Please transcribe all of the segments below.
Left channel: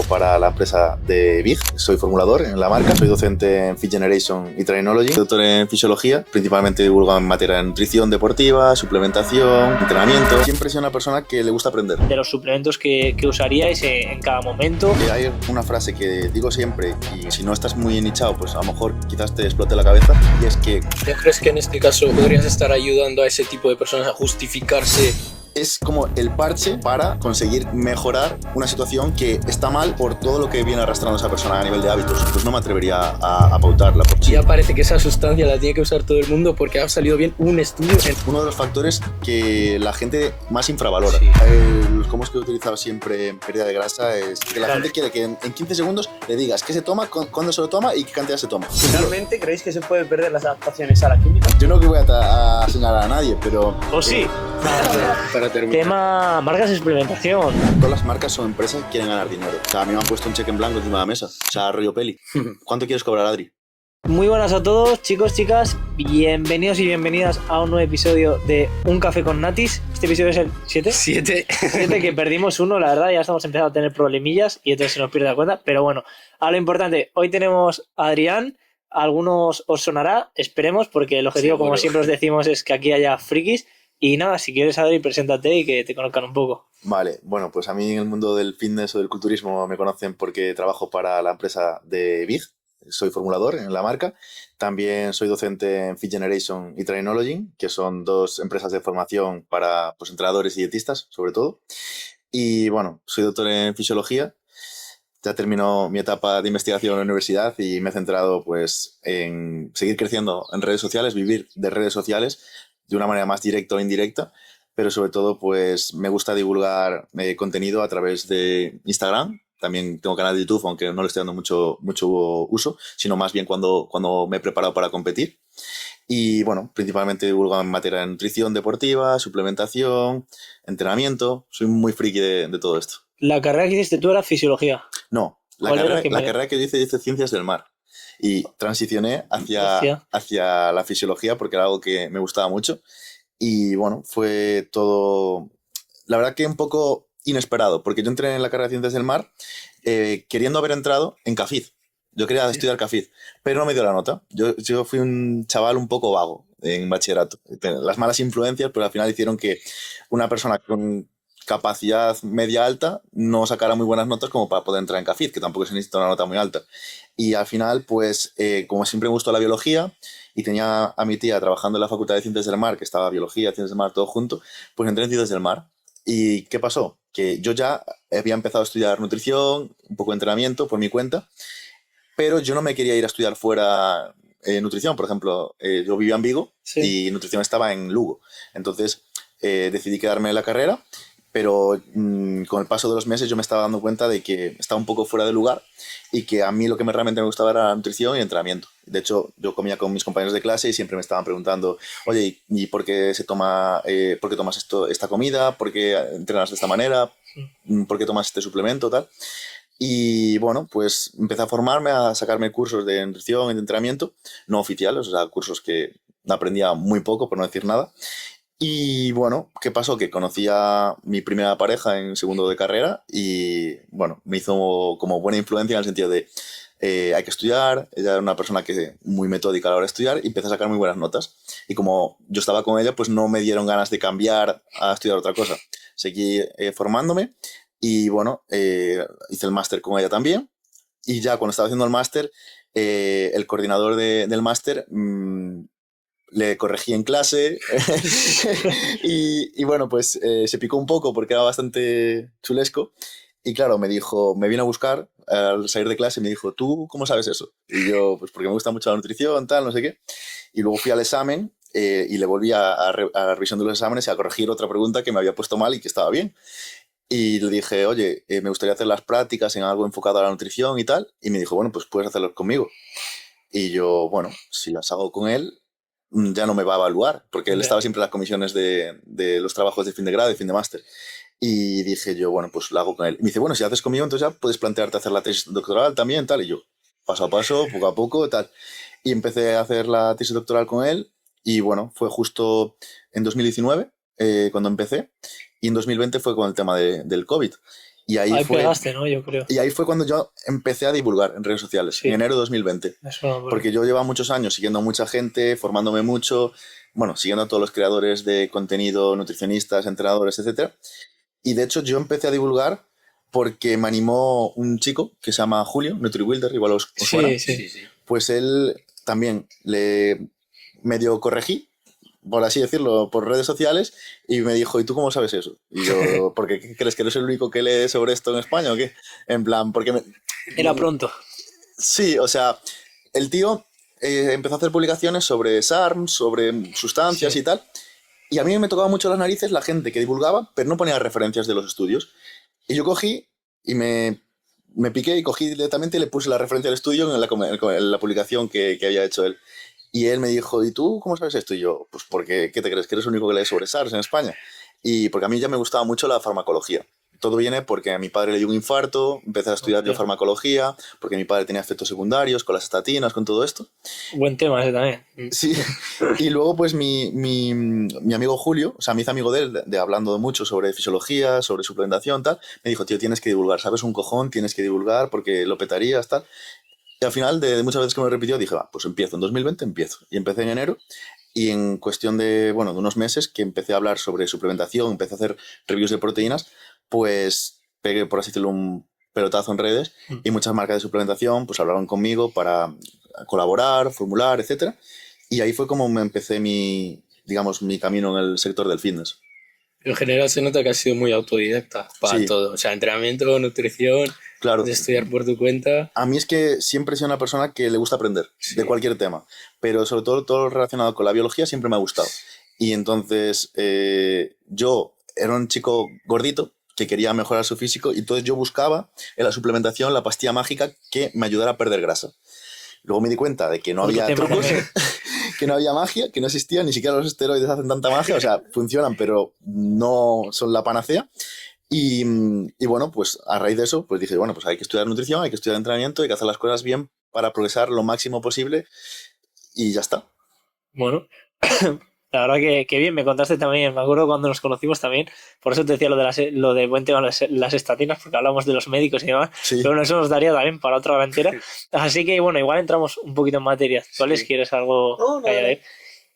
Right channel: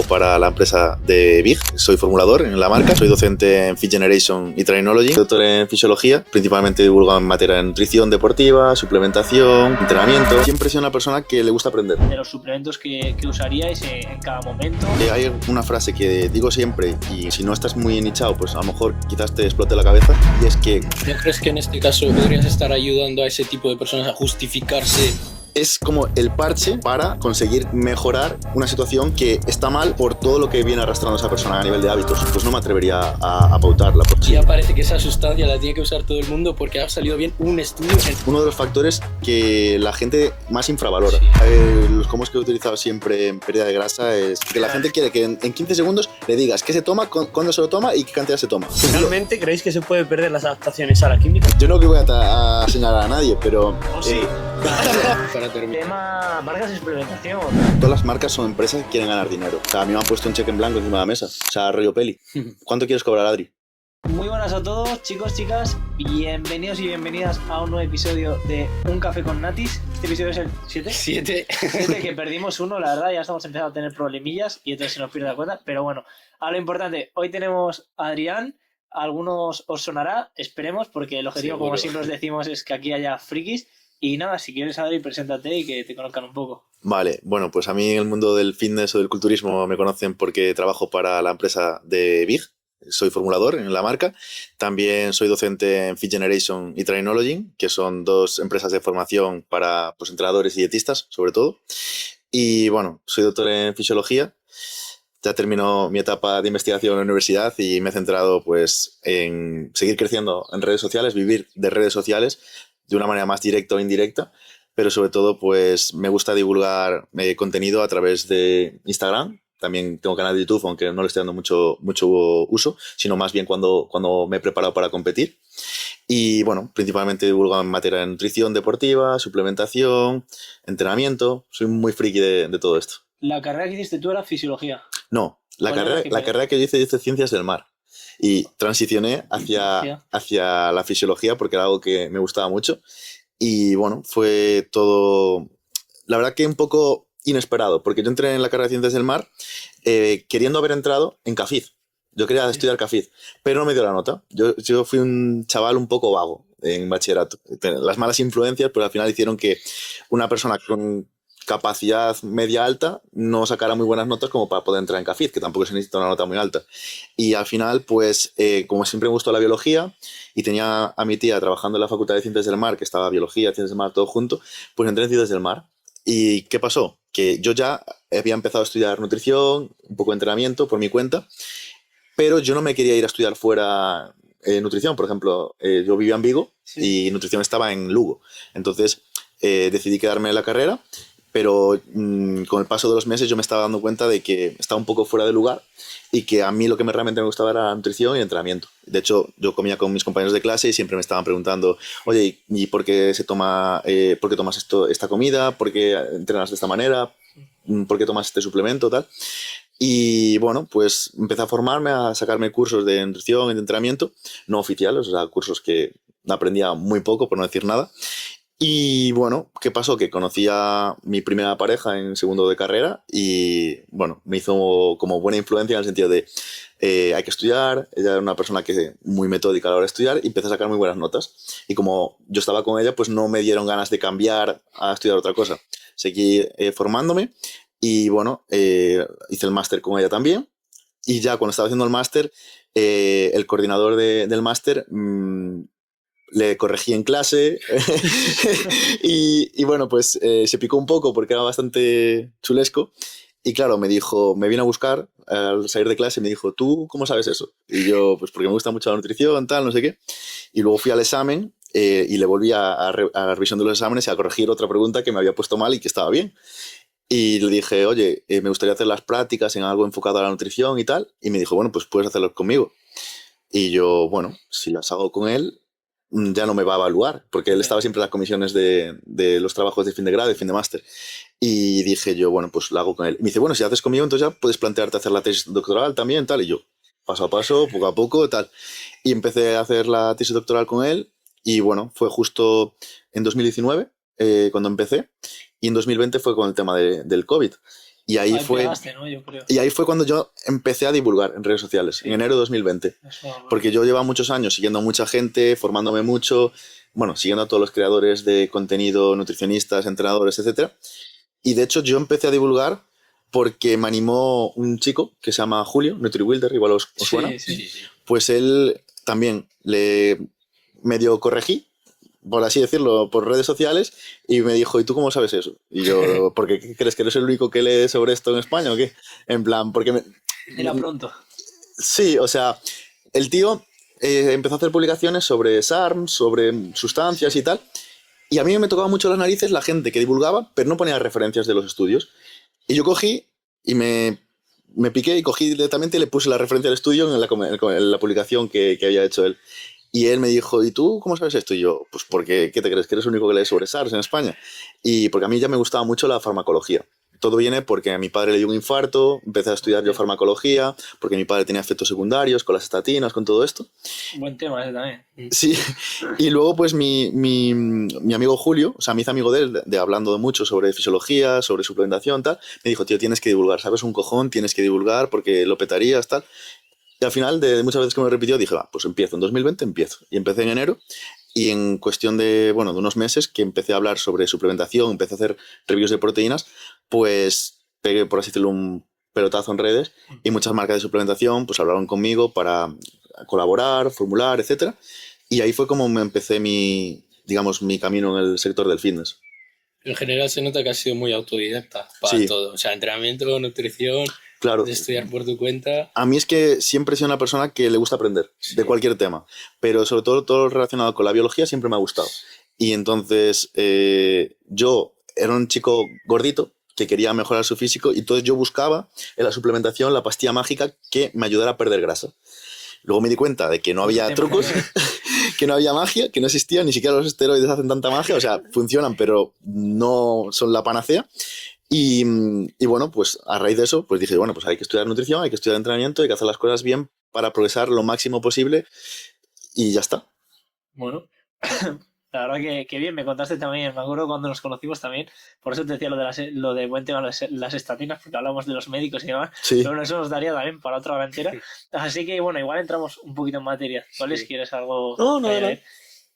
trabajo para la empresa de Big, soy formulador en la marca, soy docente en Fit Generation y Trainology, doctor en fisiología, principalmente divulgo en materia de nutrición deportiva, suplementación, entrenamiento. Siempre he sido una persona que le gusta aprender. De los suplementos que usaríais en cada momento. Hay una frase que digo siempre y si no estás muy nichado, pues a lo mejor quizás te explote la cabeza, y es que... ¿No crees que en este caso podrías estar ayudando a ese tipo de personas a justificarse? Es como el parche para conseguir mejorar una situación que está mal por todo lo que viene arrastrando esa persona a nivel de hábitos. Pues no me atrevería a pautarla. Sí, ya parece que esa sustancia la tiene que usar todo el mundo porque ha salido bien un estudio. Uno de los factores que la gente más infravalora. Sí. Los combos que he utilizado siempre en pérdida de grasa es que la gente quiere que en 15 segundos le digas qué se toma, cuándo se lo toma y qué cantidad se toma. ¿Realmente creéis que se puede perder las adaptaciones a la química? Yo no que voy a señalar a nadie, pero... ¿O sí? Para terminar. Tema marcas de experimentación. Todas las marcas son empresas que quieren ganar dinero. O sea, a mí me han puesto un cheque en blanco encima de la mesa. O sea, rollo peli. ¿Cuánto quieres cobrar, Adri? Muy buenas a todos, chicos, chicas. Bienvenidos y bienvenidas a un nuevo episodio de Un Café con Natis. Este episodio es el 7. 7. 7, que perdimos uno, la verdad, ya estamos empezando a tener problemillas y entonces se nos pierde la cuenta. Pero bueno, a lo importante, hoy tenemos a Adrián. A algunos os sonará, esperemos, porque el objetivo, Seguro. como siempre os decimos, es que aquí haya frikis. Y nada, si quieres, Adri, preséntate y que te conozcan un poco. Vale, bueno, pues a mí en el mundo del fitness o del culturismo me conocen porque trabajo para la empresa de Big. Soy formulador en la marca. También soy docente en Fit Generation y Trainology, que son dos empresas de formación para pues, entrenadores y dietistas, sobre todo. Y bueno, soy doctor en fisiología. Ya terminó mi etapa de investigación en la universidad y me he centrado pues, en seguir creciendo en redes sociales, vivir de redes sociales de una manera más directa o indirecta, pero sobre todo pues, me gusta divulgar contenido a través de Instagram. También tengo canal de YouTube, aunque no le estoy dando mucho uso, sino más bien cuando me he preparado para competir. Y bueno, principalmente divulgo en materia de nutrición deportiva, suplementación, entrenamiento. Soy muy friki de todo esto. La carrera que hiciste tú era fisiología. No, la carrera que yo hice Ciencias del Mar. Y transicioné hacia la fisiología porque era algo que me gustaba mucho. Y bueno, fue todo, la verdad que un poco inesperado, porque yo entré en la carrera de Ciencias del Mar queriendo haber entrado en CAFID. Yo quería estudiar CAFID, pero no me dio la nota. Yo fui un chaval un poco vago en bachillerato. Las malas influencias pues al final hicieron que una persona con capacidad media alta no sacara muy buenas notas como para poder entrar en CAFID, que tampoco se necesita una nota muy alta. Y al final, pues, como siempre me gustó la biología y tenía a mi tía trabajando en la Facultad de Ciencias del Mar, que estaba biología, Ciencias del Mar, todo junto, pues entré en Ciencias del Mar. ¿Y qué pasó? Que yo ya había empezado a estudiar nutrición, un poco de entrenamiento por mi cuenta, pero yo no me quería ir a estudiar fuera nutrición. Por ejemplo, yo vivía en Vigo y nutrición estaba en Lugo. Entonces decidí quedarme en la carrera, pero con el paso de los meses yo me estaba dando cuenta de que estaba un poco fuera de lugar y que a mí lo que realmente me gustaba era la nutrición y entrenamiento. De hecho, yo comía con mis compañeros de clase y siempre me estaban preguntando, oye, ¿y por qué por qué tomas esta comida? ¿Por qué entrenas de esta manera? ¿Por qué tomas este suplemento? Tal. Y bueno, pues empecé a formarme, a sacarme cursos de nutrición y de entrenamiento, no oficiales, o sea, cursos que aprendía muy poco, por no decir nada. Y bueno, ¿qué pasó? Que conocí a mi primera pareja en segundo de carrera y bueno, me hizo como buena influencia en el sentido de hay que estudiar. Ella era una persona que muy metódica a la hora de estudiar y empecé a sacar muy buenas notas. Y como yo estaba con ella, pues no me dieron ganas de cambiar a estudiar otra cosa. Seguí formándome y bueno, hice el máster con ella también. Y ya cuando estaba haciendo el máster, el coordinador del máster... le corregí en clase y bueno, pues se picó un poco porque era bastante chulesco y claro, me dijo, me vino a buscar al salir de clase y me dijo, ¿tú cómo sabes eso? Y yo, pues porque me gusta mucho la nutrición, tal, no sé qué. Y luego fui al examen y le volví a la revisión de los exámenes y a corregir otra pregunta que me había puesto mal y que estaba bien. Y le dije, oye, me gustaría hacer las prácticas en algo enfocado a la nutrición y tal. Y me dijo, bueno, pues puedes hacerlas conmigo. Y yo, bueno, si las hago con él, ya no me va a evaluar, porque él estaba siempre en las comisiones de los trabajos de fin de grado y fin de máster. Y dije yo, bueno, pues lo hago con él. Y me dice, bueno, si haces conmigo, entonces ya puedes plantearte hacer la tesis doctoral también, tal. Y yo, paso a paso, poco a poco, tal. Y empecé a hacer la tesis doctoral con él. Y bueno, fue justo en 2019 cuando empecé. Y en 2020 fue con el tema del COVID. Y ahí pegaste, ¿no? Yo creo. Y ahí fue cuando yo empecé a divulgar en redes sociales, Sí. en enero de 2020. Porque yo llevaba muchos años siguiendo a mucha gente, formándome mucho, bueno, siguiendo a todos los creadores de contenido, nutricionistas, entrenadores, etc. Y de hecho yo empecé a divulgar porque me animó un chico que se llama Julio, NutriWilder, igual os suena. Sí. Pues él también le medio corregí, por así decirlo, por redes sociales, y me dijo, ¿y tú cómo sabes eso? Y yo, ¿por qué crees que eres el único que lee sobre esto en España o qué? En plan, porque Era pronto. Sí, o sea, el tío empezó a hacer publicaciones sobre SARMs, sobre sustancias y tal, y a mí me tocaba mucho las narices la gente que divulgaba, pero no ponía referencias de los estudios. Y yo cogí y me piqué y cogí directamente y le puse la referencia del estudio en la publicación que había hecho él. Y él me dijo, ¿y tú cómo sabes esto? Y yo, pues porque, ¿qué te crees? ¿Que eres el único que lee sobre SARS en España? Y porque a mí ya me gustaba mucho la farmacología. Todo viene porque a mi padre le dio un infarto, empecé a estudiar yo farmacología, porque mi padre tenía efectos secundarios con las estatinas, con todo esto. Buen tema ese también. Sí, y luego pues mi amigo Julio, o sea, me hice amigo de él, hablando mucho sobre fisiología, sobre suplementación, tal, me dijo, tío, tienes que divulgar, ¿sabes? Un cojón, tienes que divulgar porque lo petarías, tal. Y al final, de muchas veces que me lo repitió, dije, va, pues empiezo, en 2020 empiezo. Y empecé en enero, y en cuestión de unos meses que empecé a hablar sobre suplementación, empecé a hacer reviews de proteínas, pues pegué, por así decirlo, un pelotazo en redes, y muchas marcas de suplementación pues hablaron conmigo para colaborar, formular, etcétera. Y ahí fue como me empecé mi camino en el sector del fitness. En general se nota que has sido muy autodidacta para todo. O sea, entrenamiento, nutrición, claro, de estudiar por tu cuenta. A mí es que siempre he sido una persona que le gusta aprender de cualquier tema, pero sobre todo relacionado con la biología siempre me ha gustado. Y entonces yo era un chico gordito que quería mejorar su físico, y entonces yo buscaba en la suplementación la pastilla mágica que me ayudara a perder grasa. Luego me di cuenta de que no había trucos, que no había magia, que no existía, ni siquiera los esteroides hacen tanta magia, o sea, funcionan, pero no son la panacea. Y bueno, pues a raíz de eso, pues dije, bueno, pues hay que estudiar nutrición, hay que estudiar entrenamiento, hay que hacer las cosas bien para progresar lo máximo posible, y ya está. Bueno, la verdad que bien, me contaste también, me acuerdo cuando nos conocimos también, por eso te decía lo de buen tema las estatinas, porque hablamos de los médicos y demás, pero bueno, eso nos daría también para otra hora entera. Así que bueno, igual entramos un poquito en materia. ¿Tú, Alex, quieres algo? No.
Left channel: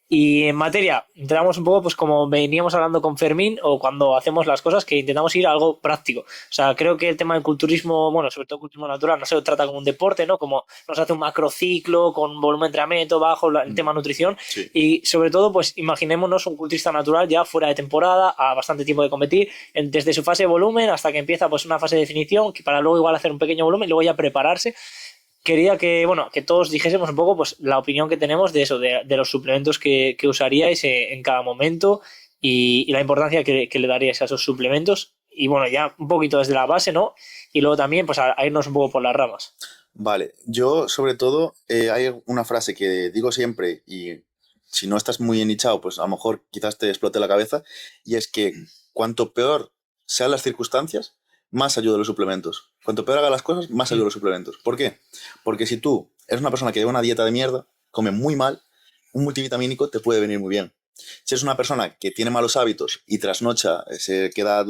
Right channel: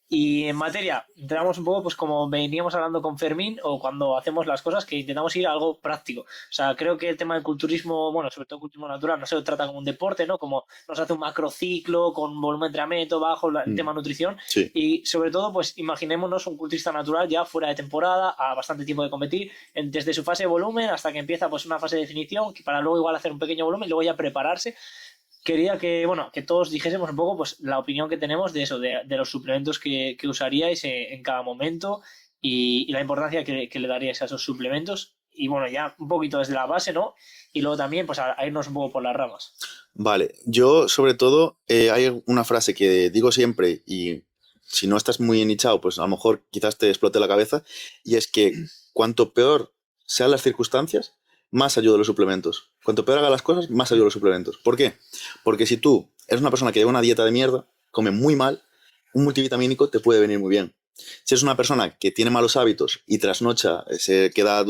Y en materia, entramos un poco pues como veníamos hablando con Fermín, o cuando hacemos las cosas, que intentamos ir a algo práctico. O sea, creo que el tema del culturismo, bueno, sobre todo el culturismo natural, no se lo trata como un deporte, ¿no? Como nos hace un macrociclo con volumen de entrenamiento bajo, el tema nutrición. Sí. Y sobre todo, pues imaginémonos un culturista natural ya fuera de temporada, a bastante tiempo de competir, desde su fase de volumen hasta que empieza pues una fase de definición, que para luego igual hacer un pequeño volumen y luego ya prepararse. Quería que todos dijésemos un poco pues la opinión que tenemos de eso, de los suplementos que usaríais en cada momento, y la importancia que le daríais a esos suplementos. Y bueno, ya un poquito desde la base, ¿no? Y luego también pues a irnos un poco por las ramas. Vale, yo sobre todo hay una frase que digo siempre, y si no estás muy enichado, pues a lo mejor quizás te explote la cabeza, y es que cuanto peor sean las circunstancias, más ayuda a los suplementos. Cuanto peor haga las cosas, más ayuda a los suplementos. ¿Por qué? Porque si tú eres una persona que lleva una dieta de mierda, come muy mal, un multivitamínico te puede venir muy bien. Si eres una persona que tiene malos hábitos y trasnocha, se queda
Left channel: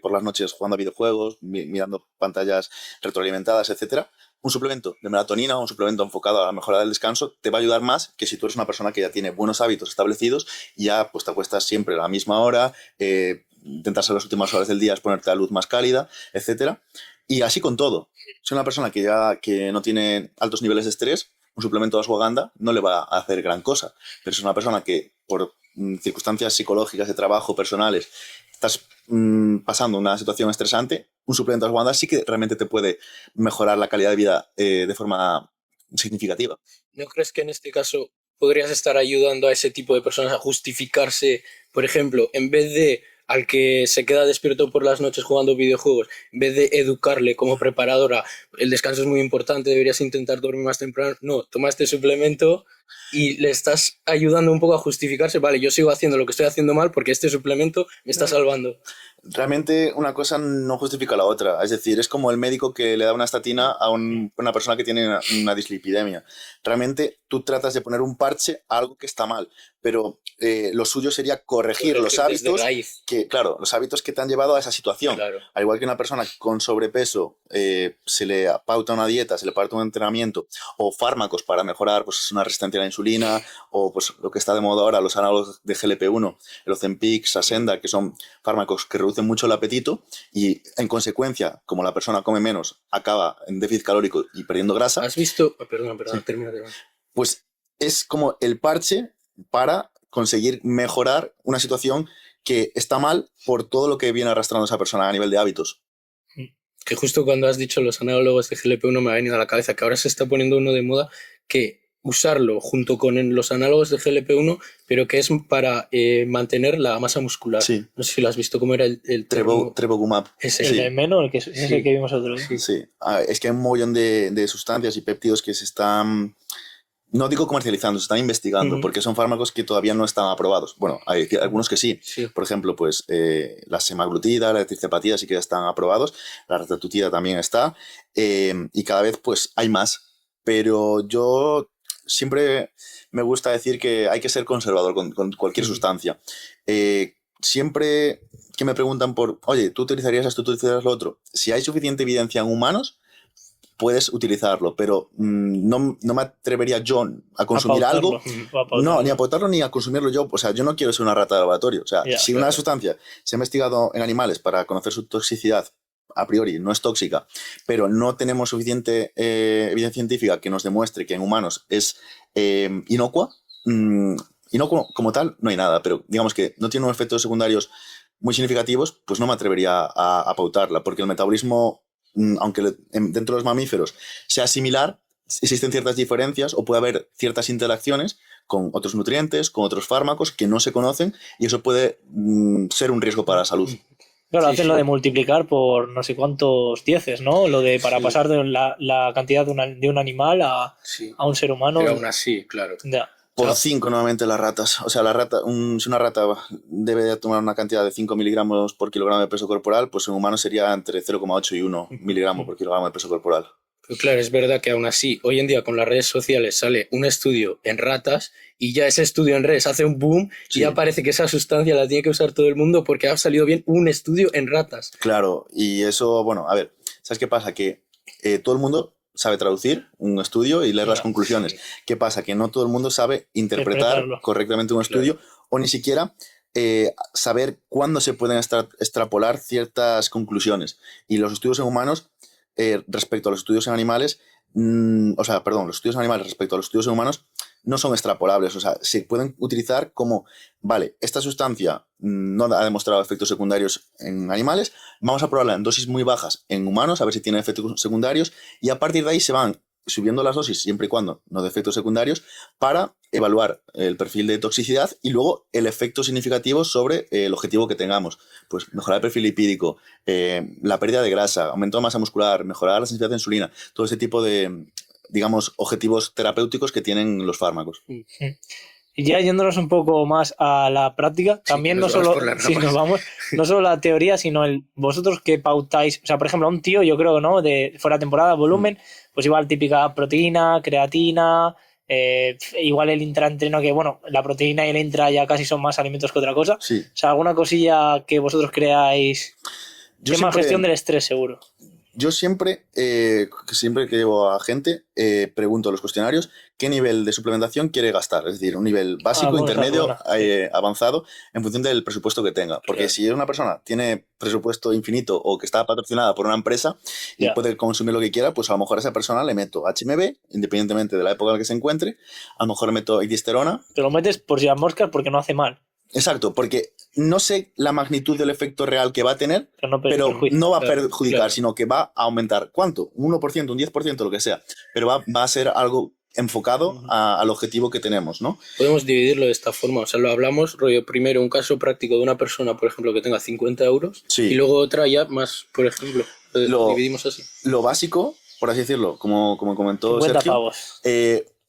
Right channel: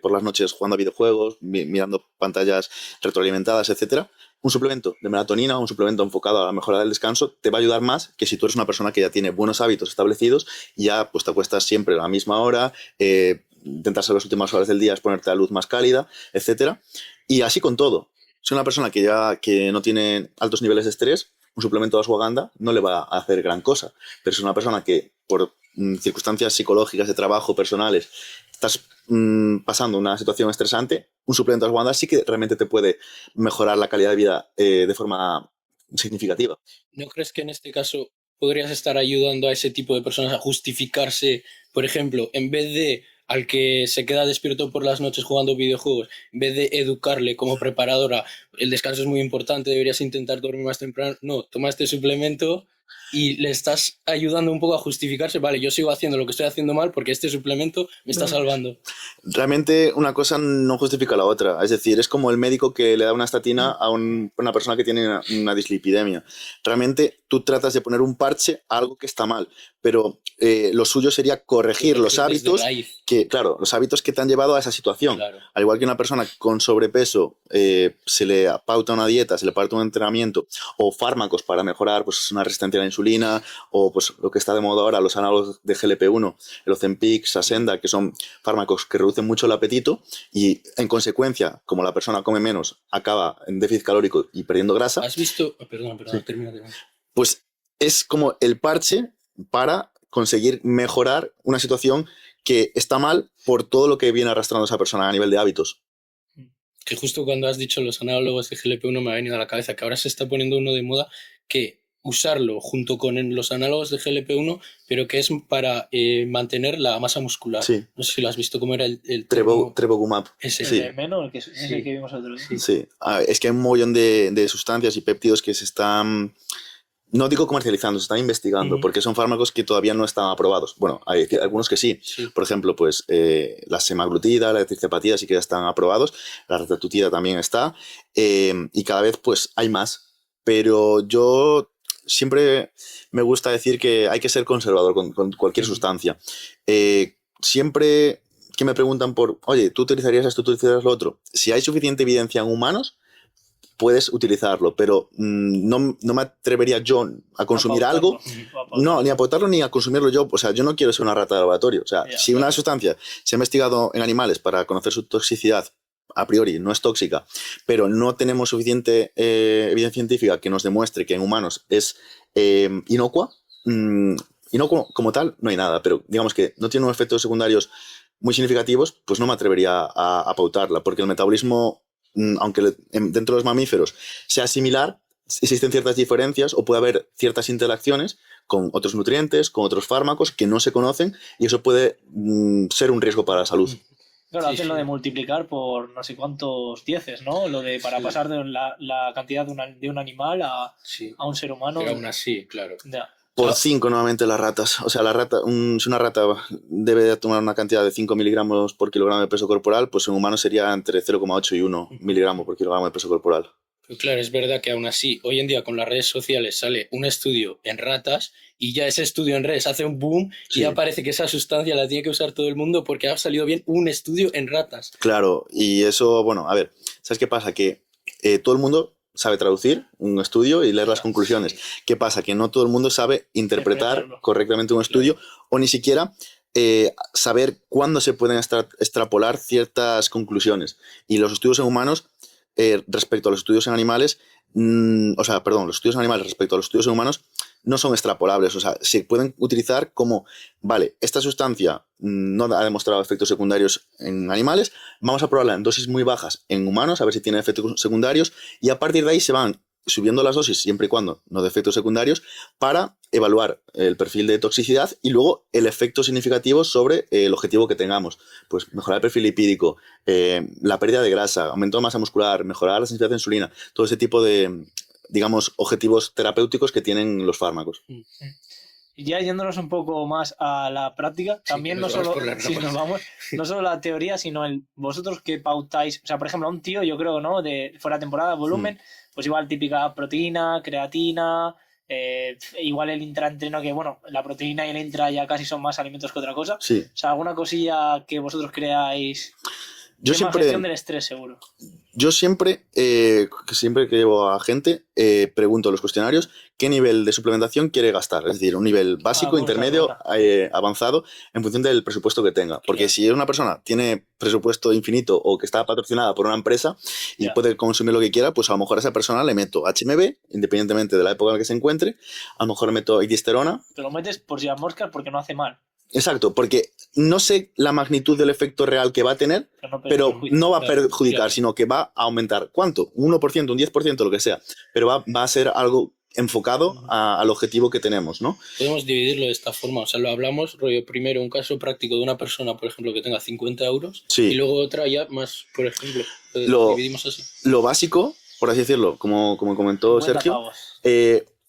por las noches jugando a videojuegos, mirando pantallas retroalimentadas, etc., un suplemento de melatonina, un suplemento enfocado a la mejora del descanso, te va a ayudar más que si tú eres una persona que ya tiene buenos hábitos establecidos y ya pues te acuestas siempre a la misma hora, intentar ser las últimas horas del día, es ponerte la luz más cálida, etc. Y así con todo. Si una persona que no tiene altos niveles de estrés, un suplemento de ashwagandha no le va a hacer gran cosa. Pero si es una persona que por circunstancias psicológicas, de trabajo, personales, estás pasando una situación estresante, un suplemento de ashwagandha sí que realmente te puede mejorar la calidad de vida de forma significativa. ¿No crees que en este caso podrías estar ayudando a ese tipo de personas a justificarse, por ejemplo, en vez de al que se queda despierto por las noches jugando videojuegos, en vez de educarle como preparadora, el descanso es muy importante, deberías intentar dormir más temprano, no, toma este suplemento y le estás ayudando un poco a justificarse, vale, yo sigo haciendo lo que estoy haciendo mal porque este suplemento me está salvando. Realmente una cosa no justifica la otra. Es decir, es como el médico que le da una estatina a una persona que tiene una dislipidemia. Realmente tú tratas de poner un parche a algo que está mal, pero lo suyo sería corregir los hábitos claro, los hábitos que te han llevado a esa situación. Claro. Al igual que una persona con sobrepeso se le pauta una dieta, se le pauta un entrenamiento o fármacos para mejorar pues, una resistencia a la insulina o pues, lo que está de moda ahora, los análogos de GLP-1, el Ozempic, Saxenda, que son fármacos que reducen mucho el apetito y en consecuencia, como la persona come menos, acaba en déficit calórico y perdiendo grasa. ¿Has visto? Perdón, sí. Termina. Pues es como el parche para conseguir mejorar una situación que está mal por todo lo que viene arrastrando esa persona a nivel de hábitos. Que justo cuando has dicho los análogos de GLP-1 me ha venido a la cabeza que ahora se está poniendo uno de moda que usarlo junto con los análogos de GLP-1, pero que es para mantener la masa muscular. Sí. No sé si lo has visto, cómo era el Trevogumab. Ese. El de menos, es el que vimos nosotros. Sí. Es que hay un montón de sustancias y péptidos que se están... No digo comercializando, se están investigando, porque son fármacos que todavía no están aprobados. Bueno, hay algunos que sí. Por ejemplo, pues la semaglutida, la etriptopatía sí que ya están aprobados, la retatrutida también está, y cada vez pues hay más. Pero yo siempre me gusta decir que hay que ser conservador con cualquier sustancia. Siempre que me preguntan por, oye, ¿tú utilizarías esto, tú utilizarías lo otro? Si hay suficiente evidencia en humanos, puedes utilizarlo, pero no me atrevería yo a consumir algo, no, ni a pautarlo ni a consumirlo yo. O sea, yo no quiero ser una rata de laboratorio. O sea, si una sustancia se ha investigado en animales para conocer su toxicidad, a priori no es tóxica, pero no tenemos suficiente evidencia científica que nos demuestre que en humanos es inocua, inocuo como tal, no hay nada, pero digamos que no tiene unos efectos secundarios muy significativos, pues no me atrevería a pautarla, porque el metabolismo, aunque dentro de los mamíferos sea similar, existen ciertas diferencias o puede haber ciertas interacciones con otros nutrientes, con otros fármacos que no se conocen y eso puede ser un riesgo para la salud. Claro, hacen lo de multiplicar por no sé cuántos dieces, ¿no? Lo de para pasar de la cantidad de un animal a un ser humano. Pero aún así, claro. Ya. Por 5 nuevamente las ratas. O sea, si una rata debe de tomar una cantidad de 5 miligramos por kilogramo de peso corporal, pues en humano sería entre 0,8 y 1 miligramo por kilogramo de peso corporal. Pero claro, es verdad que aún así, hoy en día con las redes sociales sale un estudio en ratas y ya ese estudio en redes hace un boom y ya parece que esa sustancia la tiene que usar todo el mundo porque ha salido bien un estudio en ratas. Claro, y eso, bueno, a ver, ¿sabes qué pasa? Que todo el mundo sabe traducir un estudio y leer las conclusiones. ¿Qué pasa? Que no todo el mundo sabe interpretar correctamente un estudio o ni siquiera saber cuándo se pueden extrapolar ciertas conclusiones. Y los estudios en humanos respecto a los estudios en animales, los estudios en animales respecto a los estudios en humanos no son extrapolables, o sea, se pueden utilizar como, vale, esta sustancia no ha demostrado efectos secundarios en animales, vamos a probarla en dosis muy bajas en humanos, a ver si tiene efectos secundarios, y a partir de ahí se van subiendo las dosis, siempre y cuando no de efectos secundarios, para evaluar el perfil de toxicidad y luego el efecto significativo sobre el objetivo que tengamos. Pues mejorar el perfil lipídico, la pérdida de grasa, aumento de masa muscular, mejorar la sensibilidad de insulina, todo ese tipo de, digamos, objetivos terapéuticos que tienen los fármacos. Y ya yéndonos un poco más a la práctica, también no solo la teoría, sino vosotros que pautáis, o sea, por ejemplo, a un tío, yo creo, ¿no? De fuera de temporada, volumen, pues igual típica proteína, creatina, igual el intraentreno, que bueno, la proteína y el intra ya casi son más alimentos que otra cosa. Sí. O sea, alguna cosilla que vosotros creáis. Tema gestión del estrés, seguro. Yo siempre que llevo a gente, pregunto a los cuestionarios qué nivel de suplementación quiere gastar. Es decir, un nivel básico, intermedio, avanzado, en función del presupuesto que tenga. Porque si una persona tiene presupuesto infinito o que está patrocinada por una empresa y puede consumir lo que quiera, pues a lo mejor a esa persona le meto HMB, independientemente de la época en la que se encuentre. A lo mejor le meto disterona. Te lo metes por si las moscas porque no hace mal. Exacto, porque no sé la magnitud del efecto real que va a tener, pero no va a perjudicar, sino que va a aumentar. ¿Cuánto? Un 1%, un 10%, lo que sea. Pero va a ser algo enfocado al objetivo que tenemos, ¿no? Podemos dividirlo de esta forma. O sea, lo hablamos, rollo, primero un caso práctico de una persona, por ejemplo, que tenga 50 euros, y luego otra ya más, por ejemplo, lo dividimos así. Lo básico, por así decirlo, como comentó Sergio,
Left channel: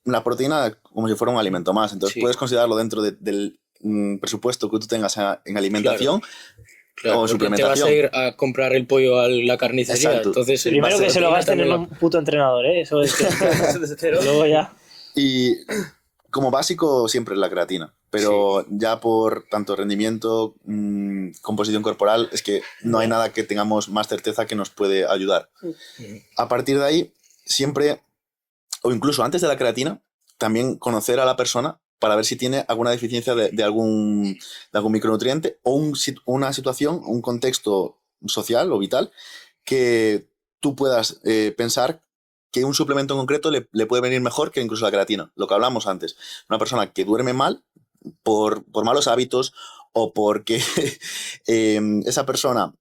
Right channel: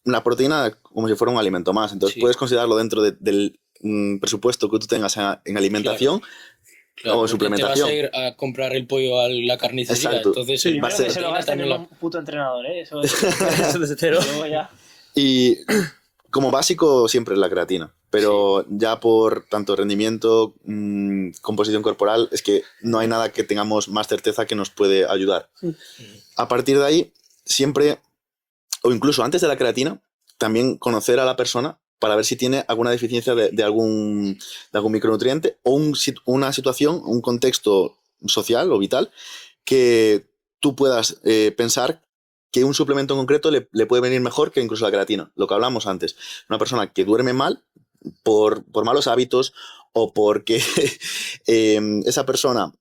la proteína como si fuera un alimento más. Entonces puedes considerarlo dentro del presupuesto que tú tengas en alimentación. Claro, o suplementación. suplementación. Te vas a ir a comprar el pollo a la carnicería. Exacto. Entonces, primero que se lo gasten en un puto entrenador, ¿eh? Eso es desde cero. Luego ya. Y como básico siempre es la creatina. Pero ya por tanto rendimiento, composición corporal, es que no hay nada que tengamos más certeza que nos puede ayudar. A partir de ahí, siempre, o incluso antes de la creatina, también conocer a la persona para ver si tiene alguna deficiencia de algún micronutriente o una situación, un contexto social o vital que tú puedas pensar que un suplemento en concreto le puede venir mejor que incluso la creatina. Lo que hablamos antes. Una persona que duerme mal por malos hábitos o porque esa persona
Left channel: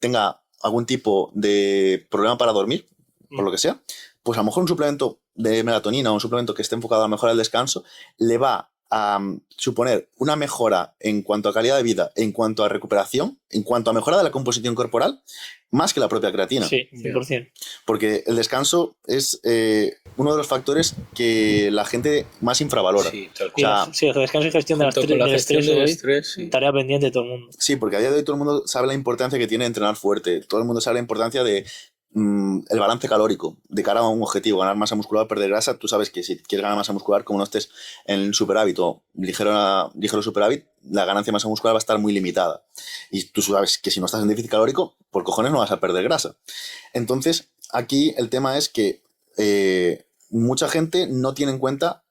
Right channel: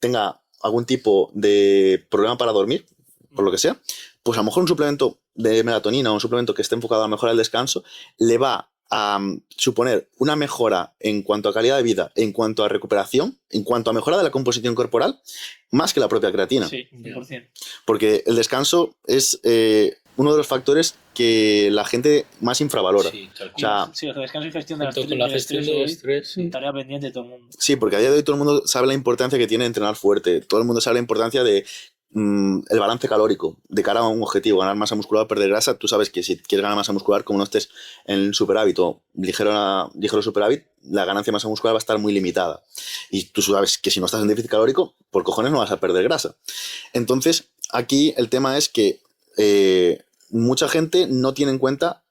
tenga algún tipo de problema para dormir, por lo que sea, pues a lo mejor un suplemento de melatonina o un suplemento que esté enfocado a mejorar el descanso le va a suponer una mejora en cuanto a calidad de vida, en cuanto a recuperación, en cuanto a mejora de la composición corporal, más que la propia creatina. Sí, 100%. Porque el descanso es uno de los factores que la gente más infravalora. Sí, tal cual. O sea, sí, el descanso y gestión del estrés, sí. Tarea pendiente de todo el mundo. Sí, porque a día de hoy todo el mundo sabe la importancia que tiene entrenar fuerte. Todo el mundo sabe la importancia de el balance calórico de cara a un objetivo, ganar masa muscular o perder grasa. Tú sabes que si quieres ganar masa muscular, como no estés en superávit o ligero superávit, la ganancia de masa muscular va a estar muy limitada. Y tú sabes que si no estás en déficit calórico, por cojones no vas a perder grasa. Entonces, aquí el tema es que mucha gente no tiene en cuenta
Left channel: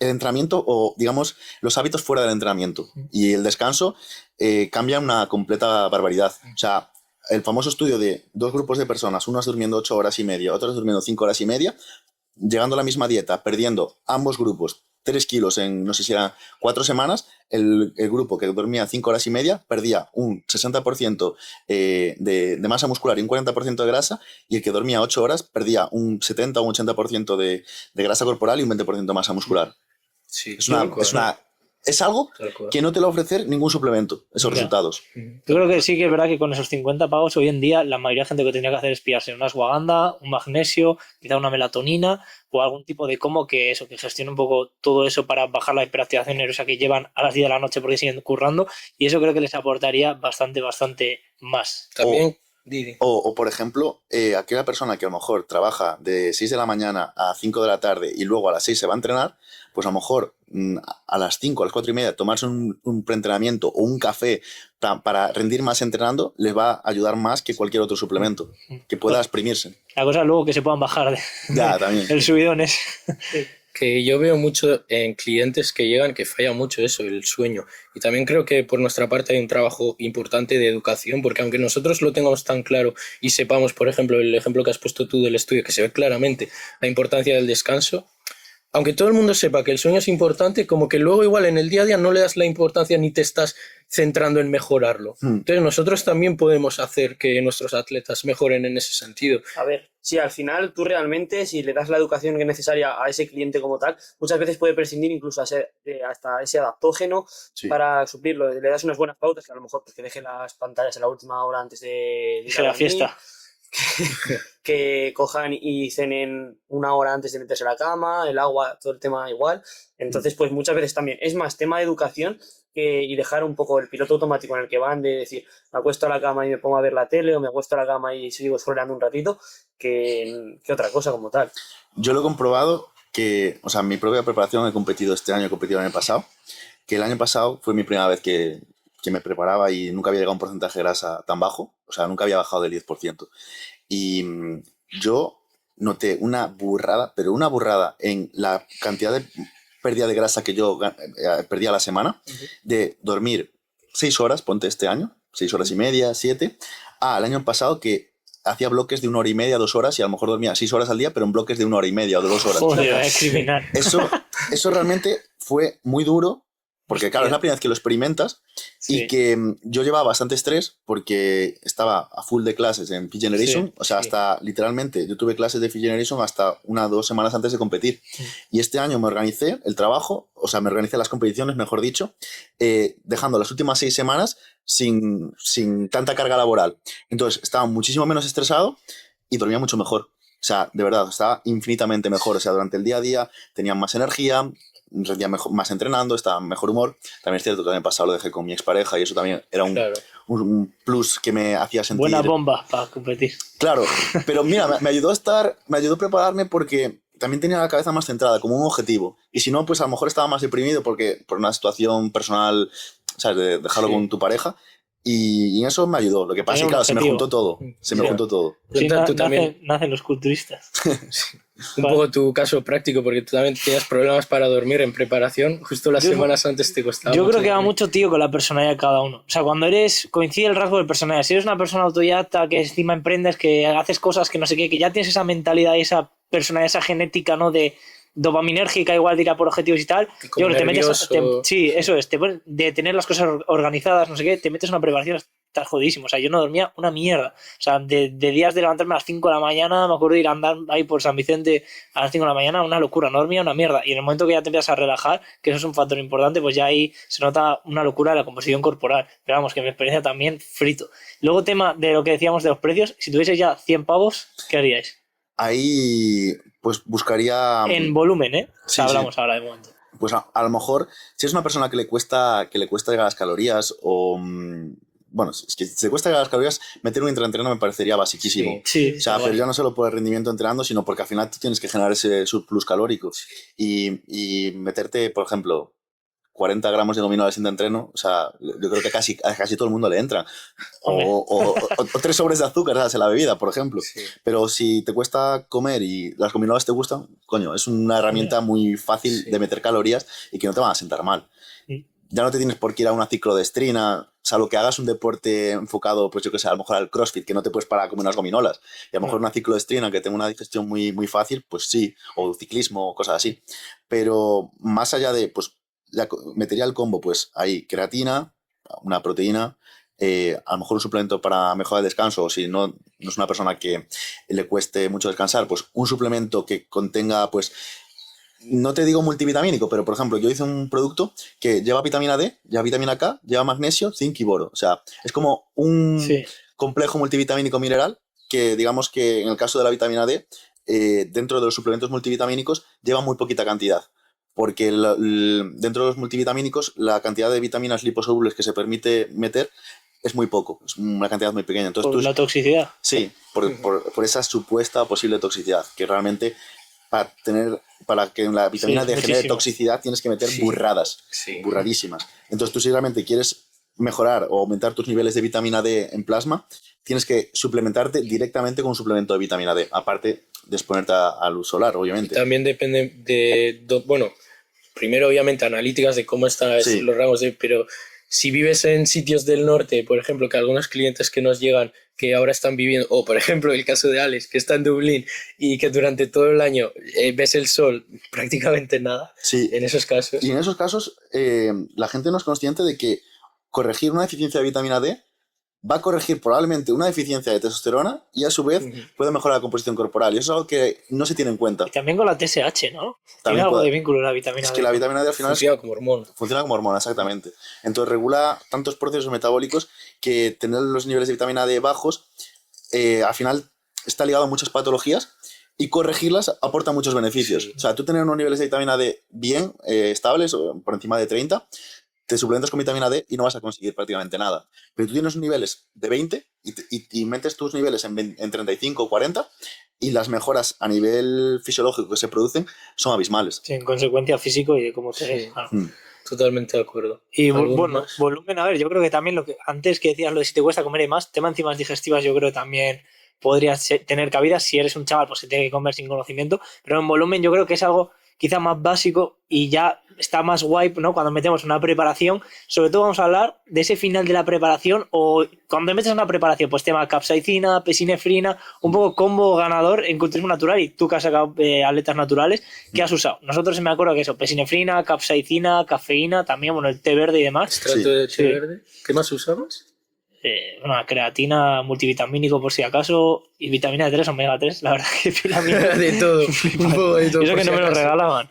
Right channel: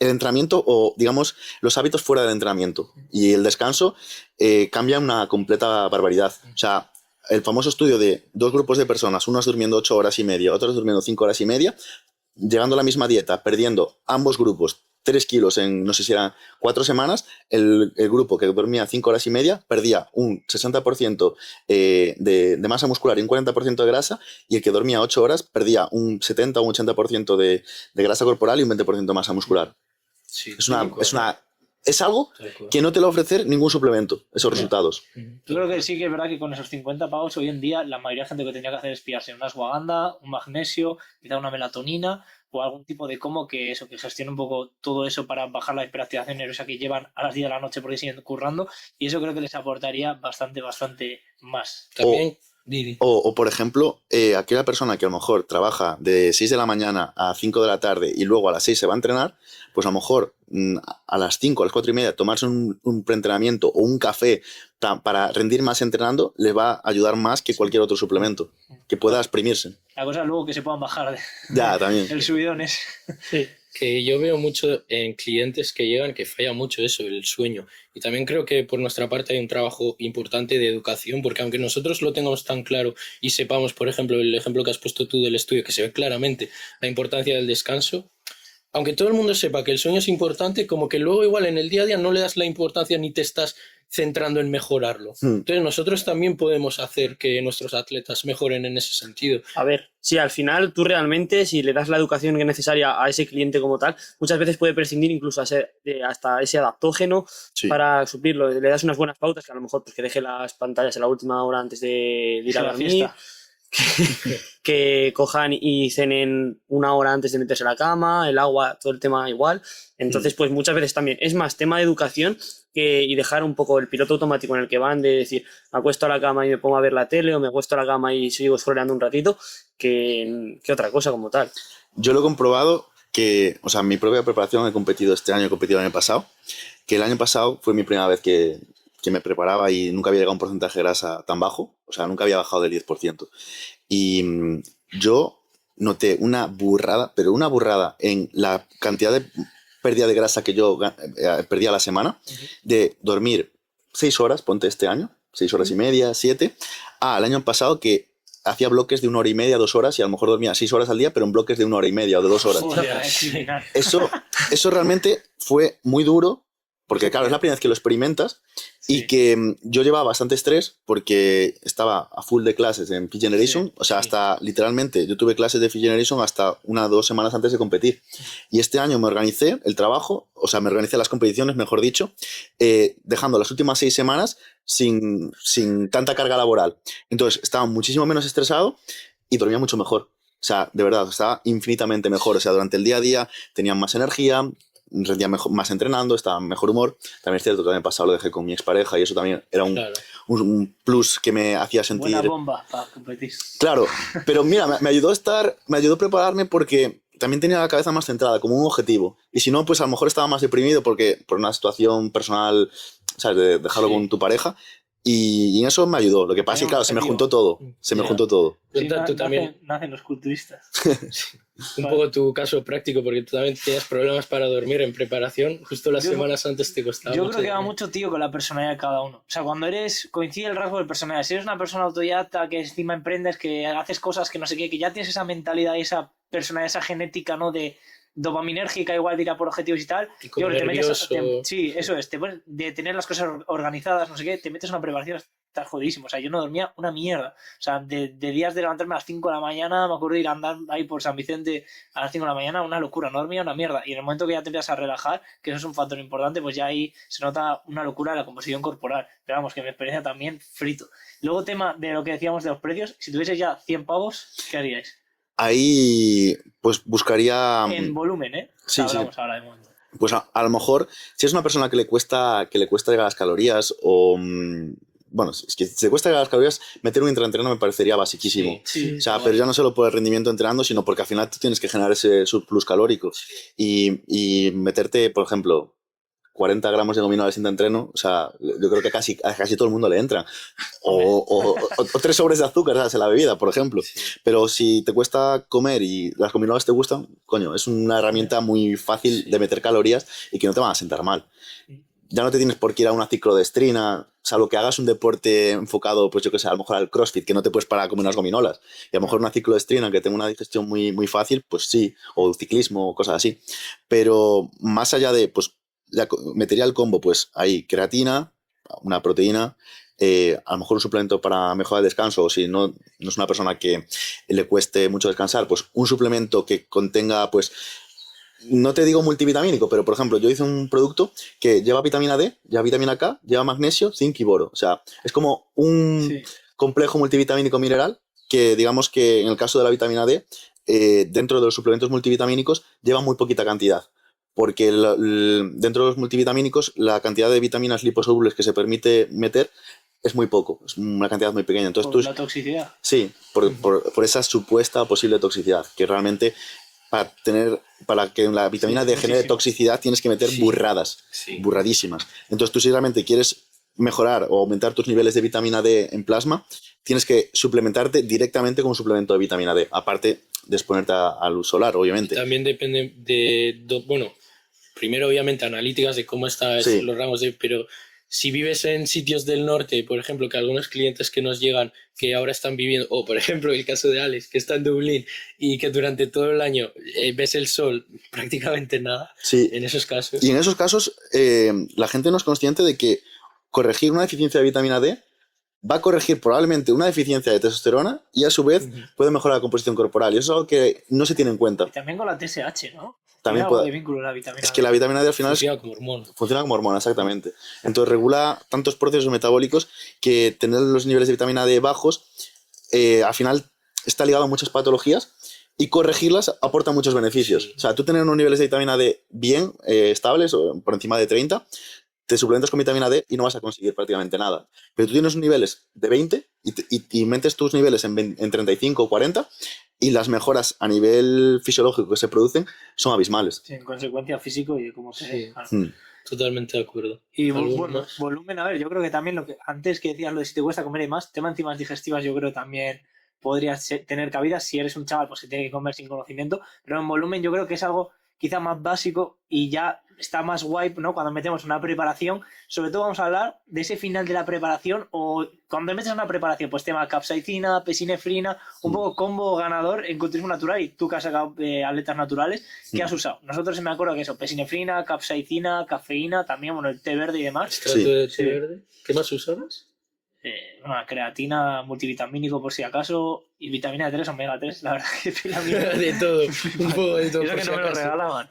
el entrenamiento o, digamos, los hábitos fuera del entrenamiento. Y el descanso cambia una completa barbaridad. O sea, el famoso estudio de 2 grupos de personas, unos durmiendo 8 horas y media, otros durmiendo 5 horas y media, llegando a la misma dieta, perdiendo ambos grupos 3 kilos en, no sé si eran 4 semanas, el grupo que dormía 5 horas y media perdía un 60% de masa muscular y un 40% de grasa, y el que dormía 8 horas perdía un 70 o un 80% de grasa corporal y un 20% de masa muscular. Sí, es algo que no te lo va a ofrecer ningún suplemento, esos resultados. Yo creo que sí que es verdad que con esos 50 pavos hoy en día la mayoría de gente que tendría que hacer es pillarse una ashwagandha, un magnesio, quizá una melatonina o algún tipo de que gestione un poco todo eso para bajar la hiperactivación nerviosa que llevan a las 10 de la noche porque siguen currando, y eso creo que les aportaría bastante más. También... O, por ejemplo, aquella persona que a lo mejor trabaja de 6 de la mañana a 5 de la tarde y luego a las 6 se va a entrenar, pues a lo mejor a las 5, a las 4 y media tomarse un preentrenamiento o un café para rendir más entrenando les va a ayudar más que cualquier otro suplemento que pueda exprimirse. La cosa es luego que se puedan bajar también. el subidón es... Que yo veo mucho en clientes que llegan que falla mucho eso, el sueño. Y también creo que por nuestra parte hay un trabajo importante de educación, porque aunque nosotros lo tengamos tan claro y sepamos, por ejemplo, el ejemplo que has puesto tú del estudio, que se ve claramente la importancia del descanso, aunque todo el mundo sepa que el sueño es importante, como que luego igual en el día a día no le das la importancia ni te estás centrando en mejorarlo. Entonces nosotros también podemos hacer que nuestros atletas mejoren en ese sentido. A ver, si al final tú realmente, si le das la educación necesaria a ese cliente como tal, muchas veces puede prescindir incluso hasta ese adaptógeno para suplirlo. Le das unas buenas pautas, que a lo mejor pues, que deje las pantallas en la última hora antes de ir a la fiesta. Que cojan y cenen 1 hora antes de meterse a la cama, el agua, todo el tema igual. Entonces, pues muchas veces también es más tema de educación y dejar un poco el piloto automático en el que van de decir, me acuesto a la cama y me pongo a ver la tele, o me acuesto a la cama y sigo scrolleando un ratito, que otra cosa como tal. Yo lo he comprobado que, o sea, en mi propia preparación he competido este año, he competido el año pasado, que el año pasado fue mi primera vez que me preparaba y nunca había llegado a un porcentaje de grasa tan bajo, o sea, nunca había bajado del 10%. Y yo noté una burrada, pero una burrada en la cantidad de pérdida de grasa que yo perdía a la semana, de dormir 6 horas, ponte este año, 6 horas y media, 7, el año pasado que hacía bloques de 1 hora y media, 2 horas, y a lo mejor dormía 6 horas al día, pero en bloques de 1 hora y media o de 2 horas. Joder, es criminal. Eso realmente fue muy duro, porque claro, es la primera vez que lo experimentas y que yo llevaba bastante estrés porque estaba a full de clases en Fit Generation, o sea, hasta literalmente yo tuve clases de Fit Generation hasta 1 o 2 semanas antes de competir. Y este año me organicé el trabajo, o sea, me organicé las competiciones, mejor dicho, dejando las últimas 6 semanas sin tanta carga laboral. Entonces estaba muchísimo menos estresado y dormía mucho mejor. sea, de verdad, estaba infinitamente mejor. O sea, durante el día a día tenía más energía, rendía más entrenando, estaba en mejor humor. También es cierto que el año pasado lo dejé con mi expareja y eso también era un plus que me hacía sentir... Buena bomba para competir. Claro, pero mira, me ayudó a prepararme porque también tenía la cabeza más centrada, como un objetivo. Y si no, pues a lo mejor estaba más deprimido por una situación personal, ¿sabes? De dejarlo con tu pareja. Y en eso me ayudó. Lo que pasa es que, claro, se me juntó todo. Me juntó todo. Sí, tú también nacen los culturistas. Un poco tu caso práctico, porque tú también tienes problemas para dormir en preparación. Justo las semanas antes te costaba. Yo creo que va mucho, tío, con la personalidad de cada uno. O sea, cuando coincide el rasgo de personalidad. Si eres una persona autodidacta, que encima emprendes, que haces cosas que no sé qué, que ya tienes esa mentalidad y esa personalidad, esa genética, ¿no? De dopaminérgica, igual de ir a por objetivos y tal. Yo creo que te metes... sí, eso es. De tener las cosas organizadas, no sé qué, te metes en una preparación, estás jodidísimo. O sea, yo no dormía una mierda. O sea, de días de levantarme a las 5 de la mañana, me acuerdo de ir a andar ahí por San Vicente a las 5 de la mañana, una locura, no dormía una mierda. Y en el momento que ya te empiezas a relajar, que eso es un factor importante, pues ya ahí se nota una locura de la composición corporal. Pero vamos, que mi experiencia también frito. Luego, tema de lo que decíamos de los precios, si tuvieseis ya 100 pavos, ¿qué haríais? Ahí, pues buscaría... En volumen, ¿eh? Sí, hablamos ahora de momento. Pues a lo mejor, si es una persona que le cuesta llegar a las calorías o... Bueno, es que si te cuesta llegar a las calorías, meter un intraentreno me parecería basiquísimo. Sí, o sea, pero ya no solo por el rendimiento entrenando, sino porque al final tú tienes que generar ese surplus calórico. Y meterte, por ejemplo, 40 gramos de gominolas sin entreno, o sea, yo creo que a casi todo el mundo le entra. O 3 sobres de azúcar, ¿sabes? En la bebida, por ejemplo. Sí. Pero si te cuesta comer y las gominolas te gustan, coño, es una herramienta muy fácil de meter calorías y que no te van a sentar mal. Ya no te tienes por qué ir a una ciclodestrina, salvo que hagas un deporte enfocado, pues yo qué sé, a lo mejor al CrossFit, que no te puedes parar a comer unas gominolas. Y a lo mejor una ciclodestrina que tenga una digestión muy, muy fácil, pues sí, o ciclismo o cosas así. Pero más allá de, pues, ya metería el combo, pues ahí creatina, una proteína, a lo mejor un suplemento para mejorar el descanso, o si no es una persona que le cueste mucho descansar, pues un suplemento que contenga, pues, no te digo multivitamínico, pero por ejemplo, yo hice un producto que lleva vitamina D, lleva vitamina K, lleva magnesio, zinc y boro. O sea, es como un complejo multivitamínico mineral que, digamos que en el caso de la vitamina D, dentro de los suplementos multivitamínicos lleva muy poquita cantidad. Porque dentro de los multivitamínicos la cantidad de vitaminas liposolubles que se permite meter es muy poco, es una cantidad muy pequeña. Entonces, ¿Por la toxicidad? Sí, por esa supuesta posible toxicidad, que realmente para que la vitamina D genere toxicidad tienes que meter burradísimas. Entonces tú si realmente quieres mejorar o aumentar tus niveles de vitamina D en plasma, tienes que suplementarte directamente con un suplemento de vitamina D, aparte de exponerte a luz solar, obviamente. También depende bueno, primero obviamente analíticas de cómo están los ramos de... Pero si vives en sitios del norte, por ejemplo, que algunos clientes que nos llegan, que ahora están viviendo, o por ejemplo el caso de Alex, que está en Dublín y que durante todo el año ves el sol prácticamente nada, en esos casos. Y en esos casos la gente no es consciente de que corregir una deficiencia de vitamina D va a corregir probablemente una deficiencia de testosterona y a su vez puede mejorar la composición corporal. Y eso es algo que no se tiene en cuenta. Y también con la TSH, ¿no? También tiene algo de vínculo la vitamina D. Es que la vitamina D al final funciona como hormona. Funciona como hormona, exactamente. Entonces regula tantos procesos metabólicos que tener los niveles de vitamina D bajos al final está ligado a muchas patologías y corregirlas aporta muchos beneficios. O sea, tú tener unos niveles de vitamina D bien estables o por encima de 30, te suplementas con vitamina D y no vas a conseguir prácticamente nada. Pero tú tienes niveles de 20 y metes tus niveles en 35 o 40 y las mejoras a nivel fisiológico que se producen son abismales. Sí, en consecuencia físico y de cómo te... Claro. Totalmente de acuerdo. Y bueno, volumen, a ver, yo creo que también lo que antes que decías lo de si te cuesta comer y más, tema enzimas digestivas yo creo que también podría tener cabida si eres un chaval pues que tiene que comer sin conocimiento, pero en volumen yo creo que es algo quizá más básico y ya está más guay, ¿no? Cuando metemos una preparación, sobre todo vamos a hablar de ese final de la preparación o cuando metes una preparación, pues tema capsaicina, pesinefrina, un poco combo ganador en culturismo natural y tú que has sacado atletas naturales, ¿qué has usado? Nosotros me acuerdo que eso, pesinefrina, capsaicina, cafeína, también, bueno, el té verde y demás. ¿Extracto de té verde? ¿Qué más usabas? Una creatina multivitamínico por si acaso Y vitamina D3, omega 3, la verdad que pila mía. De todo, un poco de todo. Y eso que no me lo regalaban.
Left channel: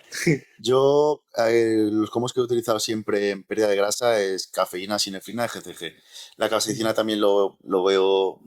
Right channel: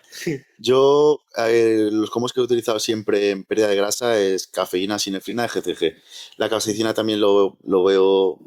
Yo, los combos que he utilizado siempre en pérdida de grasa es cafeína, sinefrina y GCG. La caseicina también lo veo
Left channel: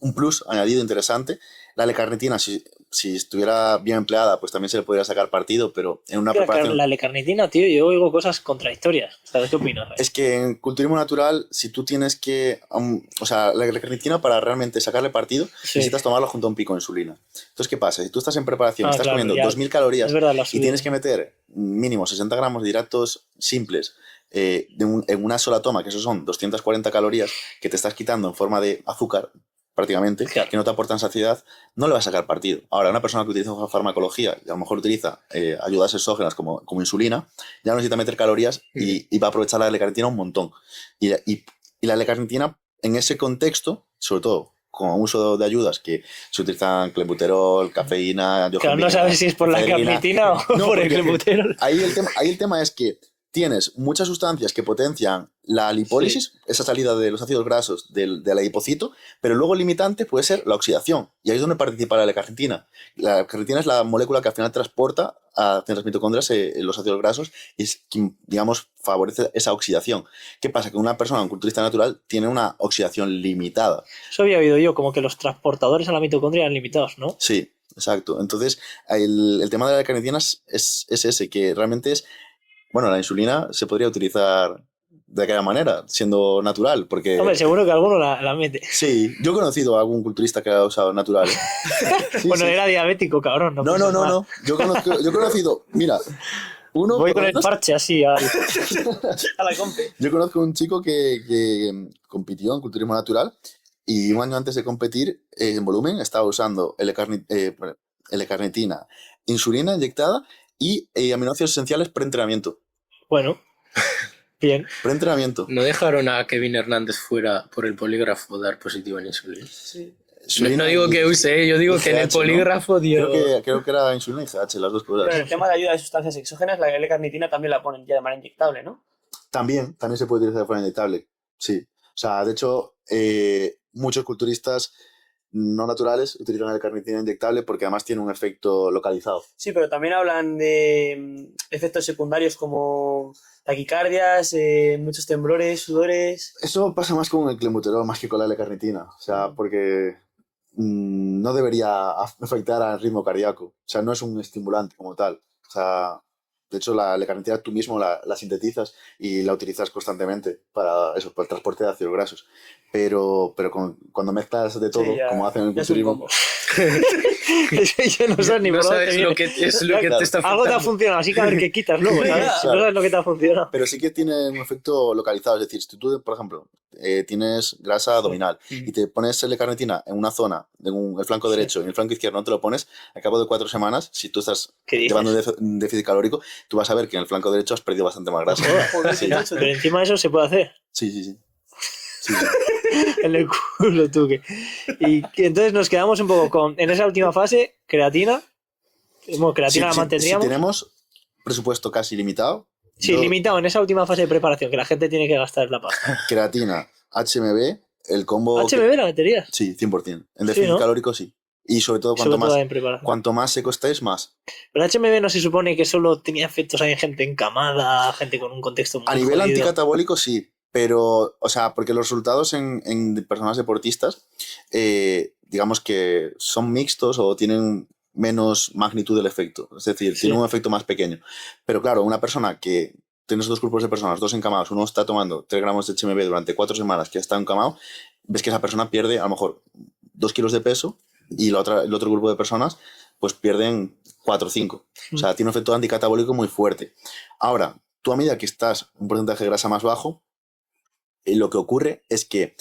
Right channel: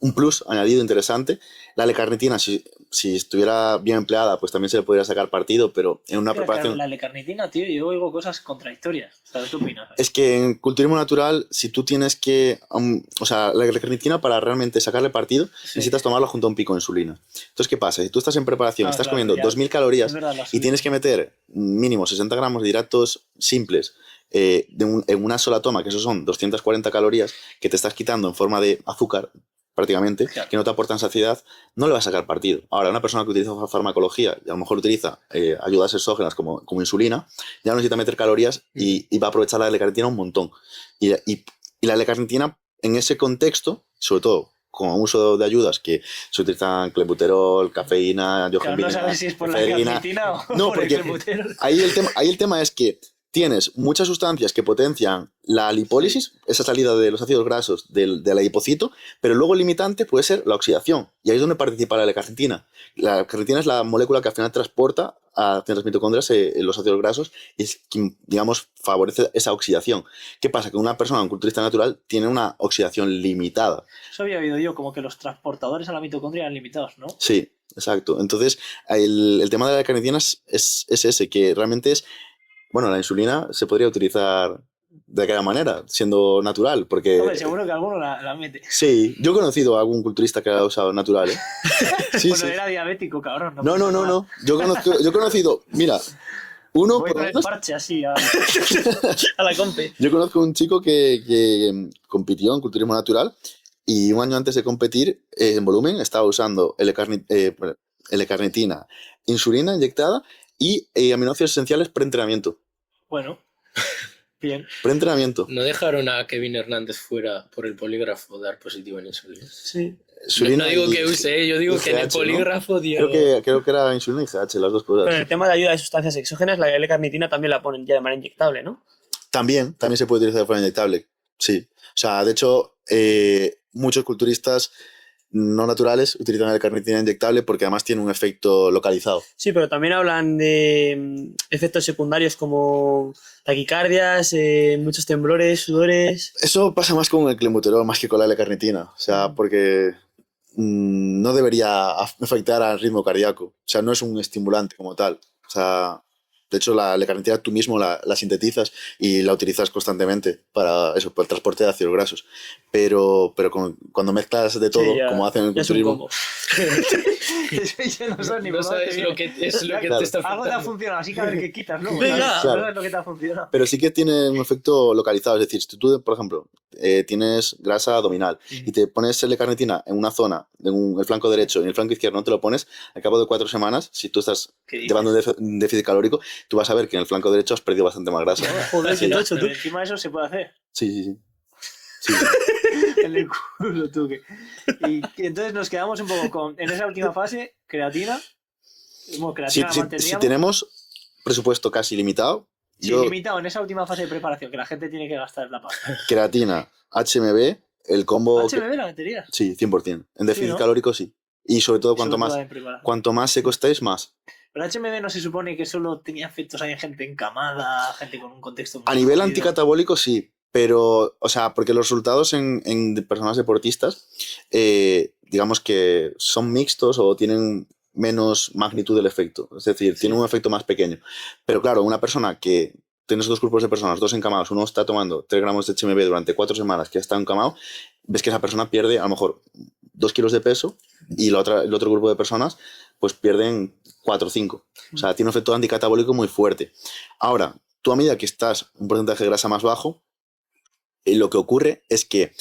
un plus añadido interesante. La L-carnitina, si estuviera bien empleada, pues también se le podría sacar partido, pero en una preparación... La L-carnitina, tío, yo oigo cosas contradictorias. ¿Sabes qué opinas? Es que en culturismo natural, si tú tienes que... o sea, la L-carnitina, para realmente sacarle partido, necesitas tomarlo junto a un pico de insulina. Entonces, ¿qué pasa? Si tú estás en preparación, estás comiendo 2.000 calorías y tienes que meter mínimo 60 gramos de hidratos simples en una sola toma, que eso son 240 calorías que te estás quitando en forma de azúcar, prácticamente, que no te aportan saciedad, no le vas a sacar partido. Ahora, una persona que utiliza farmacología y a lo mejor utiliza ayudas exógenas como insulina, ya no necesita meter calorías y va a aprovechar la L-carnitina un montón. Y la L-carnitina, en ese contexto, sobre todo con uso de ayudas que se utilizan clenbuterol, cafeína, claro, no sabes si es por la carnitina o por el clenbuterol. Ahí el tema es que tienes muchas sustancias que potencian la lipólisis, esa salida de los ácidos grasos del adipocito, pero luego el limitante puede ser la oxidación. Y ahí es donde participa la L-carnitina. La carnitina es la molécula que al final transporta hacia las mitocondrias los ácidos grasos y es quien, digamos, favorece esa oxidación. ¿Qué pasa? Que una persona, un culturista natural, tiene una oxidación limitada. Eso había oído yo, como que los transportadores a la mitocondria eran limitados, ¿no? Sí, exacto. Entonces, el tema de la L-carnitina es ese, que realmente es... Bueno, la insulina se podría utilizar de aquella manera, siendo natural, porque... Hombre, seguro que alguno la mete. Sí, yo he conocido a algún culturista que ha usado natural, ¿eh? Sí, bueno, era diabético, cabrón. No. Yo he conocido... Mira, uno... Voy con el parche así a la compe. Yo conozco un chico que compitió en culturismo natural y un año antes de competir, en volumen, estaba usando L-carnitina, insulina inyectada y aminoácidos esenciales preentrenamiento. Bueno, bien. Preentrenamiento. ¿No dejaron a Kevin Hernández fuera por el polígrafo dar positivo en insulina? Sí. No digo que use, yo digo que en el polígrafo dio... Creo que era insulina y GH, las dos cosas. Pero el tema de ayuda de sustancias exógenas, la L-carnitina también la ponen ya de manera inyectable, ¿no? También se puede utilizar de forma inyectable, sí. O sea, de hecho, muchos culturistas no naturales utilizan la carnitina inyectable porque además tiene un efecto localizado. Sí, pero también hablan de efectos secundarios como taquicardias, muchos temblores, sudores... Eso pasa más con el clenbuterol más que con la L-carnitina. O sea, porque no debería afectar al ritmo cardíaco. O sea, no es un estimulante como tal. O sea, de hecho, la L-carnitina tú mismo la sintetizas y la utilizas constantemente para eso, para el transporte de ácidos grasos. Pero cuando mezclas de todo, como hacen en el culturismo... Yo no sé ni por dónde viene. Lo que te está afectando. Algo te ha funcionado, así que a ver qué quitas luego. ¿Sabes? Claro. No sabes lo que te ha funcionado. Pero sí que tiene un efecto localizado. Es decir, si tú, por ejemplo, tienes grasa abdominal y te pones L-carnitina en una zona, en el flanco derecho y en el flanco izquierdo no te lo pones, al cabo de 4 semanas, si tú estás llevando un déficit calórico, tú vas a ver que en el flanco derecho has perdido bastante más grasa. Joder, sí. Pero encima de eso se puede hacer. Sí. En el culo, tú que. Y entonces nos quedamos un poco con, en esa última fase, creatina. Bueno, creatina la mantendríamos. Si tenemos presupuesto casi limitado. Sí, limitado en esa última fase de preparación, que la gente tiene que gastar la pasta. Creatina, HMB, el combo. ¿HMB la meterías? Sí, 100%. En déficit calórico sí. Y sobre todo cuanto más seco estéis, más. Pero HMB no se supone que solo tenía efectos en gente encamada, gente con un contexto muy a nivel jodido. Anticatabólico sí, pero, o sea, porque los resultados en personas deportistas, digamos que son mixtos o tienen menos magnitud del efecto. Es decir, tiene un efecto más pequeño. Pero claro, una persona que... Tienes 2 grupos de personas, 2 encamados, uno está tomando 3 gramos de HMB durante 4 semanas que está encamado, ves que esa persona pierde a lo mejor 2 kilos de peso y el otro grupo de personas pues pierden 4 o 5. O sea, tiene un efecto anticatabólico muy fuerte. Ahora, tú a medida que estás un porcentaje de grasa más bajo, lo que ocurre es que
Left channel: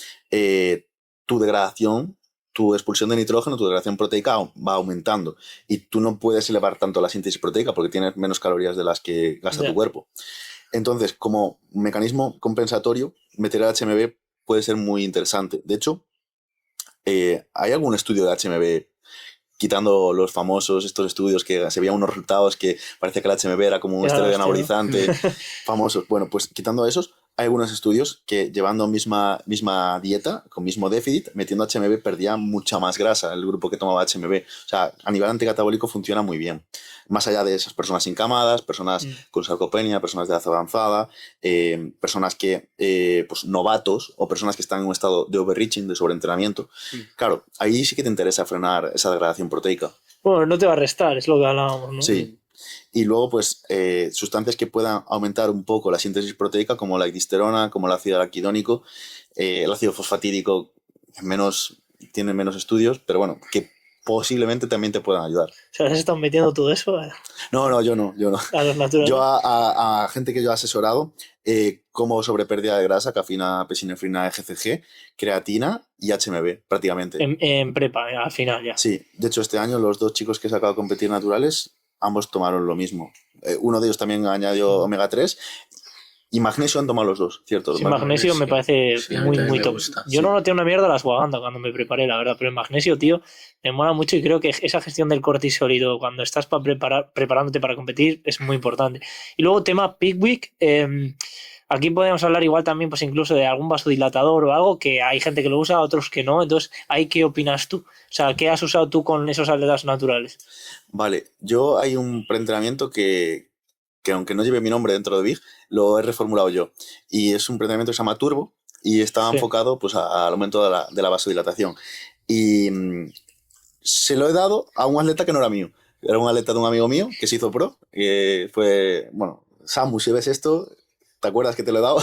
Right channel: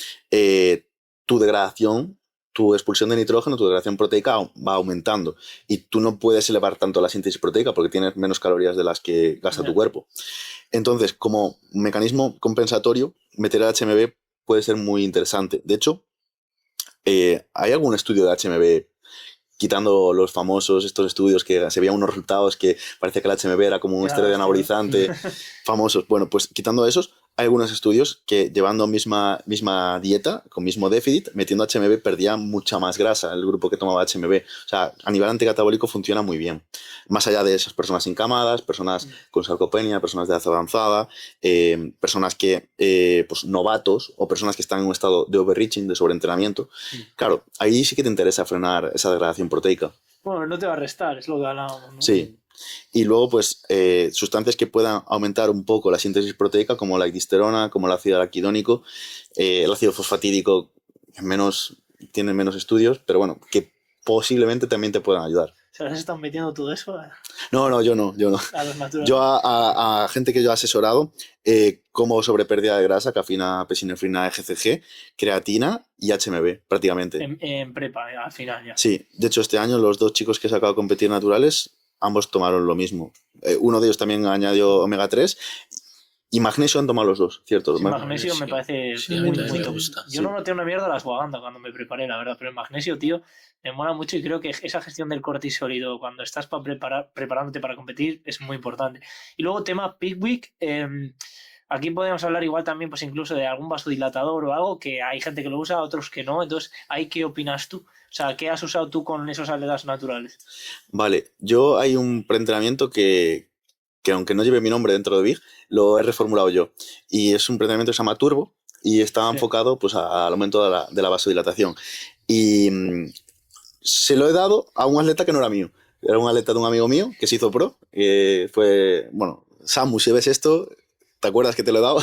tu degradación, tu expulsión de nitrógeno, tu degradación proteica va aumentando y tú no puedes elevar tanto la síntesis proteica porque tienes menos calorías de las que gasta tu cuerpo. Entonces, como mecanismo compensatorio, meter el HMB puede ser muy interesante. De hecho, ¿hay algún estudio de HMB, quitando los famosos estos estudios que se veían unos resultados que parece que el HMB era como un esteroide anabolizante, famosos? Bueno, pues quitando esos, hay algunos estudios que llevando misma dieta, con mismo déficit, metiendo HMB perdía mucha más grasa el grupo que tomaba HMB. O sea, a nivel anticatabólico funciona muy bien. Más allá de esas personas incamadas, personas con sarcopenia, personas de edad avanzada, personas que, pues novatos o personas que están en un estado de overreaching, de sobreentrenamiento. Claro, ahí sí que te interesa frenar esa degradación proteica. Bueno, no te va a restar, es lo que hablábamos, ¿no? Sí. Y luego, pues, sustancias que puedan aumentar un poco la síntesis proteica, como la ictisterona, como el ácido araquidónico, el ácido fosfatídico, tiene menos estudios, pero bueno, que posiblemente también te puedan ayudar. O sea, ¿se están metiendo todo eso? No, yo no. A los naturales. Yo a gente que yo he asesorado, como sobre pérdida de grasa, cafeína, pesinefrina, EGCG, creatina y HMB, prácticamente. En prepa, al final ya. Sí, de hecho este año los 2 chicos que he sacado a competir naturales, ambos tomaron lo mismo. Uno de ellos también añadió omega 3 y magnesio han tomado los 2, ¿cierto? Sí, magnesio me parece muy top. Yo no noté una mierda la ashwagandha cuando me preparé, la verdad, pero el magnesio, tío, me mola mucho y creo que esa gestión del cortisol y todo, cuando estás preparándote para competir, es muy importante. Y luego tema Pickwick, aquí podemos hablar igual también, pues incluso de algún vasodilatador o algo, que hay gente que lo usa, otros que no. Entonces, ¿ahí qué opinas tú? O sea, ¿qué has usado tú con esos atletas naturales? Vale, yo hay un preentrenamiento que aunque no lleve mi nombre dentro de Big, lo he reformulado yo. Y es un preentrenamiento que se llama Turbo y está enfocado pues, al aumento de la vasodilatación. Y se lo he dado a un atleta que no era mío. Era un atleta de un amigo mío que se hizo pro. Fue, bueno, Samu, si ves esto, ¿te acuerdas que te lo he dado?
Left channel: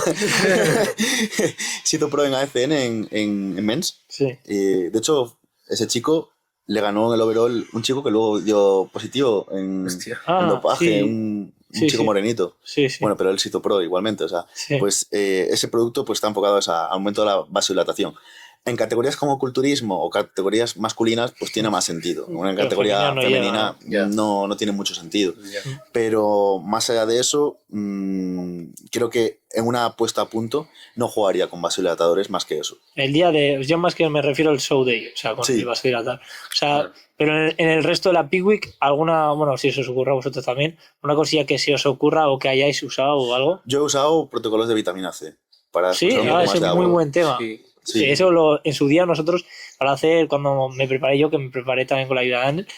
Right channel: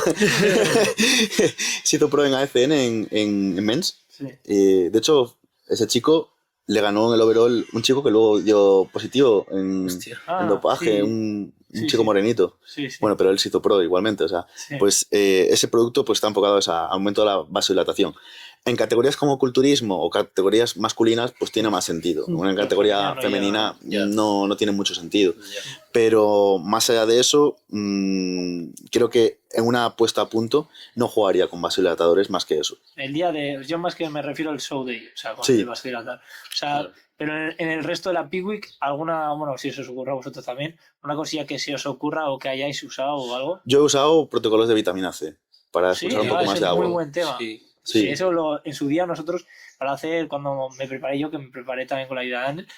Se hizo pro en AFN en Men's. Sí. De hecho, ese chico le ganó en el overall un chico que luego dio positivo en dopaje, un chico morenito. Sí. Bueno, pero él se hizo pro igualmente. O sea, pues ese producto pues, está enfocado a aumento de la vasodilatación. En categorías como culturismo o categorías masculinas, pues tiene más sentido. En categoría femenina no tiene mucho sentido. Pero más allá de eso, creo que en una puesta a punto no jugaría con vasodilatadores más que eso. El día de... Yo más que me refiero al show day, o sea, con el vasodilatador. O sea, pero en el resto de la Pickwick, alguna, bueno, si se os ocurra a vosotros también, una cosilla que se os ocurra o que hayáis usado o algo. Yo he usado protocolos de vitamina C para expulsar un poco más de agua. Es un muy buen tema. Sí, eso en su día nosotros, para hacer, cuando me preparé yo, que me preparé también con la ayuda de Andel,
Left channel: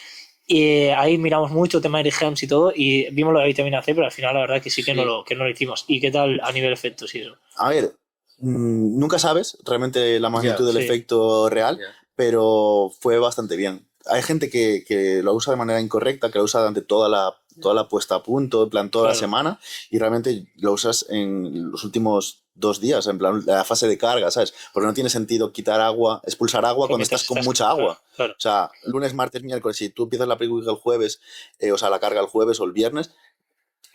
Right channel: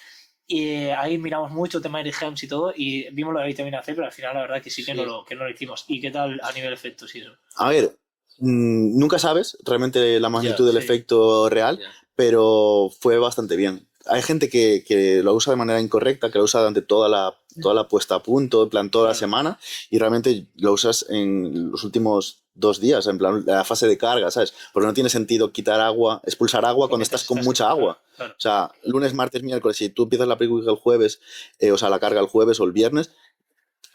y ahí miramos mucho tema de Gems y todo, y vimos lo de vitamina C, pero al final la verdad que sí que no lo hicimos. ¿Y qué tal a nivel efectos y eso? A ver, nunca sabes realmente la magnitud del efecto real, pero fue bastante bien. Hay gente que lo usa de manera incorrecta, que lo usa durante toda la puesta a punto, en plan toda la semana, y realmente lo usas en los últimos 2 días, en plan la fase de carga, ¿sabes? Porque no tiene sentido expulsar agua cuando estás con mucha agua. Claro. O sea, lunes, martes, miércoles, si tú empiezas la Pickwick el jueves, o sea, la carga el jueves o el viernes,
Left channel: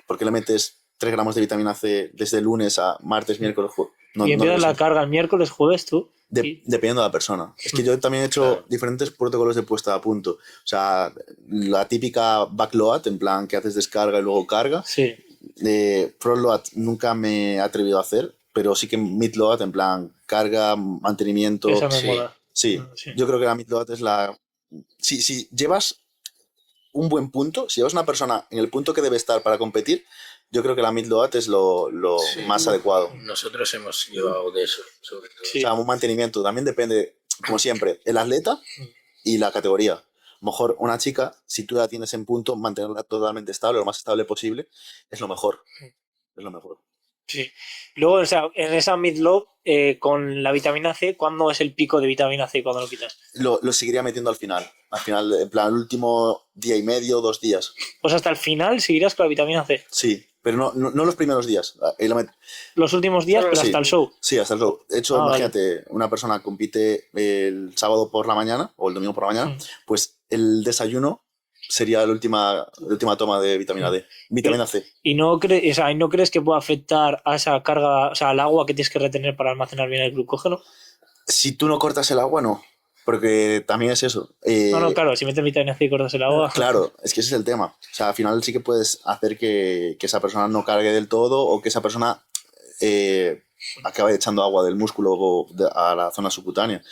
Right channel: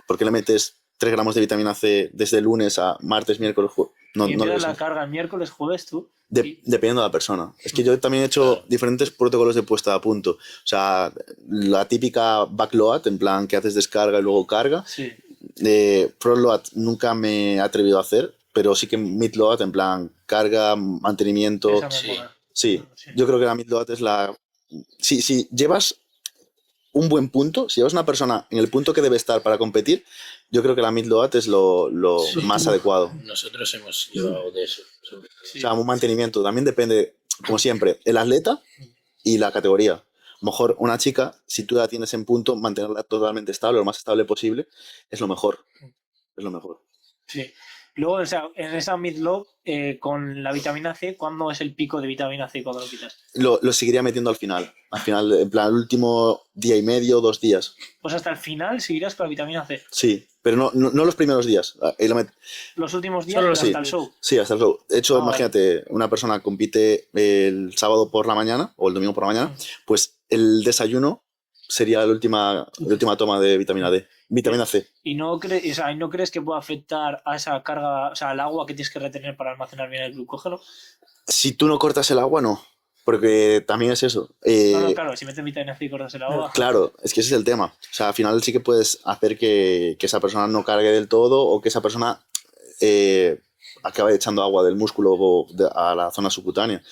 ¿por qué le metes 3 gramos de vitamina C desde lunes a martes, miércoles, jueves? ¿Y empiezas la carga el miércoles, jueves tú? Dependiendo de la persona. Es que yo también he hecho diferentes protocolos de puesta a punto. O sea, la típica backload, en plan que haces descarga y luego carga. Sí. Frontload nunca me he atrevido a hacer, pero sí que midload, en plan carga, mantenimiento. Esa me mola. Sí, yo creo que la midload es la... Si llevas un buen punto, si llevas una persona en el punto que debe estar para competir, yo creo que la midload es lo más adecuado. Nosotros hemos llevado de eso, sobre todo. O sea, un mantenimiento. También depende, como siempre, el atleta y la categoría. A lo mejor una chica, si tú la tienes en punto, mantenerla totalmente estable, lo más estable posible, es lo mejor. Es lo mejor. Sí. Luego, o sea, en esa midload, con la vitamina C, ¿cuándo es el pico de vitamina C cuando lo quitas? Lo seguiría metiendo al final. Al final, en plan, el último día y medio, 2 días. Pues hasta el final seguirás con la vitamina C. Sí, pero no los primeros días. Los últimos días, pero hasta el show. Sí, hasta el show. De hecho, imagínate, una persona compite el sábado por la mañana o el domingo por la mañana, pues el desayuno sería la última toma de vitamina D, vitamina C. ¿Y no crees que pueda afectar a esa carga, o sea, al agua que tienes que retener para almacenar bien el glucógeno? Si tú no cortas el agua, no. Porque también es eso. No, claro, si metes vitamina C y cortas el agua. Claro, es que ese es el tema. O sea, al final sí que puedes hacer que esa persona no cargue del todo o que esa persona acabe echando agua del músculo a la zona subcutánea.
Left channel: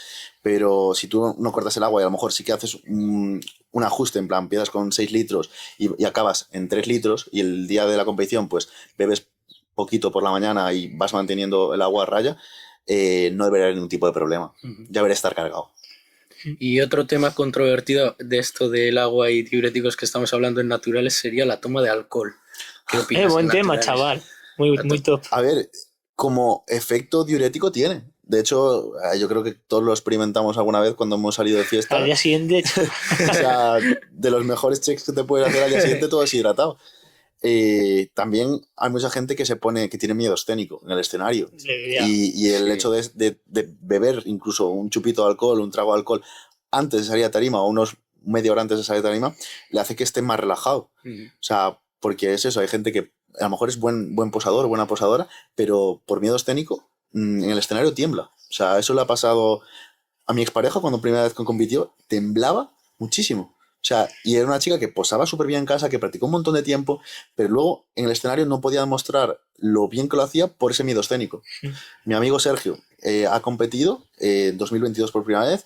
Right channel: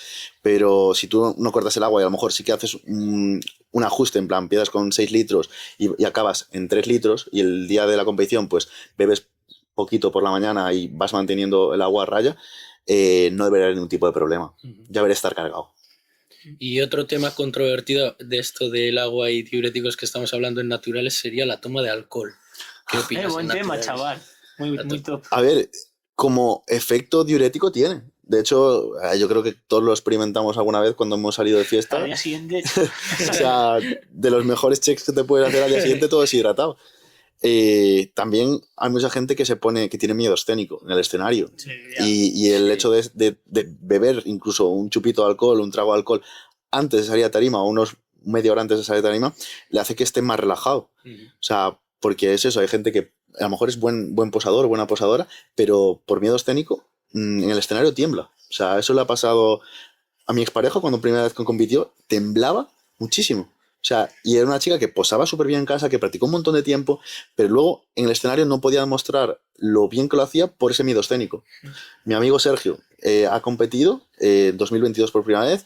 Pero si tú no cortas el agua y a lo mejor sí que haces un ajuste, en plan, empiezas con 6 litros y acabas en 3 litros y el día de la competición pues bebes poquito por la mañana y vas manteniendo el agua a raya, no debería haber ningún tipo de problema. Ya debería estar cargado. Y otro tema controvertido de esto del agua y diuréticos que estamos hablando en naturales sería la toma de alcohol. ¿Qué opinas? Buen tema, chaval. Muy top. A ver, como efecto diurético tiene. De hecho, yo creo que todos lo experimentamos alguna vez cuando hemos salido de fiesta. Al día siguiente. O sea, de los mejores checks que te puedes hacer al día siguiente, todo deshidratado. También hay mucha gente que tiene miedo escénico en el escenario. Sí, y el hecho de beber incluso un chupito de alcohol, un trago de alcohol antes de salir a tarima o media hora antes de salir a tarima, le hace que esté más relajado. O sea, porque es eso, hay gente que a lo mejor es buen posador, buena posadora, pero por miedo escénico en el escenario tiembla. O sea, eso le ha pasado a mi expareja cuando primera vez que compitió, temblaba muchísimo. O sea, y era una chica que posaba súper bien en casa, que practicó un montón de tiempo, pero luego en el escenario no podía demostrar lo bien que lo hacía por ese miedo escénico. Mi amigo Sergio ha competido en 2022 por primera vez,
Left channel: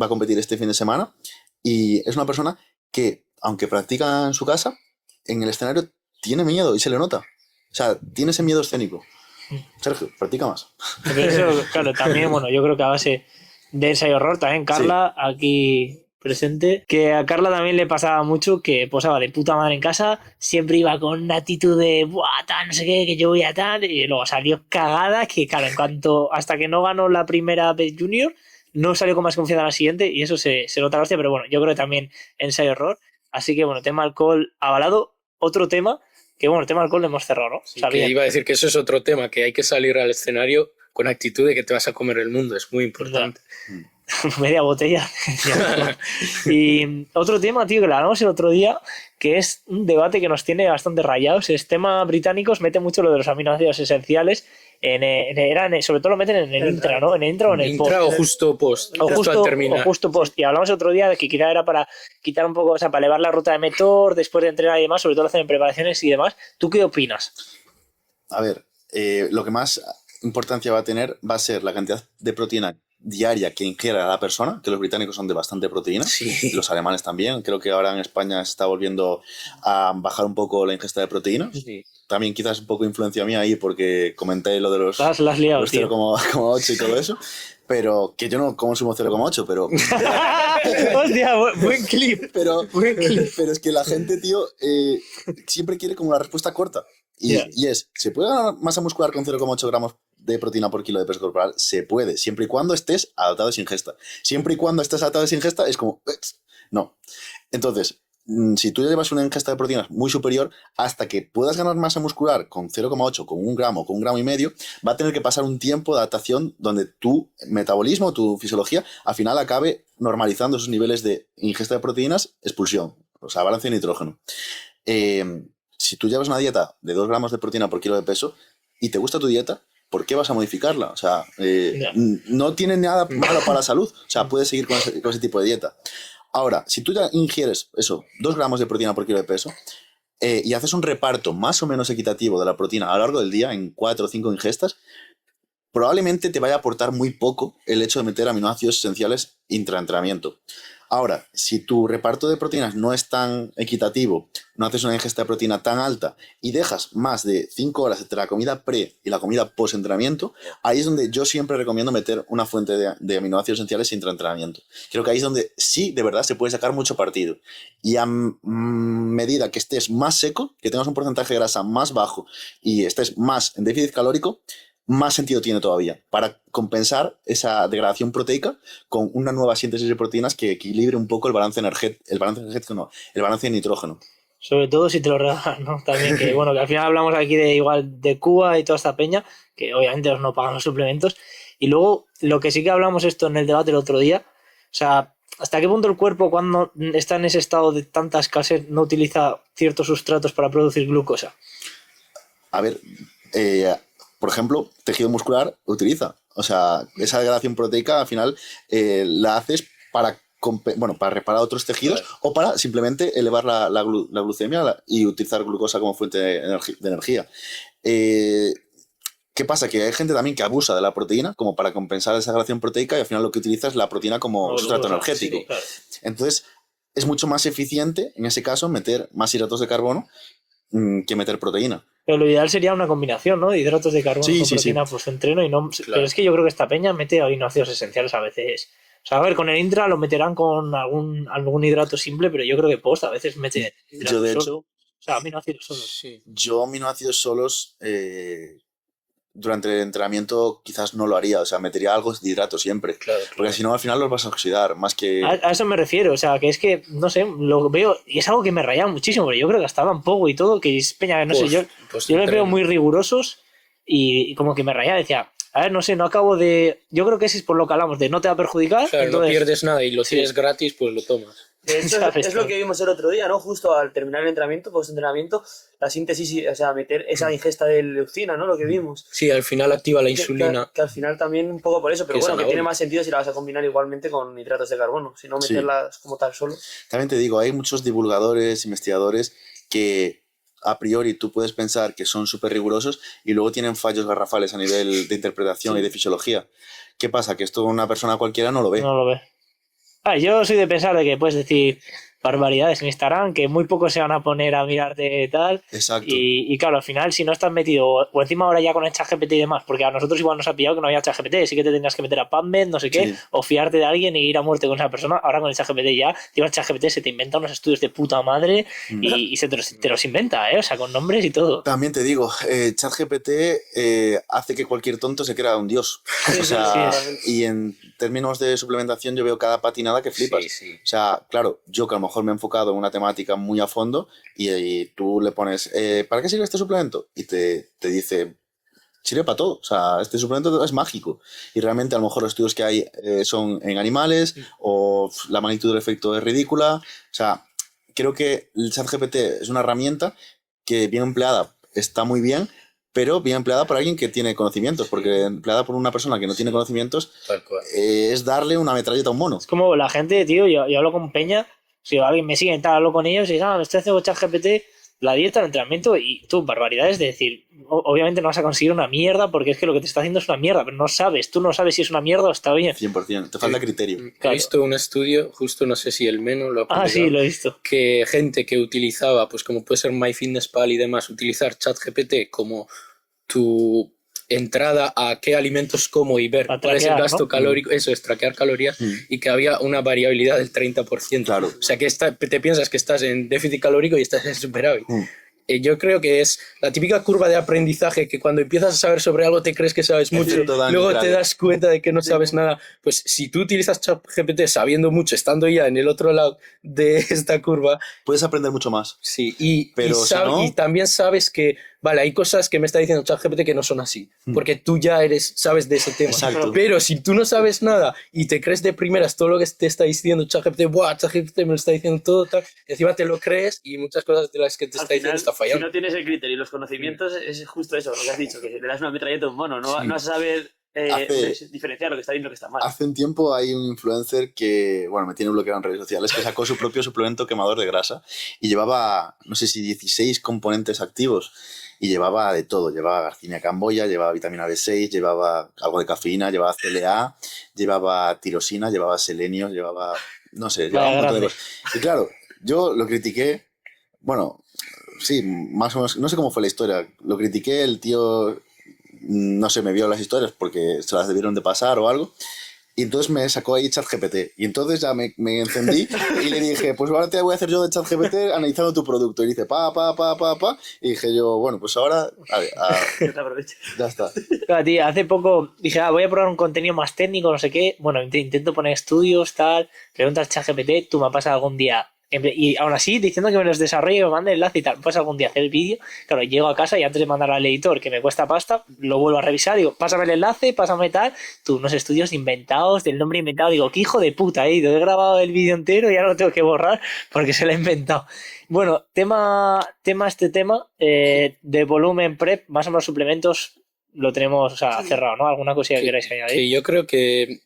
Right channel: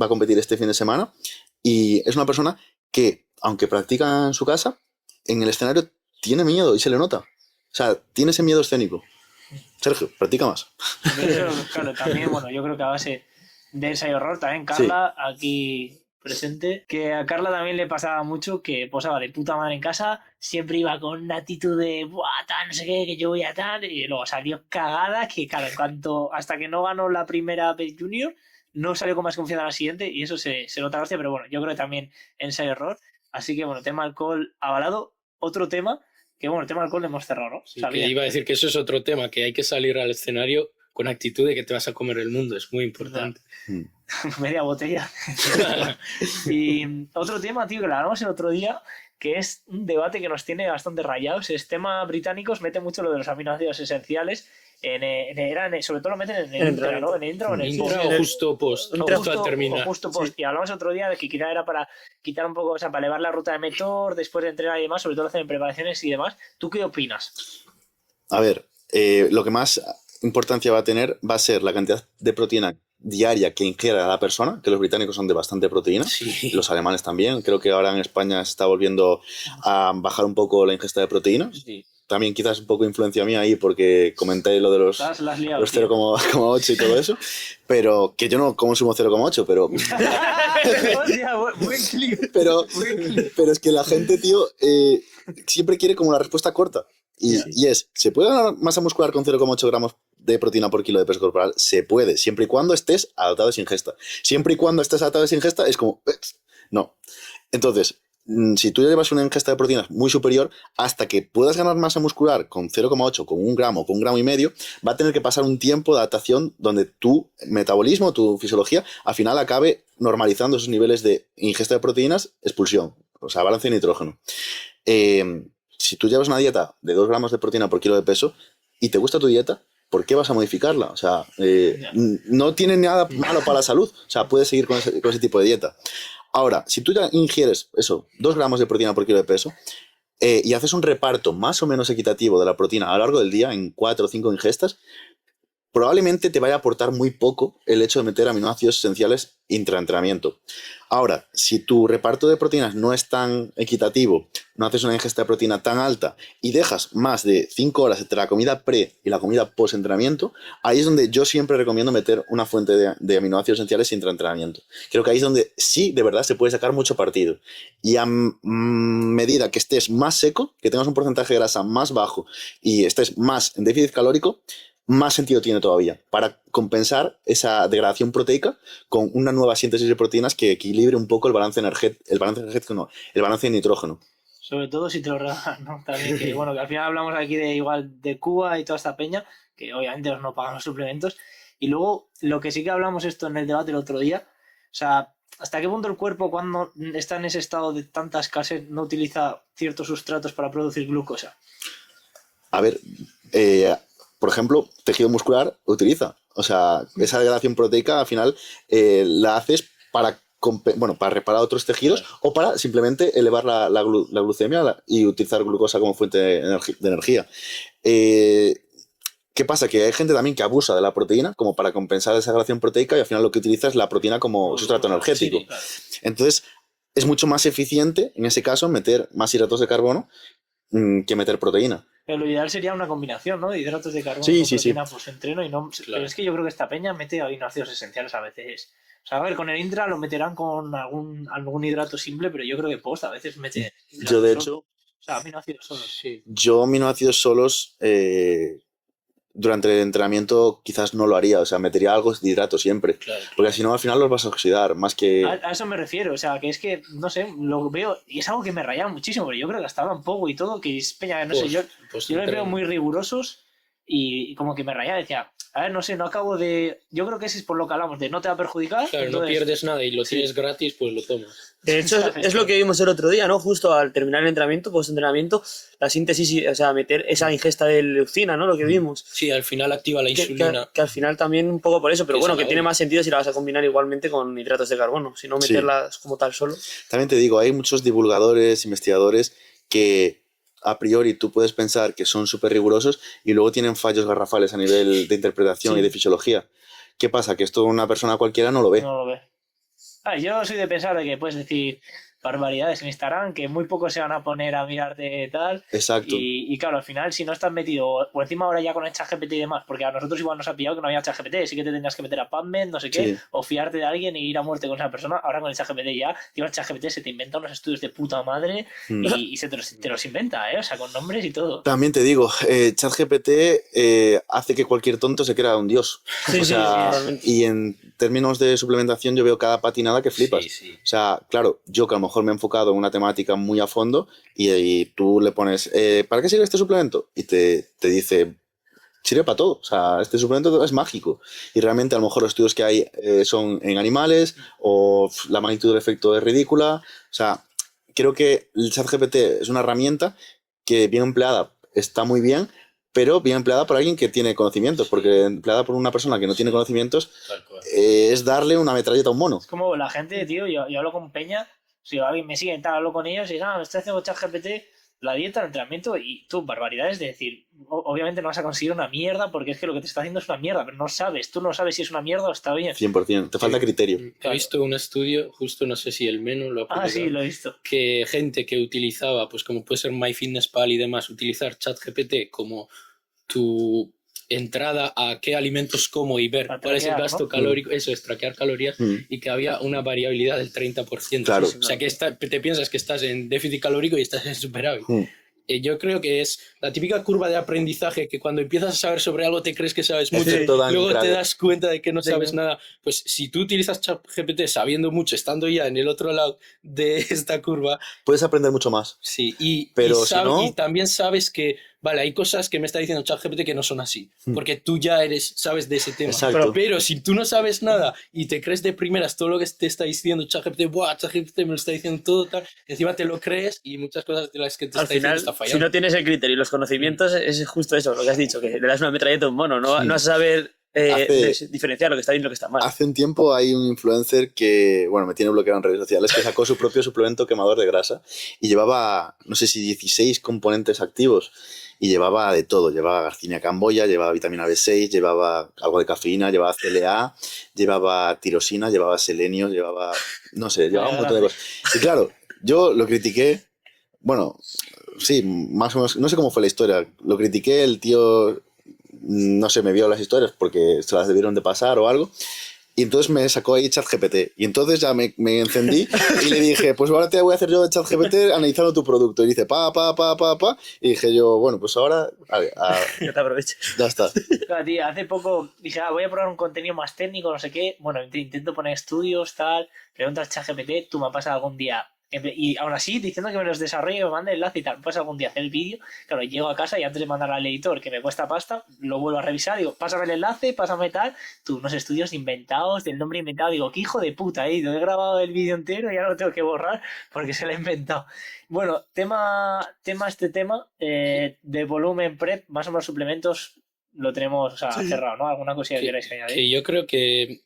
va a competir este fin de semana, y es una persona que, aunque practica en su casa, en el escenario tiene miedo y se le nota. O sea, tiene ese miedo escénico. Sergio, practica más. Pero eso, claro, también, bueno, yo creo que a base de ensayo-error, también Carla, aquí presente, que a Carla también le pasaba mucho que posaba de puta madre en casa, siempre iba con una actitud de buah, tal, no sé qué, que yo voy a tal, y luego salió cagada, que claro, hasta que no ganó la primera vez Junior, no salió con más confianza a la siguiente, y eso se nota la hostia, pero bueno, yo creo que también ensayo-error, así que bueno, tema alcohol avalado. Otro tema, que bueno, el tema alcohol lo hemos cerrado, ¿no? Sí, que iba a decir que eso es otro tema, que hay que salir al escenario con actitud de que te vas a comer el mundo, es muy importante. Media botella. Y otro tema, tío, que lo hablamos el otro día, que es un debate que nos tiene bastante rayados. El tema británicos mete mucho lo de los aminoácidos esenciales. Sobre todo lo meten en el intra, ¿no? En el intra o en el post. O justo post. O justo post. Sí. Y hablamos el otro día de que quizá era para quitar un poco, o sea, para elevar la ruta de Metor después de entrenar y demás, sobre todo lo hacen en preparaciones y demás. ¿Tú qué opinas? A ver, lo que más importancia va a ser la cantidad de proteína diaria que ingiera la persona, que los británicos son de bastante proteína, sí. Los alemanes también. Creo que ahora en España se está volviendo a bajar un poco la ingesta de proteínas. Sí. También quizás un poco influencia mía ahí porque comenté lo de los 0,8 y todo eso, pero que yo no consumo 0,8, pero... Hostia, buen clip. Pero es que la gente, tío, siempre quiere como la respuesta corta. Y es, ¿se puede ganar masa muscular con 0,8 gramos de proteína por kilo de peso corporal? Se puede, siempre y cuando estés adaptado a esa ingesta. Siempre y cuando estés adaptado a esa ingesta es como... No. Entonces, si tú ya llevas una ingesta de proteínas muy superior, hasta que puedas ganar masa muscular con 0,8, con 1 gramo, con 1,5 gramos, va a tener que pasar un tiempo de adaptación donde tu metabolismo, tu fisiología, al final acabe normalizando esos niveles de ingesta de proteínas, expulsión, o sea, balance de nitrógeno. Si tú llevas una dieta de 2 gramos de proteína por kilo de peso y te gusta tu dieta, ¿por qué vas a modificarla? O sea, no tiene nada malo para la salud. O sea, puedes seguir con ese tipo de dieta. Ahora, si tú ya ingieres 2 gramos de proteína por kilo de peso y haces un reparto más o menos equitativo de la proteína a lo largo del día en 4 o 5 ingestas, probablemente te vaya a aportar muy poco el hecho de meter aminoácidos esenciales intraentrenamiento. Ahora, si tu reparto de proteínas no es tan equitativo, no haces una ingesta de proteína tan alta y dejas más de 5 horas entre la comida pre y la comida post-entrenamiento, ahí es donde yo siempre recomiendo meter una fuente de aminoácidos esenciales intraentrenamiento. Creo que ahí es donde sí, de verdad, se puede sacar mucho partido. Y a medida que estés más seco, que tengas un porcentaje de grasa más bajo y estés más en déficit calórico, más sentido tiene todavía para compensar esa degradación proteica con una nueva síntesis de proteínas que equilibre un poco el balance energético, el balance de nitrógeno. Sobre todo si te lo regalan, ¿no? También que, bueno, que al final hablamos aquí de Cuba y toda esta peña, que obviamente no pagan los suplementos. Y luego, lo que sí que hablamos esto en el debate el otro día, o sea, ¿hasta qué punto el cuerpo, cuando está en ese estado de tanta escasez, no utiliza ciertos sustratos para producir glucosa? A ver, por ejemplo, tejido muscular utiliza. O sea, esa degradación proteica al final la haces para reparar otros tejidos o para simplemente elevar la glucemia y utilizar glucosa como fuente de energía. ¿Qué pasa? Que hay gente también que abusa de la proteína como para compensar esa degradación proteica y al final lo que utiliza es la proteína como sustrato energético. Sí, claro. Entonces, es mucho más eficiente, en ese caso, meter más hidratos de carbono que meter proteína. Pero lo ideal sería una combinación, ¿no? De hidratos de carbono con proteína post-entreno y no... Claro. Pero es que yo creo que esta peña mete aminoácidos esenciales a veces. O sea, a ver, con el intra lo meterán con algún hidrato simple, pero yo creo que post a veces mete... Yo, de hecho... O sea, aminoácidos solos. Sí. Yo aminoácidos solos... durante el entrenamiento quizás no lo haría, o sea, metería algo de hidrato siempre, claro. Porque si no al final los vas a oxidar, más que... A eso me refiero, o sea, que es que, no sé, lo veo, y es algo que me rayaba muchísimo, pero yo creo que hasta un poco y todo, que es peña, no sé, yo les veo muy rigurosos y como que me rayaba, decía, a ver, no sé, no acabo de... Yo creo que ese es por lo que hablamos, de no te va a perjudicar. Claro, entonces... no pierdes nada y lo tienes gratis, pues lo tomas. De hecho, es lo que vimos el otro día, ¿no? Justo al terminar el entrenamiento, post-entrenamiento, la síntesis, o sea, meter esa ingesta de leucina, ¿no? Lo que vimos. Sí, al final activa la insulina. Que al final también un poco por eso, pero bueno, que tiene más sentido si la vas a combinar igualmente con hidratos de carbono, si no meterlas como tal solo. También te digo, hay muchos divulgadores, investigadores que a priori tú puedes pensar que son súper rigurosos y luego tienen fallos garrafales a nivel de interpretación y de fisiología. ¿Qué pasa? Que esto una persona cualquiera no lo ve. No lo ve. Yo soy de pensar de que puedes decir barbaridades en Instagram, que muy pocos se van a poner a mirarte tal. Exacto. Y claro, al final, si no estás metido, o encima ahora ya con el ChatGPT y demás, porque a nosotros igual nos ha pillado que no había ChatGPT, sí que te tenías que meter a PubMed, no sé qué, o fiarte de alguien y ir a muerte con esa persona. Ahora con el ChatGPT ya, el ChatGPT se te inventa unos estudios de puta madre y te los inventa, o sea, con nombres y todo. También te digo, ChatGPT hace que cualquier tonto se crea un dios. O sea, y en términos de suplementación yo veo cada patinada que flipas. O sea, claro, yo que a lo mejor me he enfocado en una temática muy a fondo y tú le pones, ¿para qué sirve este suplemento? Y te dice, sirve para todo. O sea, este suplemento es mágico. Y realmente a lo mejor los estudios que hay son en animales o la magnitud del efecto es ridícula. O sea, creo que el ChatGPT es una herramienta que bien empleada está muy bien, pero bien empleada por alguien que tiene conocimientos, porque empleada por una persona que no tiene conocimientos es darle una metralleta a un mono. Es como la gente, tío, yo hablo con Peña, si alguien me sigue y tal, hablo con ellos y me estoy haciendo ChatGPT, la dieta, el entrenamiento y tú, barbaridades de decir, obviamente no vas a conseguir una mierda porque es que lo que te está haciendo es una mierda, pero tú no sabes si es una mierda o está bien. 100%, te falta criterio. He visto un estudio, justo no sé si el Meno lo ha publicado. Sí, lo he visto. Que gente que utilizaba, pues como puede ser MyFitnessPal y demás, utilizar ChatGPT como tu entrada a qué alimentos como y ver cuál es el gasto calórico, eso es traquear calorías, y que había una variabilidad del 30%. Claro. O sea que te piensas que estás en déficit calórico y estás en superávit. Yo creo que es la típica curva de aprendizaje que cuando empiezas a saber sobre algo te crees que sabes mucho, luego te das cuenta de que no sabes nada. Pues si tú utilizas ChatGPT sabiendo mucho, estando ya en el otro lado de esta curva, puedes aprender mucho más. Sí, y también sabes que vale, hay cosas que me está diciendo ChatGPT que no son así, porque tú ya sabes de ese tema. Exacto. Pero si tú no sabes nada y te crees de primeras todo lo que te está diciendo ChatGPT, ChatGPT me lo está diciendo todo tal, encima te lo crees y muchas cosas de las que te está diciendo está fallando. Si no tienes el criterio y los conocimientos, es justo eso, lo que has dicho, que le das una metralleta a un mono, no vas a saber diferenciar lo que está bien y lo que está mal. Hace un tiempo hay un influencer que, bueno, me tiene bloqueado en redes sociales, que sacó su propio suplemento quemador de grasa y llevaba, no sé si 16 componentes activos y llevaba de todo, llevaba Garcinia camboya, llevaba vitamina B6, llevaba algo de cafeína, llevaba CLA, llevaba tirosina, llevaba selenio, llevaba, no sé, llevaba un montón de cosas. Y claro, yo lo critiqué, bueno, sí, más o menos, no sé cómo fue la historia, lo critiqué, el tío, no sé, me vio las historias porque se las debieron de pasar o algo. Y entonces me sacó ahí ChatGPT. Y entonces ya me encendí y le dije, pues ahora te voy a hacer yo de ChatGPT analizando tu producto. Y dice, Y dije yo, bueno, pues ahora... Que te aproveches. Ya está. Claro, tío, hace poco dije, voy a probar un contenido más técnico, no sé qué. Bueno, intento poner estudios, tal. Preguntas ChatGPT, tú me pasas algún día... Y aún así, diciendo que me los desarrolle, me mande el enlace y tal, pues algún día hacer el vídeo, claro, llego a casa y antes de mandar al editor, que me cuesta pasta, lo vuelvo a revisar, digo, pásame el enlace, pásame tal, tú, unos estudios inventados, del nombre inventado, digo, qué hijo de puta, he grabado el vídeo entero y ahora lo tengo que borrar porque se lo he inventado. Bueno, tema de volumen prep, más o menos suplementos, lo tenemos, o sea, cerrado, ¿no? ¿Alguna cosilla que queráis añadir? Sí, yo creo que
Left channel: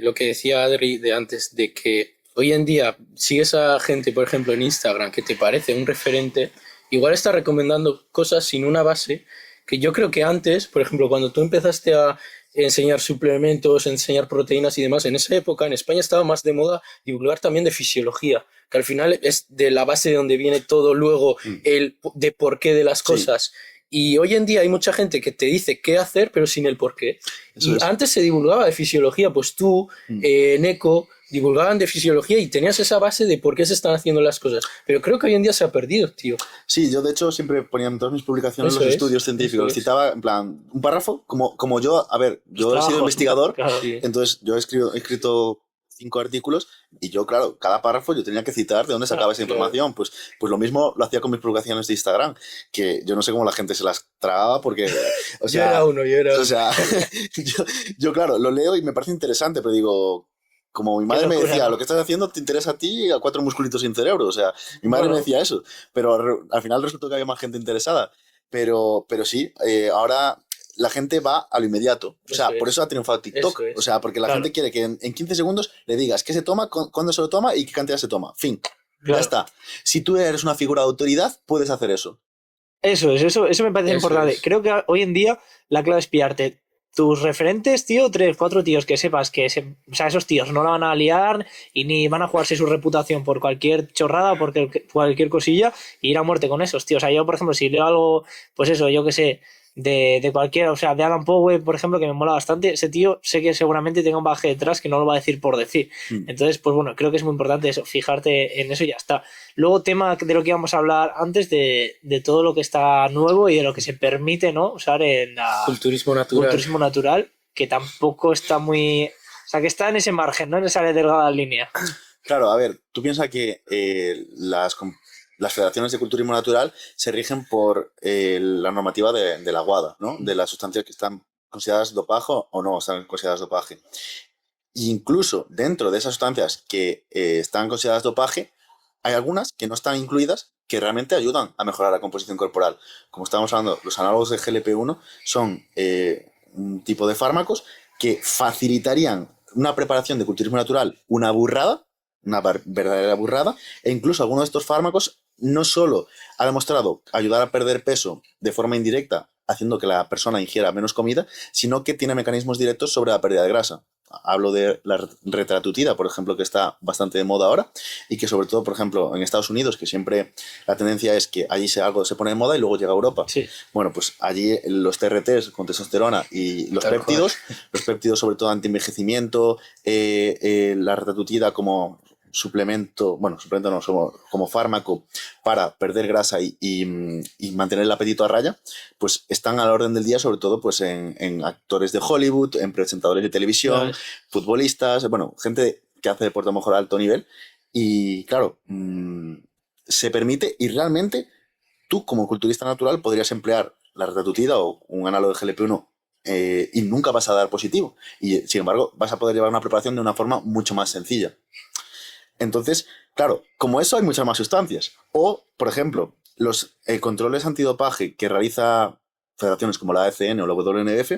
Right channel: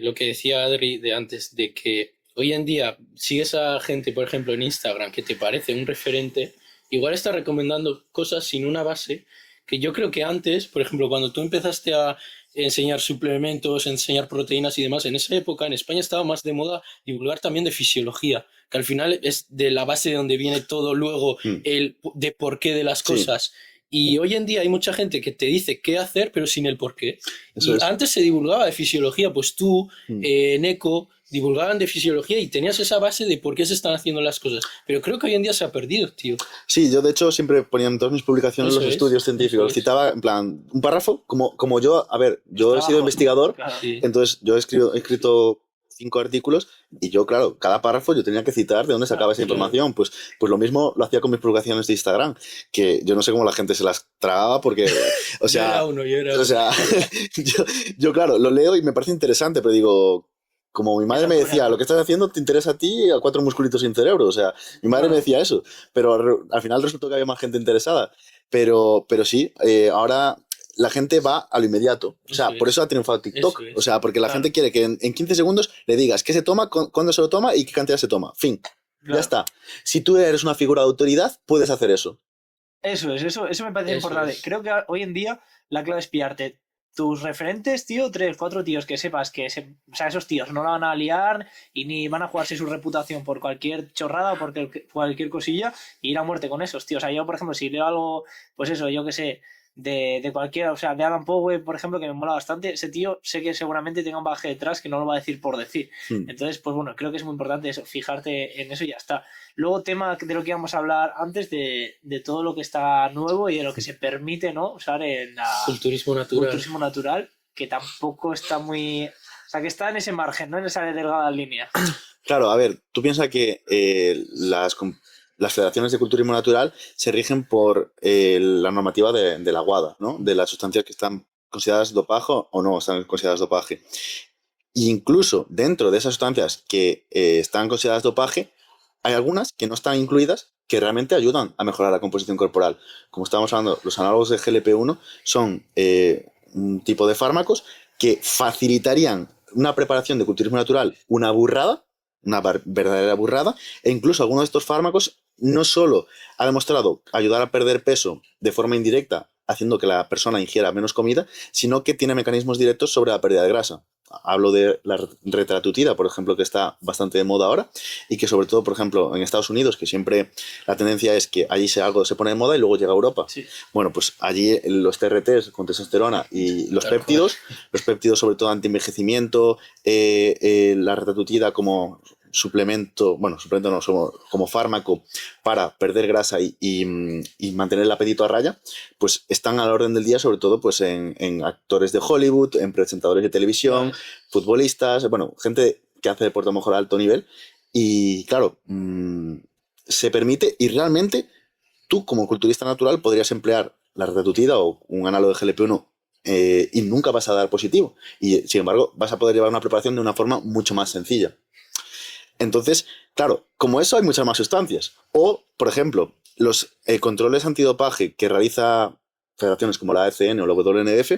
lo que decía Adri de antes, de que hoy en día sigues a gente, por ejemplo, en Instagram que te parece un referente, igual está recomendando cosas sin una base, que yo creo que antes, por ejemplo, cuando tú empezaste a enseñar suplementos, enseñar proteínas y demás, en esa época en España estaba más de moda divulgar también de fisiología, que al final es de la base de donde viene todo luego el de por qué de las cosas. Y hoy en día hay mucha gente que te dice qué hacer, pero sin el por qué. Eso es. Antes se divulgaba de fisiología, pues tú, Neko, divulgaban de fisiología y tenías esa base de por qué se están haciendo las cosas. Pero creo que hoy en día se ha perdido, tío. Sí, yo de hecho siempre ponía en todas mis publicaciones los estudios científicos. Citaba en plan un párrafo, como yo, a ver, yo he sido investigador, Claro. entonces yo he escrito 5 artículos y yo, claro, cada párrafo yo tenía que citar de dónde sacaba esa información. Pues lo mismo lo hacía con mis publicaciones de Instagram, que yo no sé cómo la gente se las tragaba porque, o sea... Yo era uno. O sea, yo, claro, lo leo y me parece interesante, pero digo... Como mi madre me decía, lo que estás haciendo te interesa a ti y a 4 musculitos sin cerebro. O sea, mi madre me decía eso. Pero al final resultó que había más gente interesada. Pero sí, ahora la gente va a lo inmediato. O sea, por eso ha triunfado TikTok. O sea, porque la gente quiere que en 15 segundos le digas qué se toma, cuándo se lo toma y qué cantidad se toma. Fin. Ya está. Si tú eres una figura de autoridad, puedes hacer eso. Eso me parece importante. Creo que hoy en día la clave es pillarte tus referentes, tío, 3, 4 tíos que sepas que o sea, esos tíos no la van a liar y ni van a jugarse su reputación por cualquier chorrada, por cualquier cosilla, y ir a muerte con esos, tío. O sea, yo, por ejemplo, si leo algo, pues eso, yo que sé, de cualquiera, o sea, de Adam Powell, por ejemplo, que me mola bastante, ese tío sé que seguramente tenga un bagaje detrás que no lo va a decir por decir. Entonces, pues bueno, creo que es muy importante eso, fijarte en eso y ya está. Luego, tema de lo que íbamos a hablar antes, de todo lo que está nuevo y de lo que se permite, ¿no?, usar en culturismo natural, que tampoco está muy... O sea, que está en ese margen, ¿no?, en esa delgada línea. Claro, a ver, tú piensas que las federaciones de culturismo natural se rigen por la normativa de la WADA, ¿no? De las sustancias que están consideradas dopaje o no están consideradas dopaje. E incluso dentro de esas sustancias que están consideradas dopaje, hay algunas que no están incluidas que realmente ayudan a mejorar la composición corporal. Como estábamos hablando, los análogos de GLP-1 son un tipo de fármacos que facilitarían una preparación de culturismo natural, una verdadera burrada, e incluso algunos de estos fármacos no solo ha demostrado ayudar a perder peso de forma indirecta, haciendo que la persona ingiera menos comida, sino que tiene mecanismos directos sobre la pérdida de grasa. Hablo de la retratutida, por ejemplo, que está bastante de moda ahora y que sobre todo, por ejemplo, en Estados Unidos, que siempre la tendencia es que allí algo se pone de moda y luego llega a Europa. Sí. Bueno, pues allí los TRTs con testosterona y los péptidos sobre todo anti-envejecimiento, la retratutida como suplemento no, como fármaco para perder grasa y mantener el apetito a raya, pues están a la orden del día, sobre todo pues en actores de Hollywood, en presentadores de televisión, futbolistas, bueno, gente que hace deporte a lo mejor a alto nivel. Y claro, se permite, y realmente tú como culturista natural podrías emplear la retratutida o un análogo de GLP-1 y nunca vas a dar positivo. Y sin embargo, vas a poder llevar una preparación de una forma mucho más sencilla. Entonces, claro, como eso hay muchas más sustancias. O, por ejemplo, los controles antidopaje que realiza federaciones como la AFN o la WNDF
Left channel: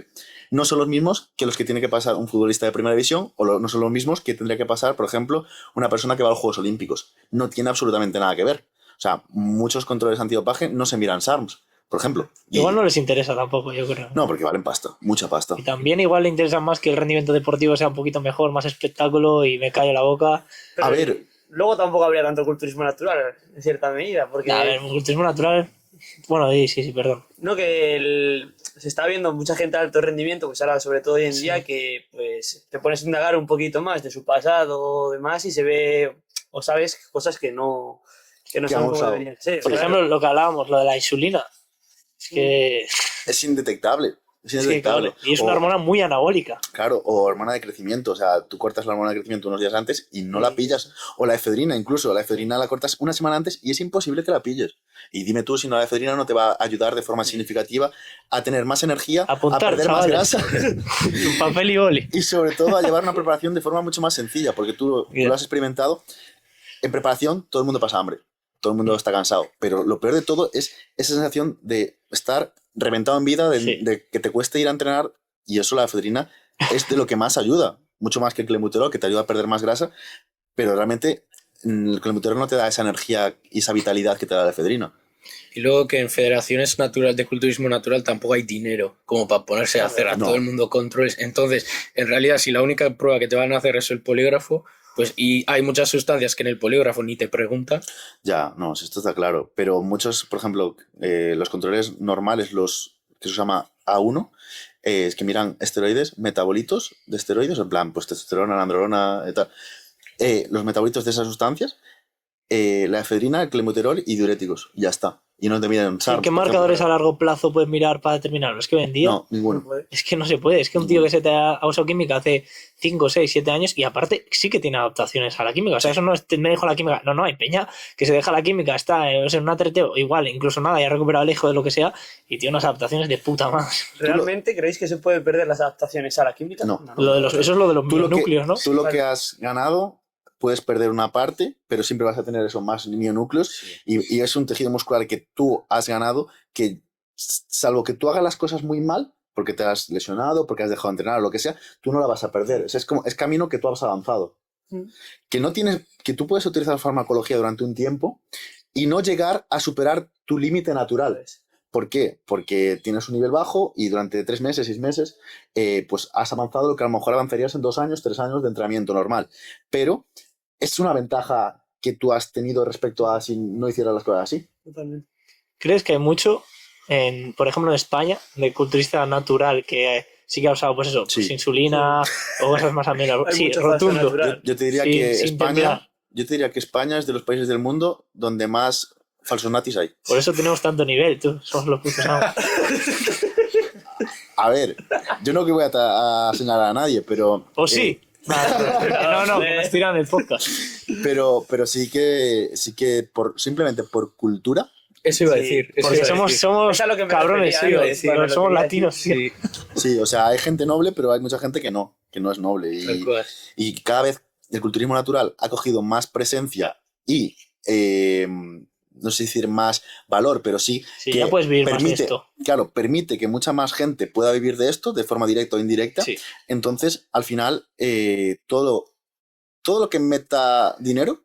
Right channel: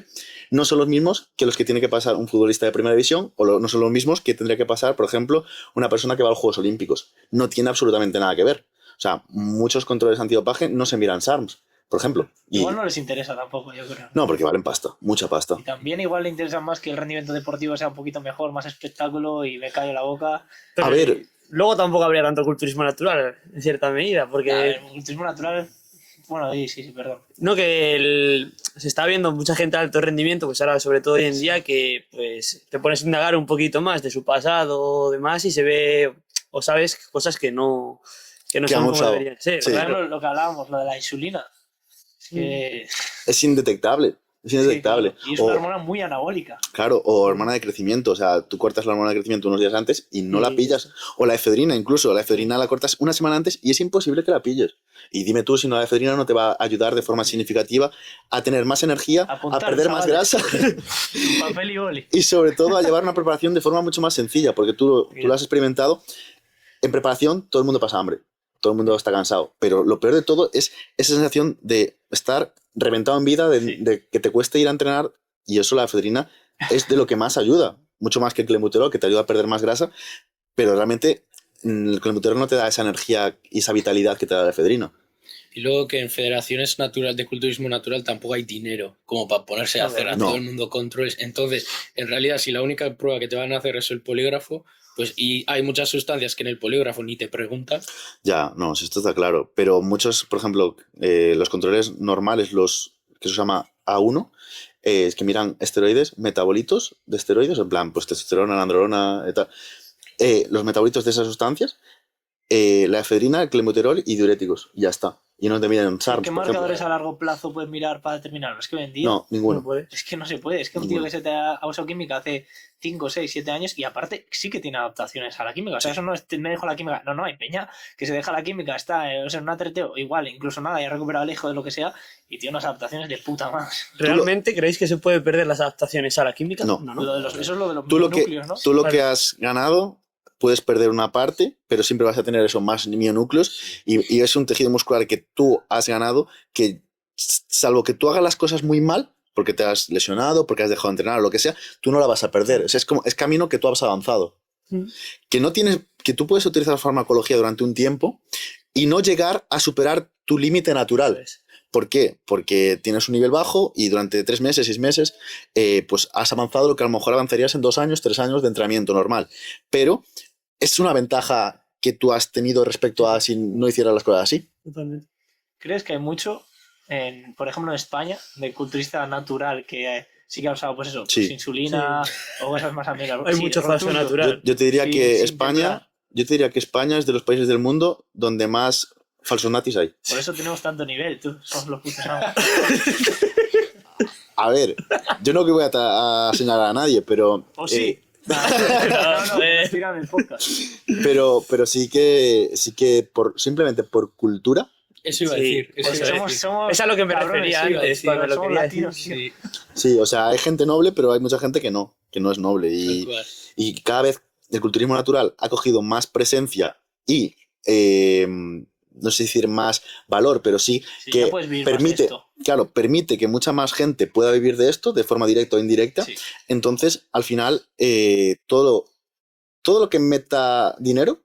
no son los mismos que los que tiene que pasar un futbolista de primera división o no son los mismos que tendría que pasar, por ejemplo, una persona que va a los Juegos Olímpicos. No tiene absolutamente nada que ver. O sea, muchos controles antidopaje no se miran SARMs, por ejemplo. Igual no les interesa tampoco, yo creo. No, porque valen pasta, mucha pasta. Y también igual le interesa más que el rendimiento deportivo sea un poquito mejor, más espectáculo y me callo la boca. Pero a ver... Luego tampoco habría tanto culturismo natural, en cierta medida, porque... el culturismo natural... Bueno, sí, perdón. No, que se está viendo mucha gente de alto rendimiento, pues ahora sobre todo hoy en día, que pues te pones a indagar un poquito más de su pasado o demás y se ve o sabes cosas que no son como deberían ser. Por ejemplo, lo que hablábamos, lo de la insulina. Es que... Es indetectable. Es indetectable. Sí, claro. Y es una hormona muy anabólica. Claro, o hormona de crecimiento. O sea, tú cortas la hormona de crecimiento unos días antes y no la pillas. O la efedrina, incluso. La efedrina la cortas una semana antes y es imposible que la pilles. Y dime tú si la efedrina no te va a ayudar de forma significativa a tener más energía, a perder más grasa. Un papel y boli. Y sobre todo a llevar una preparación de forma mucho más sencilla, porque tú lo has experimentado. En preparación todo el mundo pasa hambre. Todo el mundo está cansado. Pero lo peor de todo es esa sensación de estar reventado en vida, de que te cueste ir a entrenar, y eso la efedrina es de lo que más ayuda, mucho más que el clenbuterol, que te ayuda a perder más grasa, pero realmente el clenbuterol no te da esa energía y esa vitalidad que te da la efedrina. Y luego que en federaciones naturales de culturismo natural tampoco hay dinero como para ponerse a hacer a todo el mundo controles. Entonces, en realidad, si la única prueba que te van a hacer es el polígrafo, Pues, y hay muchas sustancias que en el polígrafo ni te preguntan. Ya, no, si esto está claro. Pero muchos, por ejemplo, los controles normales, los que se llama A1, es que miran esteroides, metabolitos de esteroides, en plan, pues testosterona, androlona, tal. Los metabolitos de esas sustancias, la efedrina, el clenbuterol y diuréticos. Ya está. Y no te miran SARS. ¿Qué marcadores a largo plazo puedes mirar para determinarlo? Es que hoy en día... No, ninguno. Es que no se puede. Es que un tío que se te ha usado química hace 5, 6, 7 años y aparte sí que tiene adaptaciones a la química. O sea, eso no es me dejo la química. No, hay peña que se deja la química, está en un atreteo, igual, incluso nada, ya ha recuperado el hijo de lo que sea y tiene unas adaptaciones de puta madre. ¿Realmente creéis que se puede perder las adaptaciones a la química? No. Eso es lo de los mionúcleos, ¿no? Tú lo que has ganado... puedes perder una parte, pero siempre vas a tener eso, más mionúcleos, y es un tejido muscular que tú has ganado, que salvo que tú hagas las cosas muy mal, porque te has lesionado, porque has dejado de entrenar o lo que sea, tú no la vas a perder. O sea, es camino que tú has avanzado. Que tú puedes utilizar farmacología durante un tiempo y no llegar a superar tu límite natural. ¿Por qué? Porque tienes un nivel bajo y durante 3 meses, 6 meses, pues has avanzado lo que a lo mejor avanzarías en 2 años, 3 años de entrenamiento normal. Pero es una ventaja que tú has tenido respecto a si no hicieras las cosas así. Totalmente. ¿Crees que hay mucho, por ejemplo, en España, de culturista natural que sí que ha usado, pues eso, Sí. pues insulina o cosas más amenas? Hay Sí, mucho falso rotundo. natural. Yo te diría Sí, que sin España, temblar. yo te diría que España es de los países del mundo donde más falsos natis hay. Por eso tenemos tanto nivel, tú. Somos los putos amos. A ver, yo no que voy a señalar a nadie, pero... ¿O sí? No, nos tiran el podcast. Pero sí que simplemente por cultura. Eso iba a Sí, decir. eso Porque iba a somos decir. Eso es a lo que me cabrones, refería sí, antes, sí, cuando lo somos quería latinos, sí. Sí, Sí, o sea, hay gente noble, pero hay mucha gente que no es noble. tal cual. Y cada vez el culturismo natural ha cogido más presencia y, no sé decir más valor, pero sí, Sí, que ya puedes vivir más de esto. claro, permite que mucha más gente pueda vivir de esto de forma directa o indirecta. Sí. Entonces, al final, todo lo que meta dinero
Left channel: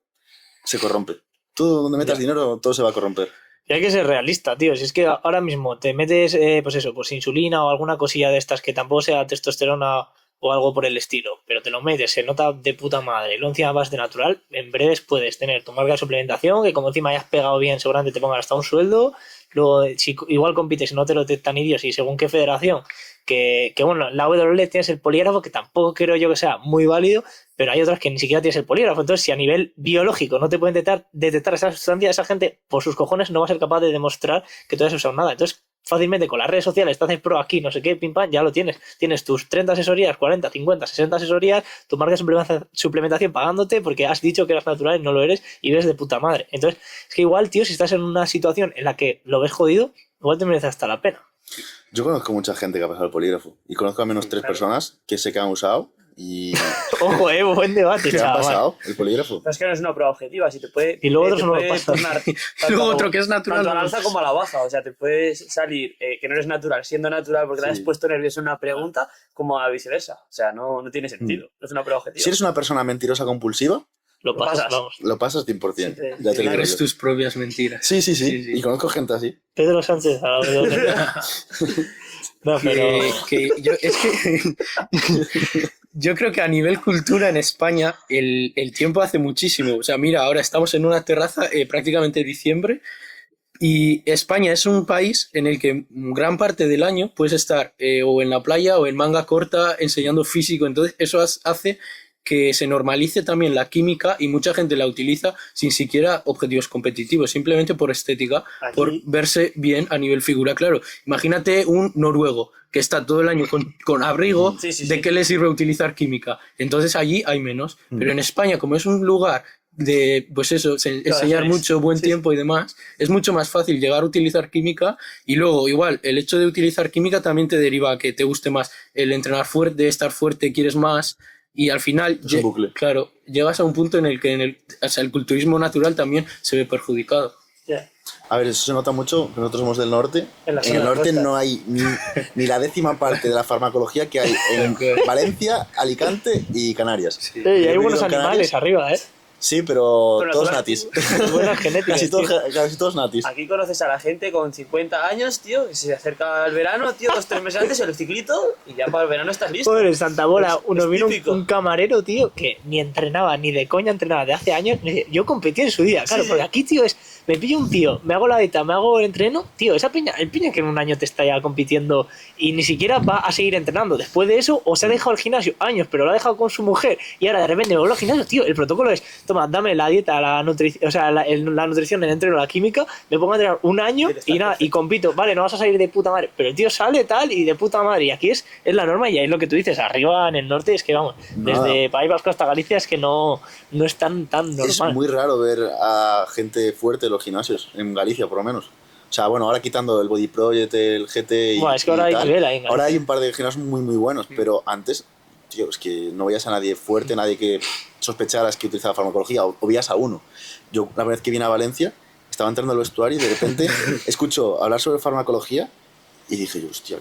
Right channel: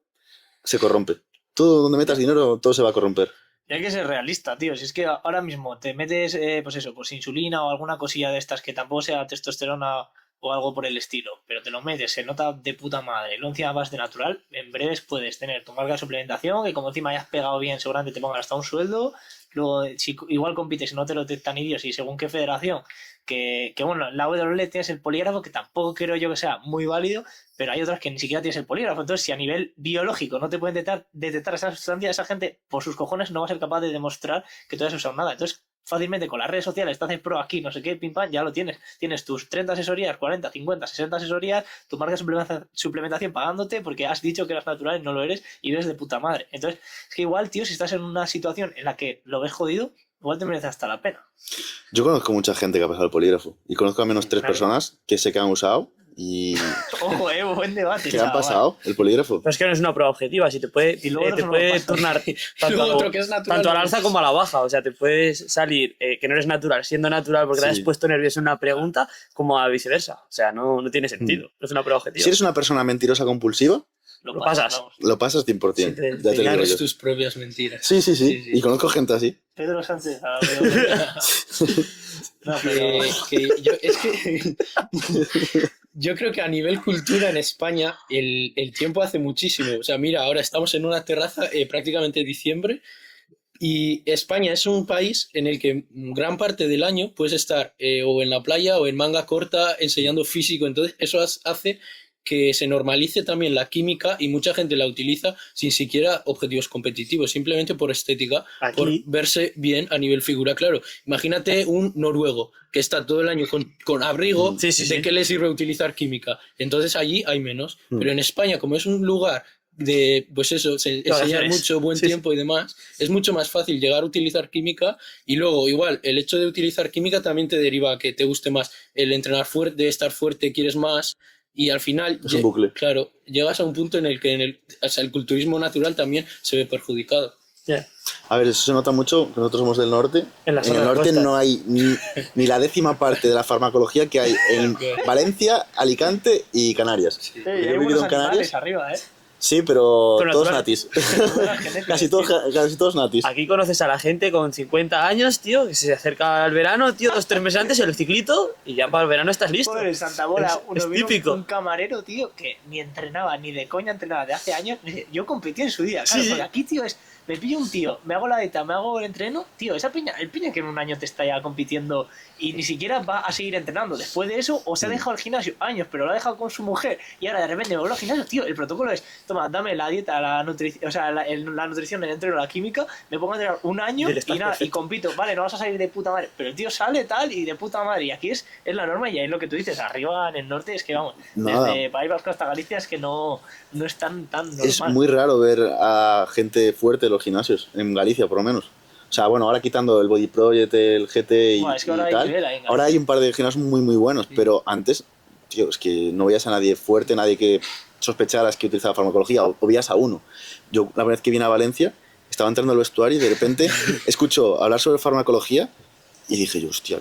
se corrompe. Todo donde metas dinero, todo se va a corromper. Y hay que ser realista, tío. Si es que ahora mismo te metes, pues eso, pues insulina o alguna cosilla de estas que tampoco sea testosterona o algo por el estilo, pero te lo metes, se nota de puta madre, y luego encima vas de natural, en breves puedes tener tu marca de suplementación, que como encima hayas pegado bien, seguramente te pongan hasta un sueldo, luego si igual compites y no te lo detectan idiotas y según qué federación, que bueno, en la WWE tienes el polígrafo, que tampoco creo yo que sea muy válido, pero hay otras que ni siquiera tienes el polígrafo, entonces si a nivel biológico no te pueden detectar esa sustancia, esa gente por sus cojones no va a ser capaz de demostrar que tú has usado nada, entonces fácilmente con las redes sociales, estás en pro aquí, no sé qué, pim pam, ya lo tienes. Tienes tus 30 asesorías, 40, 50, 60 asesorías, tu marca de suplementación pagándote porque has dicho que eras natural y no lo eres y ves de puta madre. Entonces, es que igual, tío, si estás en una situación en la que lo ves jodido, igual te merece hasta la pena. Yo conozco mucha gente que ha pasado el polígrafo y conozco al menos 3 personas que sé que han usado y Ojo, buen debate, que han chaval. pasado el polígrafo. Pero es que no es una prueba objetiva, si te puede, Y luego te otros no lo puede pasan. tornar Luego otro que es natural, tanto a la no. alza como a la baja, o sea, te puedes salir que no eres natural siendo natural porque te has Sí. puesto nervioso en una pregunta, como a viceversa, o sea, no tiene sentido, no es una prueba objetiva. Si eres una persona mentirosa compulsiva, Lo Lo pasas, pasas. vamos. lo pasas 100%. Sí, te- ya te lo digo Eres yo. tus propias mentiras. Sí. Sí, sí. Y conozco gente así. Pedro Sánchez a la WWE. No, pero... Yo creo que a nivel cultura en España el tiempo hace muchísimo. O sea, mira, ahora estamos en una terraza prácticamente diciembre y España es un país en el que gran parte del año puedes estar o en la playa o en manga corta enseñando físico. Entonces eso hace que se normalice también la química y mucha gente la utiliza sin siquiera objetivos competitivos, simplemente por estética, Aquí- por verse bien a nivel figura. Claro, imagínate un noruego que está todo el año con abrigo, Sí, sí, ¿de sí. qué le sirve utilizar química? Entonces allí hay menos. Pero en España, como es un lugar de, pues eso, enseñar mucho, buen Sí, tiempo y demás, es mucho más fácil llegar a utilizar química y luego igual el hecho de utilizar química también te deriva a que te guste más el entrenar fuerte, estar fuerte, quieres más y al final, Es un bucle. claro, llegas a un punto en el que o sea, el culturismo natural también se ve perjudicado. Ya. A ver, eso se nota mucho, que nosotros somos del norte. En la En zona el de norte costa. no hay ni la 10ª parte de la farmacología que hay en Valencia, Alicante y Canarias. Y Yo he hay vivido buenos en Canarias. animales arriba, ¿eh? Sí, pero todos natural. natis. Buenas genéticas, Casi todos natis. Aquí conoces a la gente con 50 años, tío, que se acerca al verano, tío, 2-3 meses antes el ciclito y ya para el verano estás listo. Joder, en Santa Bola Es vino típico. un camarero, tío, que ni entrenaba, ni de coña entrenaba de hace años. Yo competí en su día, claro, Sí, sí. porque aquí, tío, me pillo un tío, me hago la dieta, me hago el entreno, tío, el piña que en un año te está ya compitiendo y ni siquiera va a seguir entrenando. Después de eso, o se ha dejado el gimnasio años, pero lo ha dejado con su mujer y ahora de repente vuelve al gimnasio, tío, el protocolo es, toma, dame la dieta, la nutrición, o sea, la nutrición, el entreno, la química, me pongo a entrenar un año y nada, y compito, vale, no vas a salir de puta madre, pero el tío sale tal y de puta madre, y aquí es la norma y ahí es lo que tú dices, arriba en el norte es que vamos, desde País Vasco hasta Galicia es que no es tan normal. Es muy raro ver a gente fuerte en los gimnasios, en Galicia por lo menos. O sea, bueno, ahora quitando el Body Project, el GT y, Bueno, es que ahora y hay tal, nivel ahí en ahora hay un par de gimnasios muy buenos, pero antes, tío, es que no veías a nadie fuerte, nadie que sospecharas que utilizaba farmacología, o veías a uno. Yo, la vez que vine a Valencia, estaba entrando al vestuario y de repente escucho hablar sobre farmacología y dije yo, hostia,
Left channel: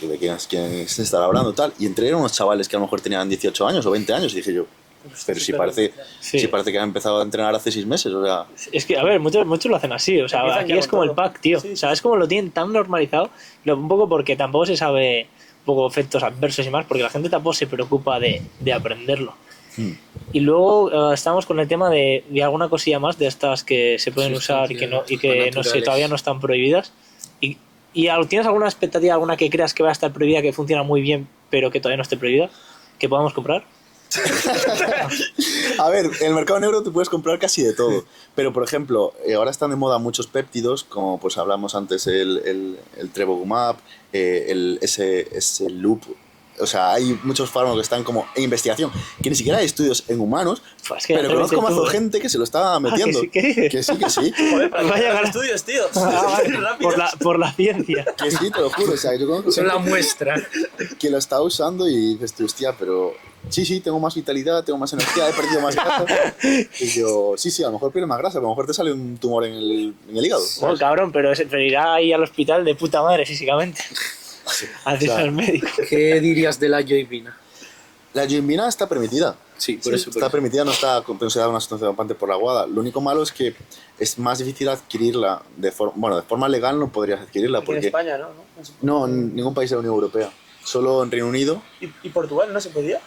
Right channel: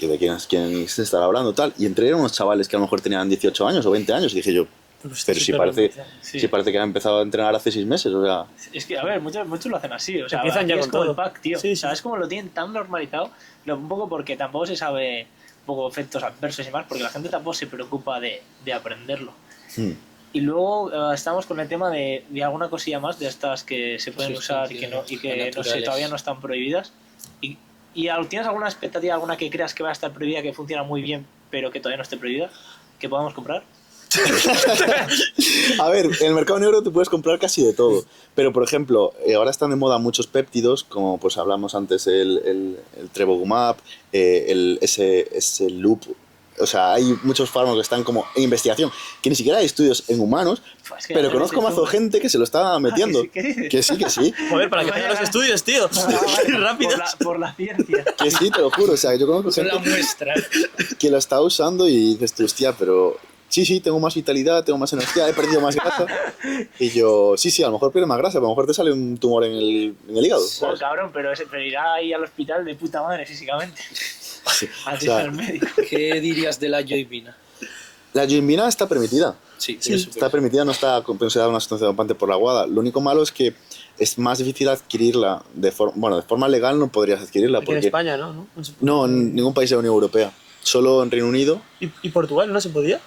¿de quién se estará hablando tal? Y entré unos chavales que a lo mejor tenían 18 años o 20 años y dije yo, pero si parece que ha empezado a entrenar hace 6 meses, o sea... Es que, a ver, muchos lo hacen así, o sea, Empiezan aquí ya es con como todo. el pack, tío, Sí. ¿sabes cómo lo tienen tan normalizado? Un poco porque tampoco se sabe, un poco efectos adversos y más, porque la gente tampoco se preocupa de aprenderlo. Y luego estamos con el tema de alguna cosilla más de estas que se pueden usar y que no sé, todavía no están prohibidas. ¿Tienes alguna expectativa, alguna que creas que va a estar prohibida, que funciona muy bien, pero que todavía no esté prohibida? ¿Que podamos comprar? A ver, en el mercado negro te puedes comprar casi de todo. Pero, por ejemplo, ahora están de moda muchos péptidos, como pues hablamos antes el Trevogumab, ese Loop. O sea, hay muchos fármacos que están como en investigación, que ni siquiera hay estudios en humanos, Pues que pero ya conozco te mazo gente que se lo está metiendo. ¿qué dices? Que sí. Joder, para que Vaya vayas gana. estudios, tío. Rápido. Por la ciencia. Que sí, te lo juro. O sea, yo conozco Son gente la muestra. que lo está usando y dices tú, hostia, pero sí, tengo más vitalidad, tengo más energía, he perdido más grasa. Y yo, sí, a lo mejor pierdes más grasa, a lo mejor te sale un tumor en el hígado. No, ¿sabes? cabrón, pero irá ahí al hospital de puta madre físicamente. Antes O sea, al médico. ¿Qué dirías de la joibina? La yoimbina está permitida. Sí, por eso. Está permitida, no está considerada una sustancia dopante por la WADA. Lo único malo es que es más difícil adquirirla de forma legal no podrías adquirirla Aquí en porque España, ¿no? no en ningún país de la Unión Europea. Solo en Reino Unido. ¿Y Portugal no se podía?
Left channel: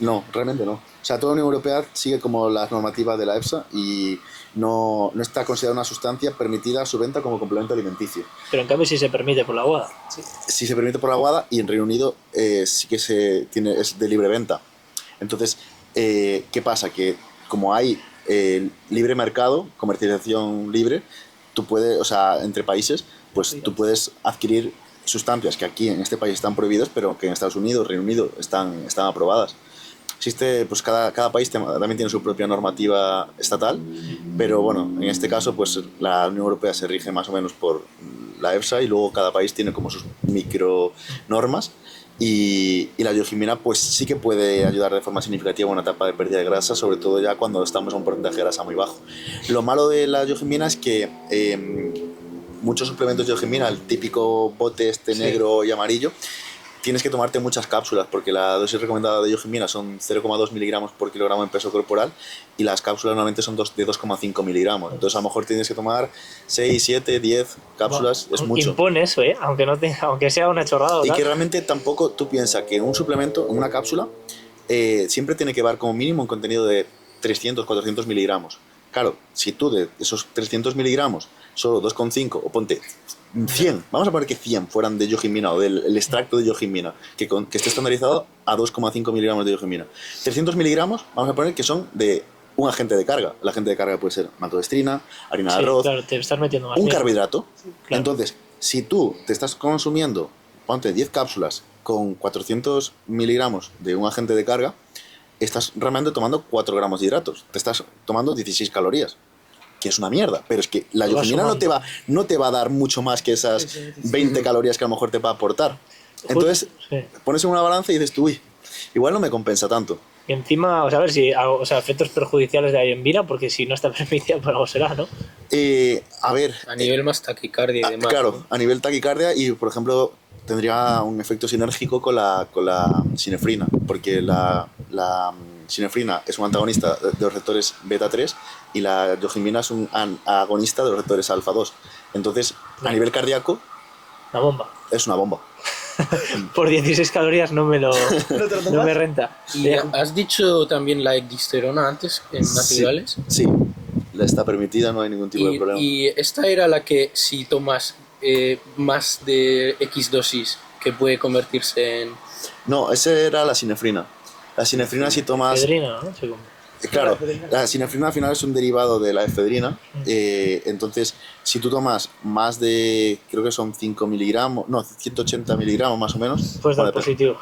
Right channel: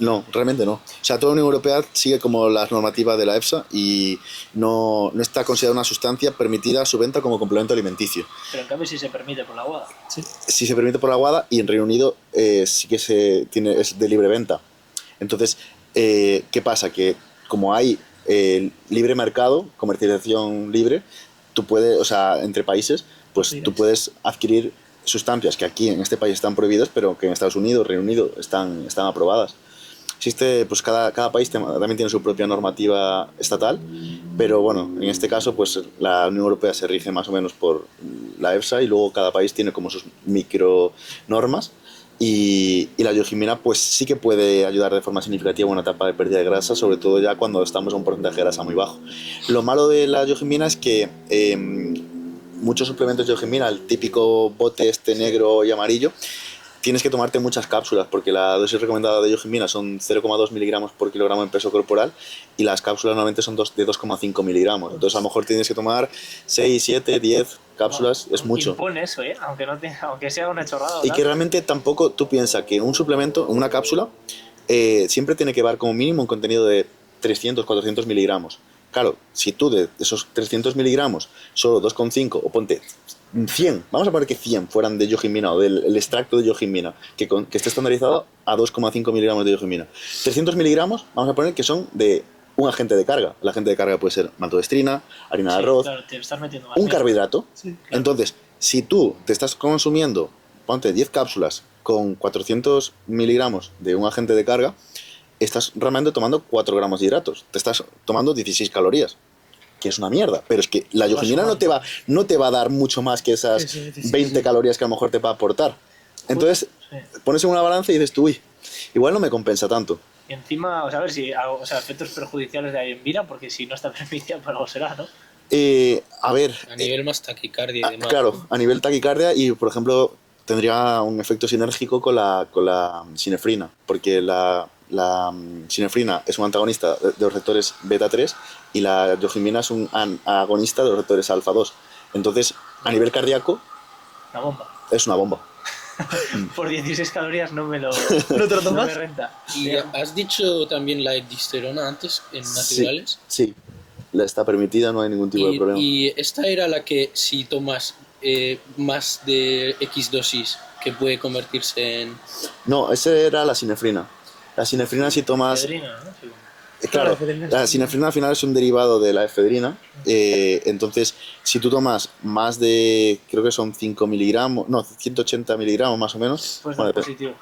No, realmente no. O sea, toda la Unión Europea sigue como las normativas de la EFSA y no está considerada una sustancia permitida su venta como complemento alimenticio. Pero en cambio sí se permite por la WADA. Sí se permite por la WADA y en Reino Unido sí que es de libre venta. Entonces, ¿qué pasa? Que como hay libre mercado, comercialización libre, tú puedes, o sea, entre países, pues tú puedes adquirir sustancias que aquí en este país están prohibidas, pero que en Estados Unidos, Reino Unido están aprobadas. Existe, pues cada país también tiene su propia normativa estatal, pero bueno, en este caso pues la Unión Europea se rige más o menos por la EFSA y luego cada país tiene como sus micro normas y la yohimina pues sí que puede ayudar de forma significativa en una etapa de pérdida de grasa, sobre todo ya cuando estamos a un porcentaje de grasa muy bajo. Lo malo de la yohimina es que muchos suplementos de yohimina, el típico bote negro y amarillo, tienes que tomarte muchas cápsulas porque la dosis recomendada de yohimina son 0,2 miligramos por kilogramo en peso corporal y las cápsulas normalmente son de 2,5 miligramos. Entonces a lo mejor tienes que tomar 6, 7, 10 cápsulas, es mucho. Impone eso, aunque sea una chorrada. Y que realmente tampoco tú piensas que en un suplemento, en una cápsula, siempre tiene que llevar como mínimo un contenido de 300, 400 miligramos. Claro, si tú de esos 300 miligramos solo 2,5 o ponte 100, vamos a poner que 100 fueran de yohimina o del extracto de yohimina, que esté estandarizado a 2,5 miligramos de yohimina. 300 miligramos, vamos a poner que son de un agente de carga. El agente de carga puede ser maltodextrina, harina de arroz, claro, te estás metiendo más un mierda. carbohidrato. Claro. Entonces, si tú te estás consumiendo, ponte 10 cápsulas con 400 miligramos de un agente de carga, estás realmente tomando 4 gramos de hidratos. Te estás tomando 16 calorías. Que es una mierda, pero es que la yohimina no te va a dar mucho más que esas 20 calorías que a lo mejor te va a aportar. Entonces, pones en una balanza y dices tú, uy, igual no me compensa tanto. Y encima, a ver si efectos perjudiciales de la yohimina, porque si no está permitida, por algo será, ¿no? A ver. A nivel más taquicardia y demás. Claro, a nivel taquicardia y, por ejemplo, tendría un efecto sinérgico con la sinefrina, porque sinefrina es un antagonista de los receptores beta 3 y la yohimbina es un agonista de los receptores alfa 2. Entonces, a nivel cardíaco, una bomba. Es una bomba. Por 16 calorías no me renta. ¿Y has dicho también la egdisterona antes en naturales? Sí, la está permitida, no hay ningún tipo de problema. Y esta era la que si tomas más de X dosis que puede convertirse en... No, esa era la sinefrina. La sinefrina si tomas... Efedrina, ¿no? Claro, la sinefrina al final es un derivado de la efedrina. Entonces, si tú tomas más de, creo que son 5 miligramos, no, 180 miligramos más o menos, pues da positivo.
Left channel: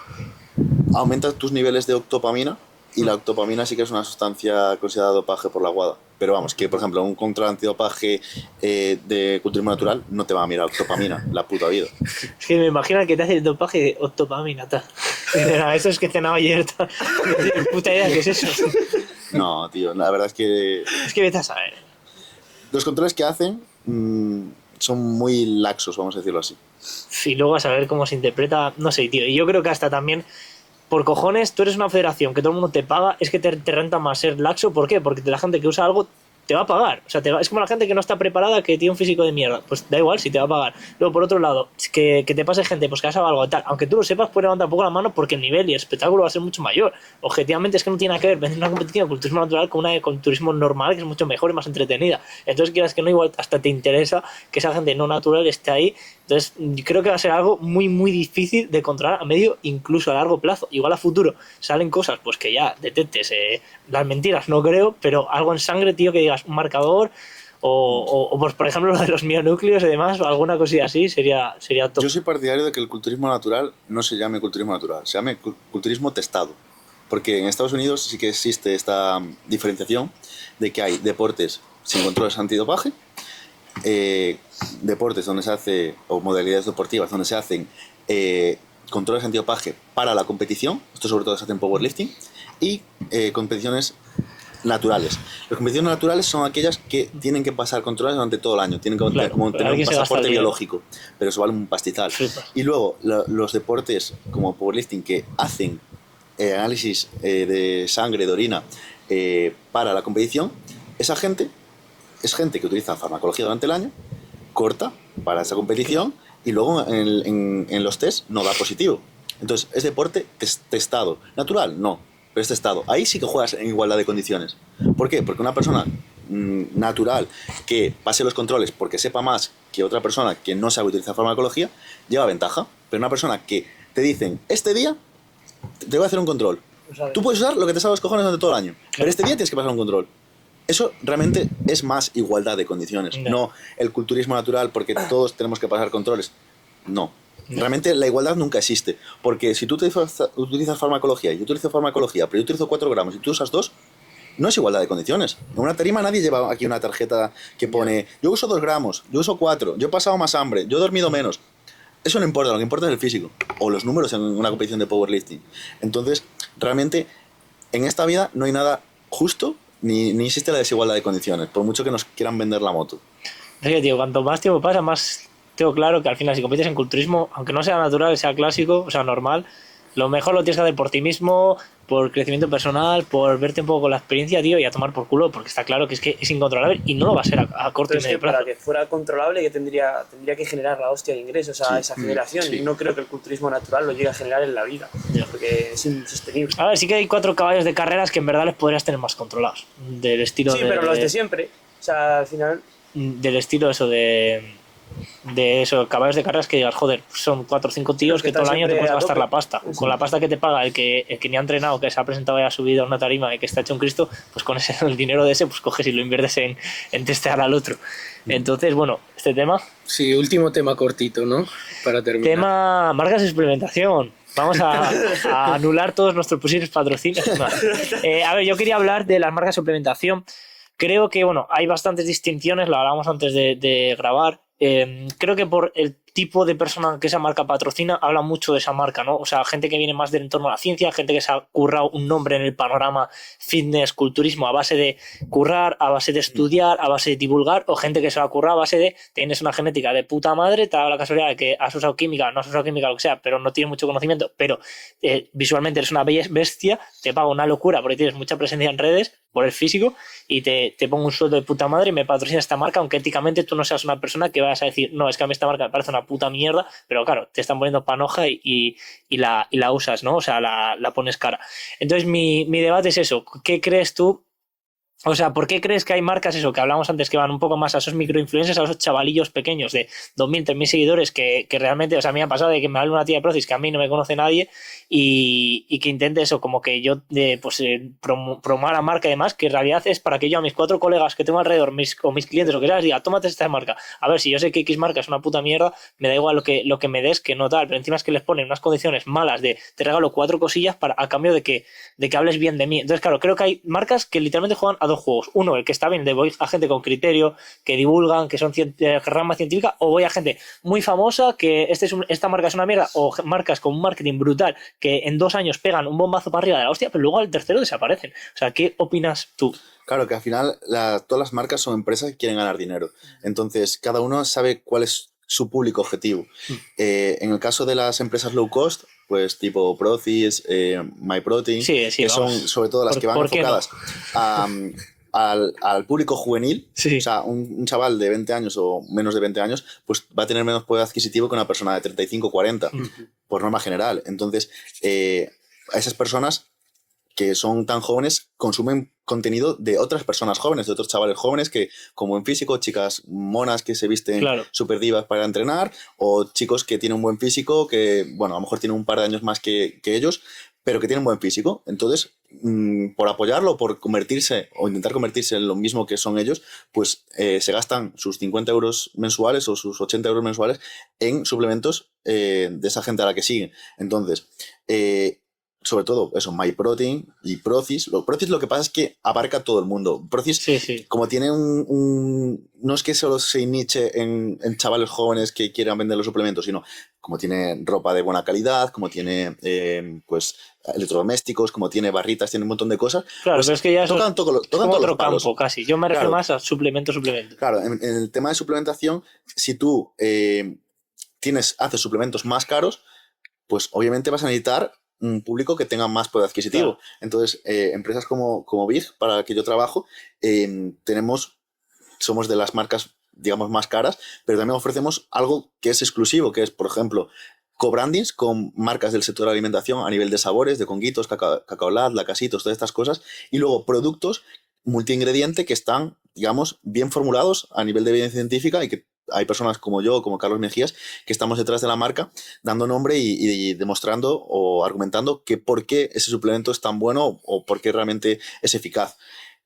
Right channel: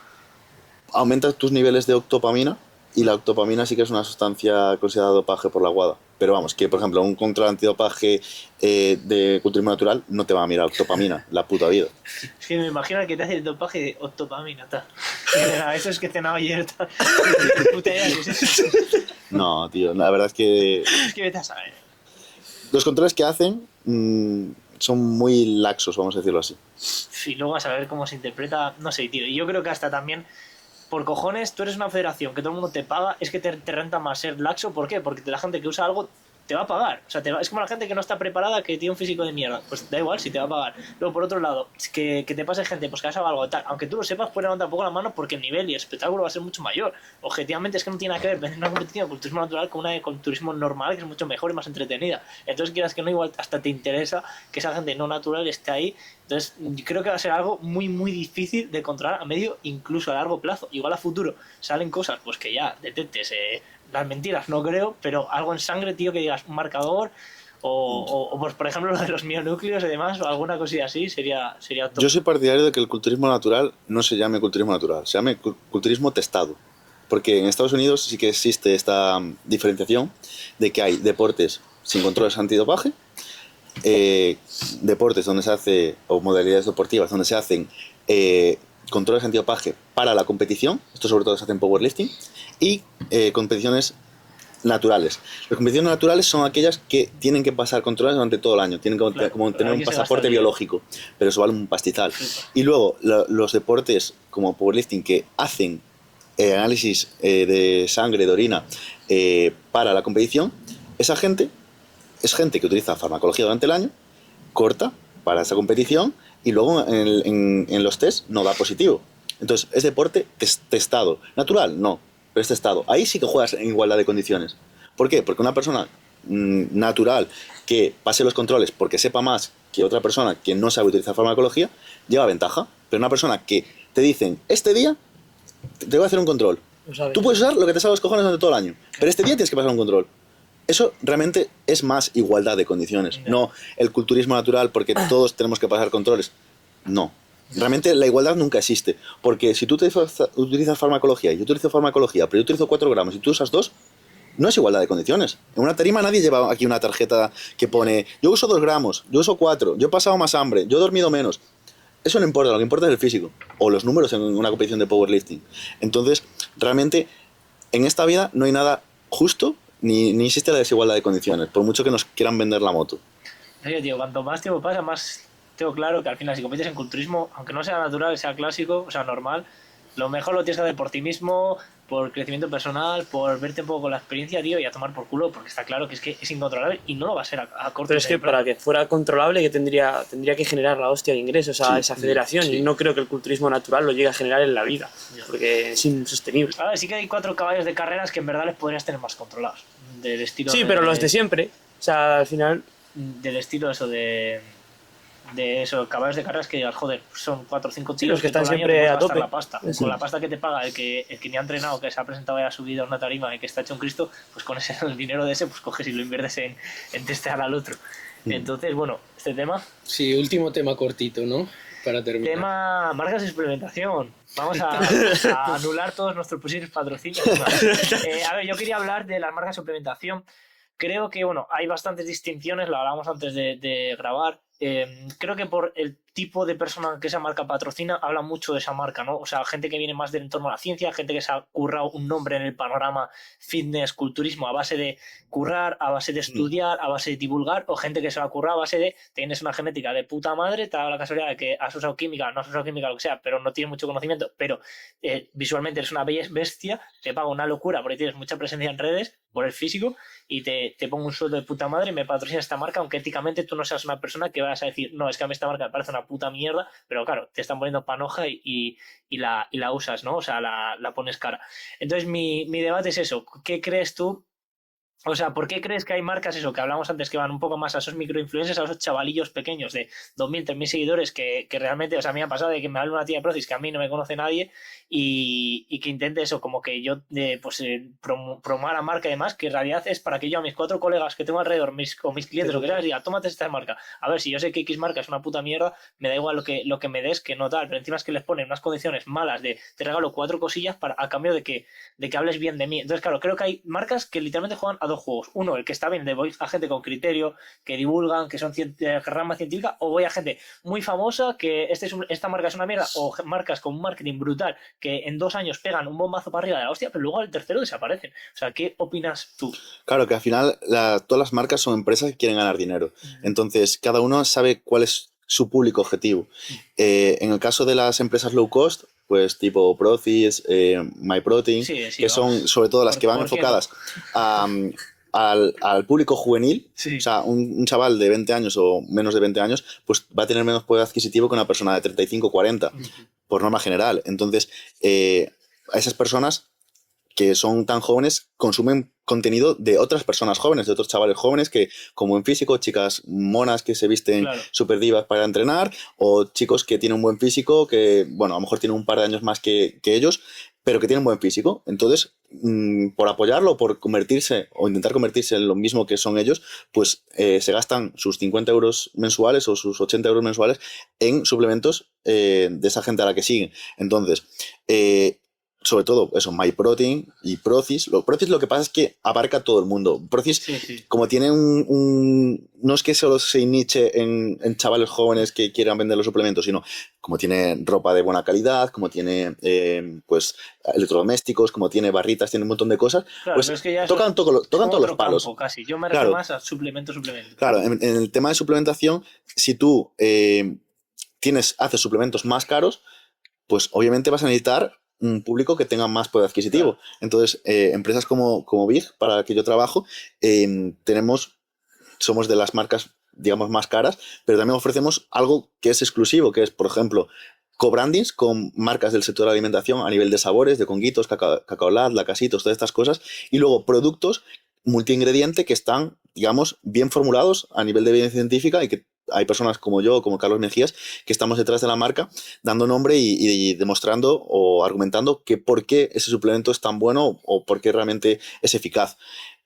Aumentas tus niveles de octopamina, y la octopamina sí que es una sustancia considerada dopaje por la WADA. Pero vamos, que por ejemplo un control antidopaje de culturismo natural no te va a mirar octopamina, la puta vida. Es que me imagino que te hace el dopaje de octopamina, eso es que cenaba ayer, puta idea, ¿qué es eso? No, tío, la verdad es que... Es que vete a saber. Los controles que hacen son muy laxos, vamos a decirlo así. Y luego a saber cómo se interpreta, no sé, tío. Y yo creo que hasta también, por cojones, tú eres una federación que todo el mundo te paga, es que te renta más ser laxo. ¿Por qué? Porque la gente que usa algo te va a pagar. O sea, es como la gente que no está preparada, que tiene un físico de mierda. Pues da igual si te va a pagar. Luego, por otro lado, que te pase gente pues que ha sabido algo tal. Aunque tú lo sepas, puedes levantar un poco la mano porque el nivel y el espectáculo va a ser mucho mayor. Objetivamente es que no tiene nada que ver vender una competición de culturismo natural con una de culturismo normal, que es mucho mejor y más entretenida. Entonces, quieras que no, igual hasta te interesa que esa gente no natural esté ahí. Entonces, creo que va a ser algo muy, muy difícil de controlar a medio, incluso a largo plazo. Igual a futuro salen cosas pues que ya detectes las mentiras, no creo, pero algo en sangre, tío, que digas un marcador o pues, por ejemplo, lo de los mionúcleos y demás, o alguna cosilla así, sería top. Yo soy partidario de que el culturismo natural no se llame culturismo natural, se llame culturismo testado. Porque en Estados Unidos sí que existe esta diferenciación de que hay deportes sin controles antidopaje, deportes donde se hace, o modalidades deportivas donde se hacen controles antidopaje para la competición, esto sobre todo se hace en powerlifting, y competiciones naturales. Las competiciones naturales son aquellas que tienen que pasar controles durante todo el año, tienen que tener un pasaporte biológico, pero eso vale un pastizal. Y luego los deportes como powerlifting que hacen análisis de sangre, de orina para la competición, esa gente es gente que utiliza farmacología durante el año, corta para esa competición y luego en los test no da positivo. Entonces, es deporte testado. Natural, no, pero es testado. Ahí sí que juegas en igualdad de condiciones. ¿Por qué? Porque una persona natural que pase los controles porque sepa más que otra persona que no sabe utilizar farmacología, lleva ventaja. Pero una persona que te dicen, este día te voy a hacer un control. Tú puedes usar lo que te salga los cojones durante todo el año, pero este día tienes que pasar un control. Eso realmente es más igualdad de condiciones, no el culturismo natural porque todos tenemos que pasar controles. No. Realmente la igualdad nunca existe, porque si tú utilizas farmacología y yo utilizo farmacología, pero yo utilizo 4 gramos y tú usas 2, no es igualdad de condiciones. En una tarima nadie lleva aquí una tarjeta que pone yo uso 2 gramos, yo uso 4, yo he pasado más hambre, yo he dormido menos. Eso no importa, lo que importa es el físico o los números en una competición de powerlifting. Entonces, realmente en esta vida no hay nada justo ni existe la desigualdad de condiciones, por mucho que nos quieran vender la moto. Sí, tío, cuanto más tiempo pasa, más tengo claro que al final si compites en culturismo, aunque no sea natural, sea clásico, o sea normal, lo mejor lo tienes que hacer por ti mismo, por crecimiento personal, por verte un poco con la experiencia, tío, y a tomar por culo, porque está claro que es incontrolable y no lo va a ser a corto plazo. Pero es que para que fuera controlable que tendría que generar la hostia de ingresos a esa federación, y no creo que el culturismo natural lo llegue a generar en la vida, porque es insostenible. A ver, sí que hay 4 caballos de carreras que en verdad les podrías tener más controlados, del estilo pero los de siempre, o sea, al final... Del estilo eso de eso, caballos de carreras que digas, joder, son 4 o 5 tíos que todo el año te puedes gastar la pasta. Con la pasta que te paga el que ni ha entrenado, que se ha presentado y ha subido a una tarima y que está hecho un Cristo, pues con el dinero de ese, pues coges y lo inviertes en testear al otro. Entonces, bueno, este tema... Sí, último tema cortito, ¿no? Para terminar. Tema marcas de experimentación. Vamos a anular todos nuestros posibles patrocinios. A ver, yo quería hablar de las marcas de suplementación. Creo que, bueno, hay bastantes distinciones, lo hablábamos antes de grabar, creo que por el tipo de persona que esa marca patrocina, habla mucho de esa marca, ¿no? O sea, gente que viene más del entorno a la ciencia, gente que se ha currado un nombre en el panorama fitness, culturismo, a base de currar, a base de estudiar, a base de divulgar, o gente que se lo ha currado a base de tienes una genética de puta madre, te ha dado la casualidad de que has usado química, no has usado química, lo que sea, pero no tienes mucho conocimiento, pero visualmente eres una bestia, te pago una locura porque tienes mucha presencia en redes por el físico y te pongo un sueldo de puta madre y me patrocina esta marca, aunque éticamente tú no seas una persona que vas a decir, no, es que a mí esta marca me parece una puta mierda, pero claro, te están poniendo panoja y la usas, ¿no? O sea, la pones cara. Entonces, mi debate es eso. ¿Qué crees tú? O sea, ¿por qué crees que hay marcas, eso, que hablamos antes, que van un poco más a esos microinfluencers, a esos chavalillos pequeños de 2.000, 3.000 seguidores que realmente, o sea, a mí me ha pasado de que me hable una tía de Procis que a mí no me conoce nadie y que intente eso, como que yo promover la marca y demás, que en realidad es para que yo a mis 4 colegas que tengo alrededor, o mis clientes, o que sea, les diga, tómate esta marca. A ver, si yo sé que X marca es una puta mierda, me da igual lo que me des, que no tal, pero encima es que les ponen unas condiciones malas de te regalo 4 cosillas a cambio de que hables bien de mí. Entonces, claro, creo que hay marcas que literalmente juegan a 2 juegos. Uno, el que está bien, de voy a gente con criterio, que divulgan, que son rama científica, o voy a gente muy famosa, que esta marca es una mierda, o marcas con un marketing brutal, que en 2 años pegan un bombazo para arriba de la hostia, pero luego al tercero desaparecen. O sea, ¿qué opinas tú? Claro, que al final todas las marcas son empresas que quieren ganar dinero. Entonces, cada uno sabe cuál es su público objetivo. En el caso de las empresas low cost, pues tipo Procis, MyProtein, que son sobre todo las que van enfocadas al público juvenil. O sea, un chaval de 20 años o menos de 20 años, pues va a tener menos poder adquisitivo que una persona de 35 o 40, por norma general. Entonces, a esas personas que son tan jóvenes consumen contenido de otras personas jóvenes, de otros chavales jóvenes que, como en físico, chicas monas que se visten súper divas para entrenar, o chicos que tienen un buen físico, que, bueno, a lo mejor tienen un par de años más que ellos, pero que tienen buen físico. Entonces, por apoyarlo, por convertirse o intentar convertirse en lo mismo que son ellos, pues se gastan sus 50 euros mensuales o sus 80 euros mensuales en suplementos de esa gente a la que siguen. Entonces, sobre todo eso, MyProtein y Procis. Procis lo que pasa es que abarca todo el mundo. Procis, como tiene no es que solo se niche en chavales jóvenes que quieran vender los suplementos, sino como tiene ropa de buena calidad, como tiene pues electrodomésticos, como tiene barritas, tiene un montón de cosas. Claro, pues pero es que ya tocan todos los palos. Campo, casi. Yo me refiero más a suplemento. Claro, en el tema de suplementación, si tú haces suplementos más caros, pues obviamente vas a necesitar un público que tenga más poder adquisitivo. Claro. Entonces, empresas como Big, para la que yo trabajo, somos de las marcas, digamos, más caras, pero también ofrecemos algo que es exclusivo, que es, por ejemplo, co-brandings con marcas del sector de alimentación a nivel de sabores, de Conguitos, Cacaolat, Lacasitos, todas estas cosas, y luego productos multiingrediente que están, digamos, bien formulados a nivel de evidencia científica y que hay personas como yo, como Carlos Mejías, que estamos detrás de la marca dando nombre y demostrando o argumentando que por qué ese suplemento es tan bueno o por qué realmente es eficaz.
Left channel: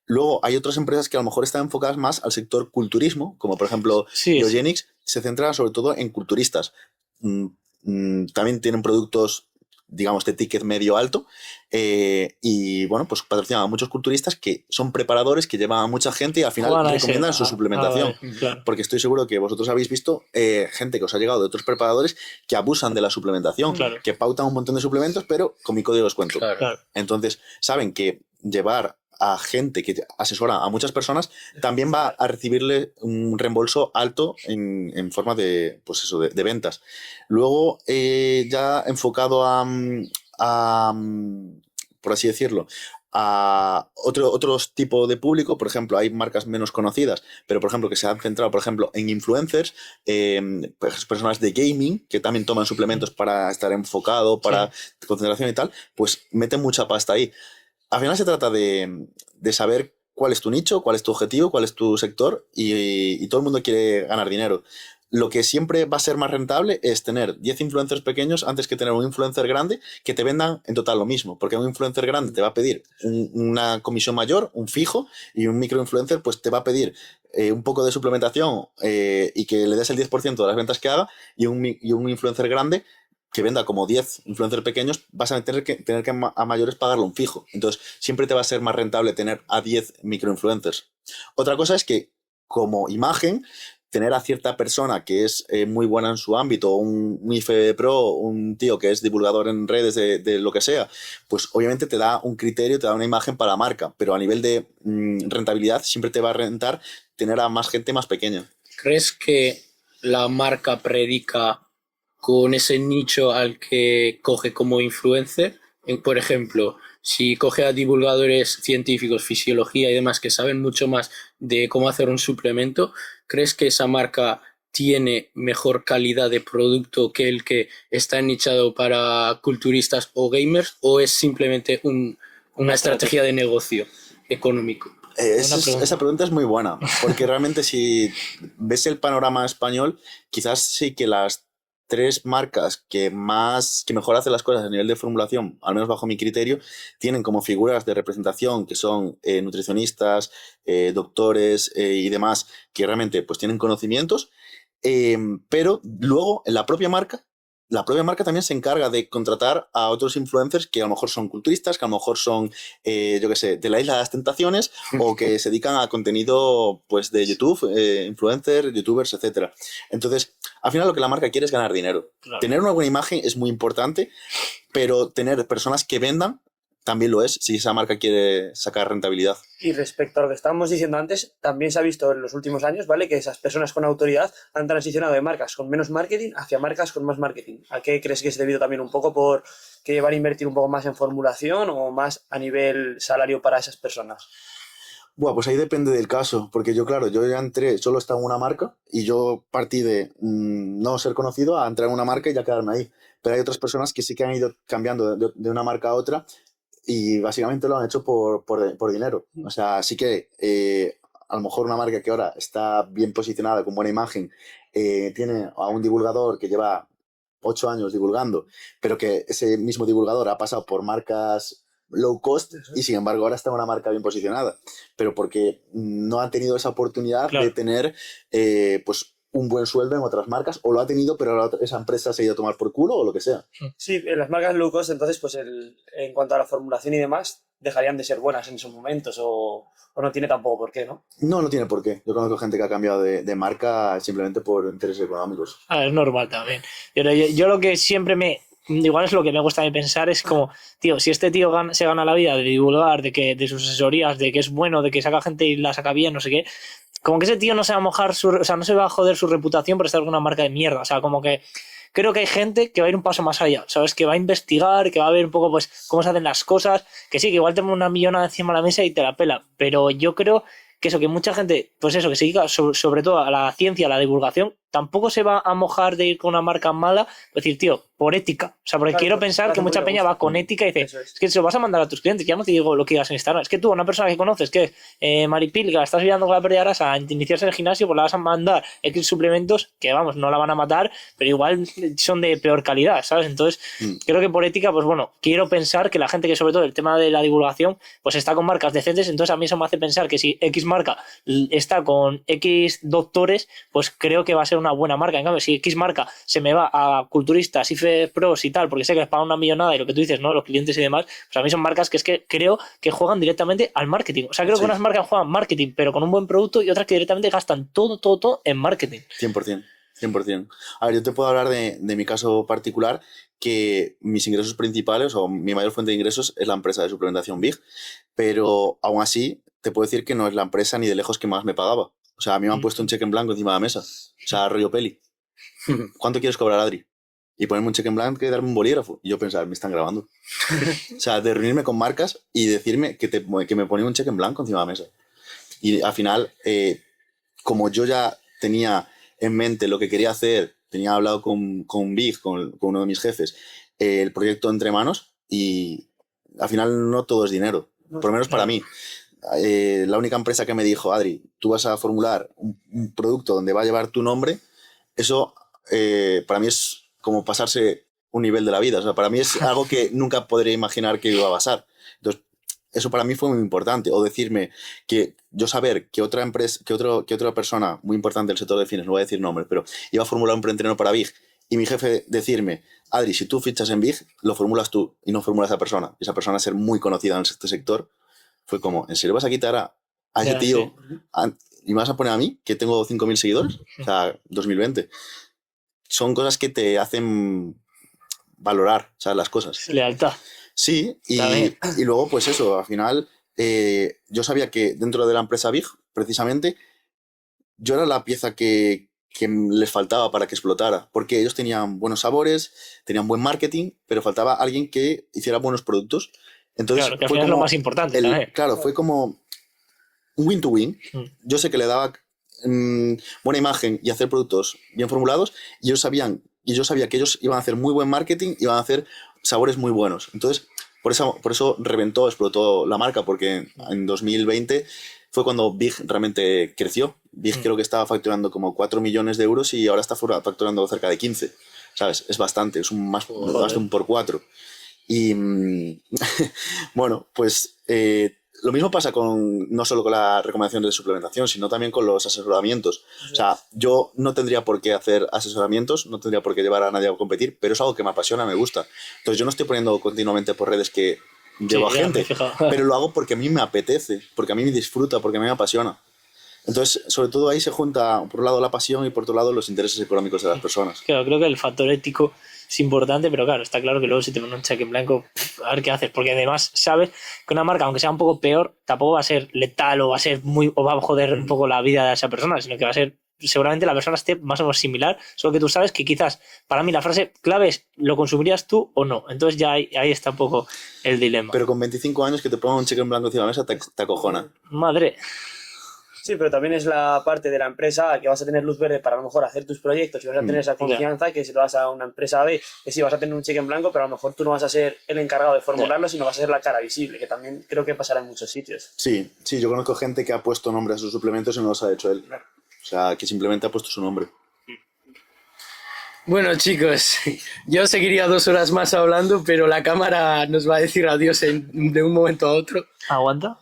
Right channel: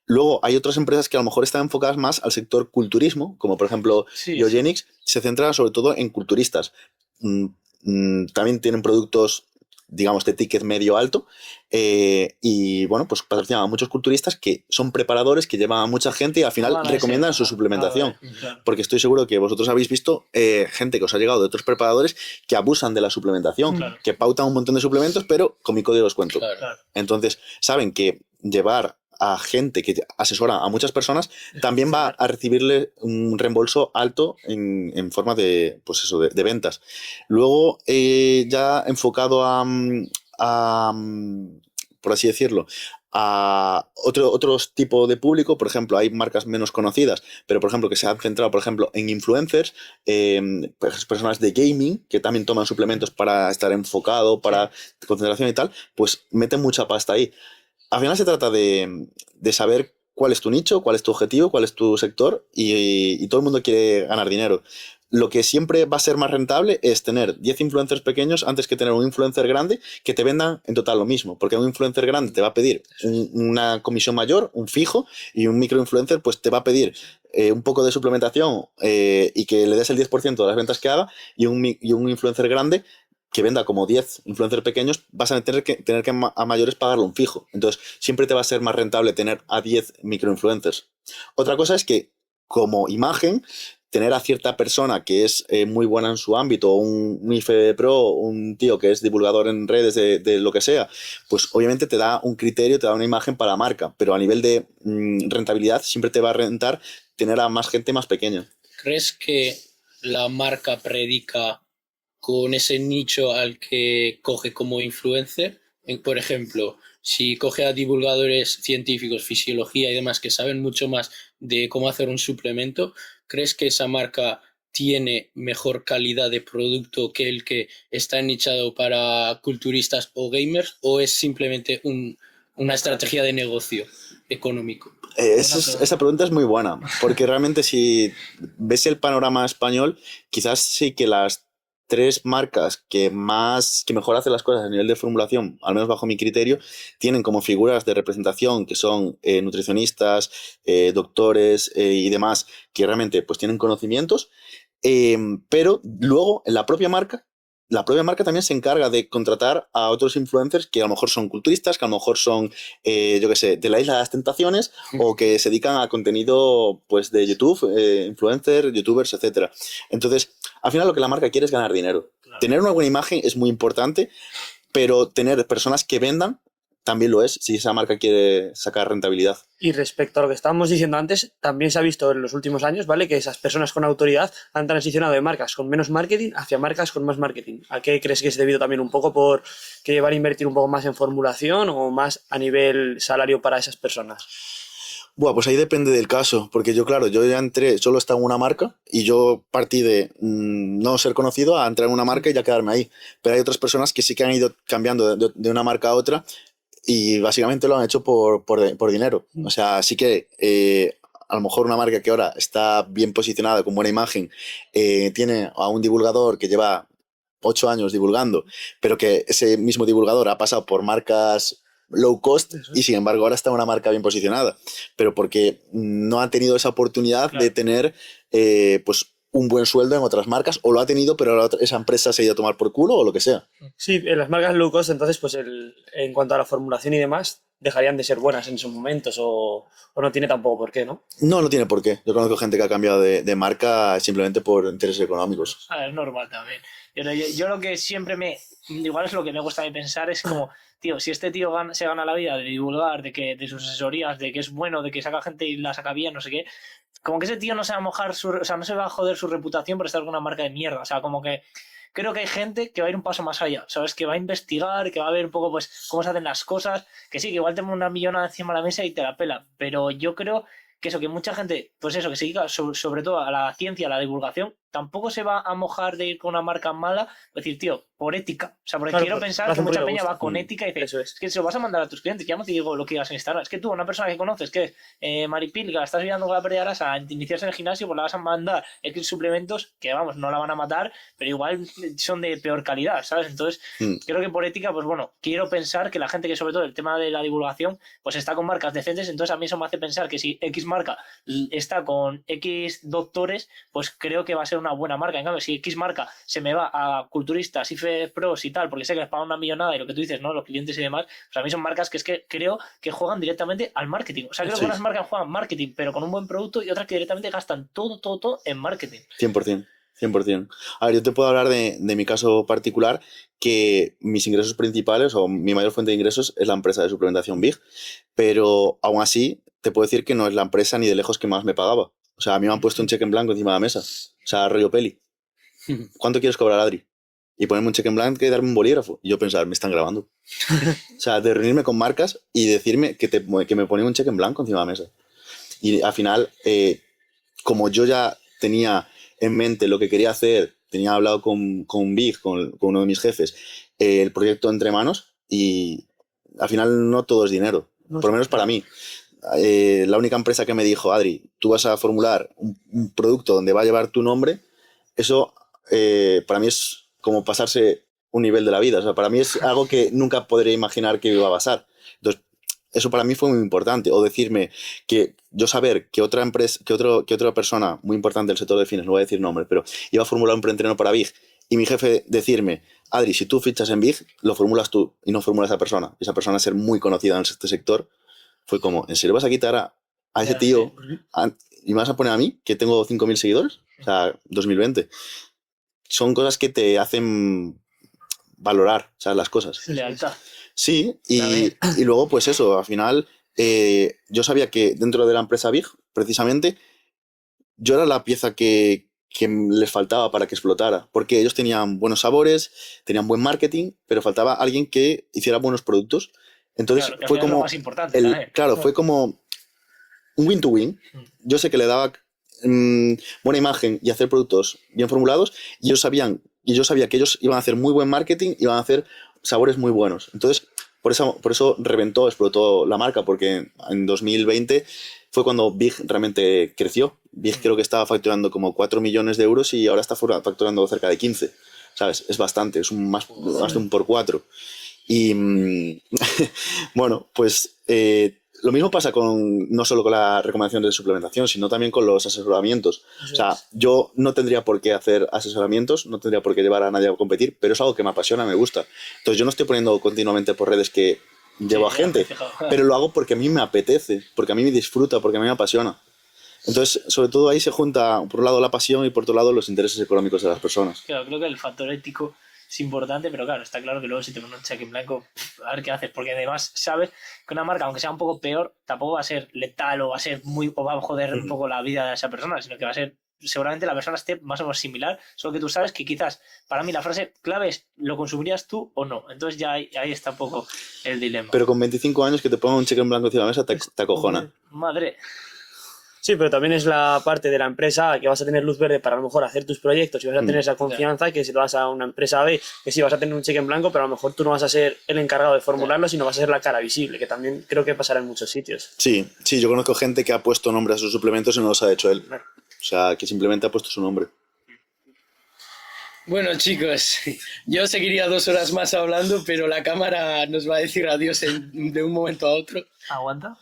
Luego hay otras empresas que a lo mejor están enfocadas más al sector culturismo, como por ejemplo Biogenics, se centra sobre todo en culturistas. También tienen productos, digamos, de ticket medio alto, y bueno, pues patrocinan a muchos culturistas que son preparadores, que llevan a mucha gente y al final recomiendan su suplementación. Claro. Porque estoy seguro que vosotros habéis visto gente que os ha llegado de otros preparadores que abusan de la suplementación, que pautan un montón de suplementos, pero con mi código de descuento. Claro. Entonces, saben que llevar a gente que asesora a muchas personas también va a recibirle un reembolso alto en forma de, pues eso, de ventas. Luego, ya enfocado a, por así decirlo, a otros tipos de público, por ejemplo, hay marcas menos conocidas, pero por ejemplo que se han centrado, por ejemplo, en influencers, personas de gaming que también toman suplementos para estar enfocado, para concentración y tal, pues meten mucha pasta ahí. Al final se trata de saber cuál es tu nicho, cuál es tu objetivo, cuál es tu sector y todo el mundo quiere ganar dinero. Lo que siempre va a ser más rentable es tener 10 influencers pequeños antes que tener un influencer grande que te vendan en total lo mismo, porque un influencer grande te va a pedir una comisión mayor, un fijo, y un microinfluencer pues te va a pedir un poco de suplementación y que le des el 10% de las ventas que haga, y un influencer grande que venda como 10 influencers pequeños, vas a tener que a mayores pagarlo un fijo. Entonces, siempre te va a ser más rentable tener a 10 microinfluencers. Otra cosa es que, como imagen, tener a cierta persona que es muy buena en su ámbito, un IFE Pro, un tío que es divulgador en redes de lo que sea, pues obviamente te da un criterio, te da una imagen para la marca, pero a nivel de rentabilidad siempre te va a rentar tener a más gente más pequeña. ¿Crees que la marca predica con ese nicho al que coge como influencer? Por ejemplo, si coge a divulgadores científicos, fisiología y demás que saben mucho más de cómo hacer un suplemento, ¿crees que esa marca tiene mejor calidad de producto que el que está nichado para culturistas o gamers, o es simplemente una estrategia de negocio económico? Esa pregunta es muy buena, porque realmente si ves el panorama español, quizás sí que las 3 marcas que mejor hacen las cosas a nivel de formulación, al menos bajo mi criterio, tienen como figuras de representación que son nutricionistas, doctores y demás, que realmente pues tienen conocimientos, pero luego en la propia marca también se encarga de contratar a otros influencers que a lo mejor son culturistas, que a lo mejor son, yo qué sé, de la Isla de las Tentaciones, o que se dedican a contenido pues, de YouTube, influencers, youtubers, etc. Entonces, al final lo que la marca quiere es ganar dinero. Claro. Tener una buena imagen es muy importante, pero tener personas que vendan también lo es, si esa marca quiere sacar rentabilidad. Y respecto a lo que estábamos diciendo antes, también se ha visto en los últimos años, ¿vale?, que esas personas con autoridad han transicionado de marcas con menos marketing hacia marcas con más marketing. ¿A qué crees que es debido también un poco por que van a invertir un poco más en formulación o más a nivel salario para esas personas? Bueno, pues ahí depende del caso, porque yo ya entré, solo estaba en una marca y yo partí de no ser conocido a entrar en una marca y ya quedarme ahí. Pero hay otras personas que sí que han ido cambiando de una marca a otra y básicamente lo han hecho por dinero. O sea, sí que a lo mejor una marca que ahora está bien posicionada, con buena imagen, tiene a un divulgador que lleva 8 años divulgando, pero que ese mismo divulgador ha pasado por marcas low cost y sin embargo ahora está una marca bien posicionada, pero porque no ha tenido esa oportunidad de tener pues un buen sueldo en otras marcas, o lo ha tenido pero esa empresa se ha ido a tomar por culo o lo que sea. Sí, en las marcas low cost entonces pues en cuanto a la formulación y demás dejarían de ser buenas en esos momentos o no tiene tampoco por qué, ¿no? No tiene por qué. Yo conozco gente que ha cambiado de marca simplemente por intereses económicos. Es normal también. Yo lo que siempre igual es lo que me gusta de pensar, es como, tío, si este tío se gana la vida de divulgar, de sus asesorías, de que es bueno, de que saca gente y la saca bien, no sé qué, como que ese tío no se va a mojar o sea, no se va a joder su reputación por estar con una marca de mierda. O sea, como que creo que hay gente que va a ir un paso más allá, ¿sabes? Que va a investigar, que va a ver un poco, pues, cómo se hacen las cosas, que sí, que igual tengo una millonada encima de la mesa y te la pela, pero yo creo que eso, que mucha gente, pues eso, que se dedica sobre todo a la ciencia, a la divulgación, tampoco se va a mojar de ir con una marca mala, es decir, tío, por ética. O sea, porque quiero pensar que mucha peña va con ética y dice, es que se lo vas a mandar a tus clientes, ya no te digo lo que digas en Instagram, es que tú, una persona que conoces, que es Maripil, que la estás ayudando con la pérdida de grasa a iniciarse en el gimnasio, pues la vas a mandar X suplementos que, vamos, no la van a matar, pero igual son de peor calidad, ¿sabes? Entonces, creo que por ética, pues bueno, quiero pensar que la gente que sobre todo el tema de la divulgación, pues está con marcas decentes, entonces a mí eso me hace pensar que si X marca está con X doctores, pues creo que va a ser una buena marca. En cambio, si X marca se me va a culturistas, IFE Pros y tal, porque sé que les pagan una millonada y lo que tú dices, ¿no? Los clientes y demás, pues a mí son marcas que es que creo que juegan directamente al marketing. O sea, creo que unas marcas juegan marketing, pero con un buen producto, y otras que directamente gastan todo en marketing. 100%. 100%. A ver, yo te puedo hablar de mi caso particular, que mis ingresos principales o mi mayor fuente de ingresos es la empresa de suplementación Big, pero aún así te puedo decir que no es la empresa ni de lejos que más me pagaba. O sea, a mí me han puesto un cheque en blanco encima de la mesa. O sea, rollo peli. ¿Cuánto quieres cobrar, Adri? Y ponerme un cheque en blanco y darme un bolígrafo. Y yo pensaba, me están grabando. O sea, de reunirme con marcas y decirme que me ponía un cheque en blanco encima de la mesa. Y al final, como yo ya tenía en mente lo que quería hacer, tenía hablado con Big, con uno de mis jefes, el proyecto entre manos, y al final no todo es dinero, por lo menos para mí. La única empresa que me dijo, Adri, tú vas a formular un producto donde va a llevar tu nombre, eso para mí es como pasarse un nivel de la vida. O sea, para mí es algo que nunca podría imaginar que iba a pasar. Entonces, eso para mí fue muy importante. O decirme que yo saber que otra empresa, que otra persona muy importante del sector de fines, no voy a decir nombre, pero iba a formular un preentreno para Big, y mi jefe decirme, Adri, si tú fichas en Big, lo formulas tú y no formula esa persona. Y esa persona ser muy conocida en este sector, fue como, ¿en serio vas a quitar a ese tío? y me vas a poner a mí, que tengo 5.000 seguidores, o sea, 2020. Son cosas que te hacen valorar, ¿sabes? Las cosas. Lealtad. Sí, y luego, pues eso, al final, yo sabía que dentro de la empresa Big, precisamente, yo era la pieza que les faltaba para que explotara, porque ellos tenían buenos sabores, tenían buen marketing, pero faltaba alguien que hiciera buenos productos. Entonces, claro, que fue como lo más importante. Claro, fue como un win to win. Yo sé que le daba buena imagen y hacer productos bien formulados, y yo sabía que ellos iban a hacer muy buen marketing, iban a hacer sabores muy buenos. Entonces, por eso explotó la marca, porque en 2020 fue cuando Big realmente creció. Big creo que estaba facturando como 4 millones de euros y ahora está facturando cerca de 15. ¿Sabes? Es bastante, es más de un por 4. Y bueno, pues lo mismo pasa no solo con la recomendación de suplementación, sino también con los asesoramientos. O sea, yo no tendría por qué hacer asesoramientos, no tendría por qué llevar a nadie a competir, pero es algo que me apasiona, me gusta. Entonces yo no estoy poniendo continuamente por redes que llevo a gente, pero lo hago porque a mí me apetece, porque a mí me disfruta, porque a mí me apasiona. Entonces, sobre todo ahí se junta, por un lado, la pasión y por otro lado, los intereses económicos de las personas. Claro, creo que el factor ético es importante, pero claro, está claro que luego si te pones un cheque en blanco, a ver qué haces, porque además sabes que una marca, aunque sea un poco peor, tampoco va a ser letal o va a joder un poco la vida de esa persona, sino que va a ser, seguramente la persona esté más o menos similar, solo que tú sabes que quizás, para mí la frase clave es, ¿lo consumirías tú o no? Entonces ya ahí está un poco el dilema. Pero con 25 años que te pongan un cheque en blanco encima de la mesa te acojona. Madre. Sí, pero también es la parte de la empresa que vas a tener luz verde para a lo mejor hacer tus proyectos y vas a tener esa confianza que si lo vas a una empresa B, que sí vas a tener un cheque en blanco, pero a lo mejor tú no vas a ser el encargado de formularlo, sino vas a ser la cara visible, que también creo que pasará en muchos sitios. Sí, yo conozco gente que ha puesto nombre a sus suplementos y no los ha hecho él. O sea, que simplemente ha puesto su nombre. Bueno, chicos, yo seguiría 2 horas más hablando, pero la cámara nos va a decir adiós de un momento a otro. ¿Aguanta?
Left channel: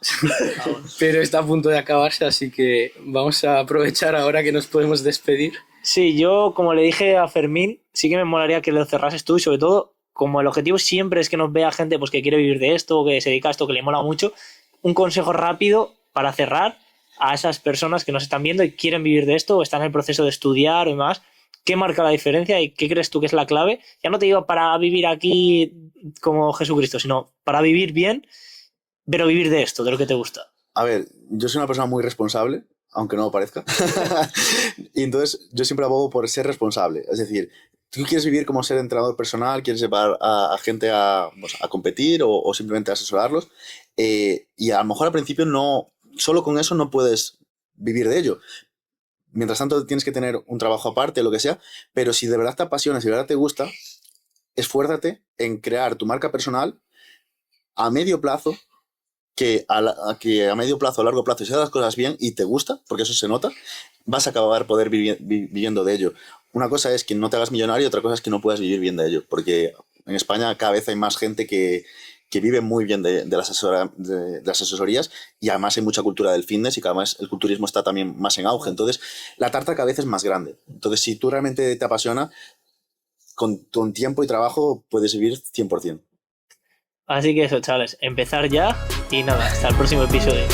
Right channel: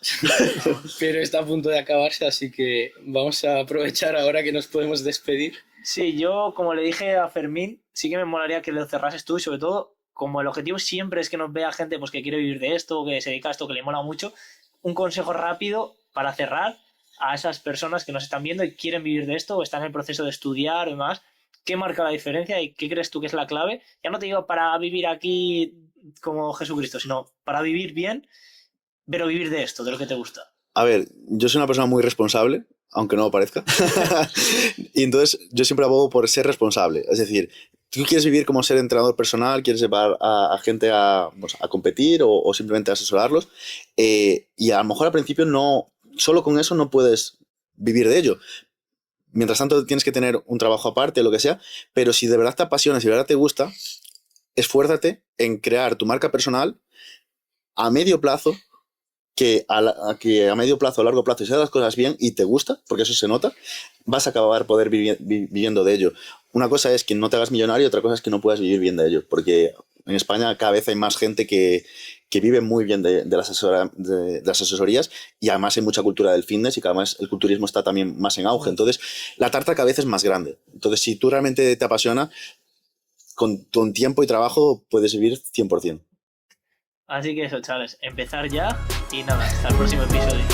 Pero está a punto de acabarse, así que vamos a aprovechar ahora que nos podemos despedir. Sí, yo, como le dije a Fermín, sí que me molaría que lo cerrases tú y sobre todo, como el objetivo siempre es que nos vea gente pues, que quiere vivir de esto, que se dedica a esto, que le mola mucho, un consejo rápido para cerrar a esas personas que nos están viendo y quieren vivir de esto o están en el proceso de estudiar o demás. ¿Qué marca la diferencia y qué crees tú que es la clave? Ya no te digo para vivir aquí como Jesucristo, sino para vivir bien, pero vivir de esto, de lo que te gusta. A ver, yo soy una persona muy responsable, aunque no lo parezca. Y entonces yo siempre abogo por ser responsable. Es decir, tú quieres vivir como ser entrenador personal, quieres llevar a gente a competir o simplemente a asesorarlos. Y a lo mejor al principio solo con eso no puedes vivir de ello. Mientras tanto tienes que tener un trabajo aparte, lo que sea, pero si de verdad te apasiona, si de verdad te gusta, esfuérzate en crear tu marca personal a medio plazo, que a medio plazo, a largo plazo, si haces las cosas bien y te gusta, porque eso se nota, vas a acabar poder viviendo de ello. Una cosa es que no te hagas millonario, otra cosa es que no puedas vivir bien de ello, porque en España cada vez hay más gente que vive muy bien de las asesorías y además hay mucha cultura del fitness y cada vez el culturismo está también más en auge. Entonces, la tarta cada vez es más grande. Entonces, si tú realmente te apasiona, con tiempo y trabajo puedes vivir 100%. Así que eso, chavales, empezar ya y nada, hasta el próximo episodio.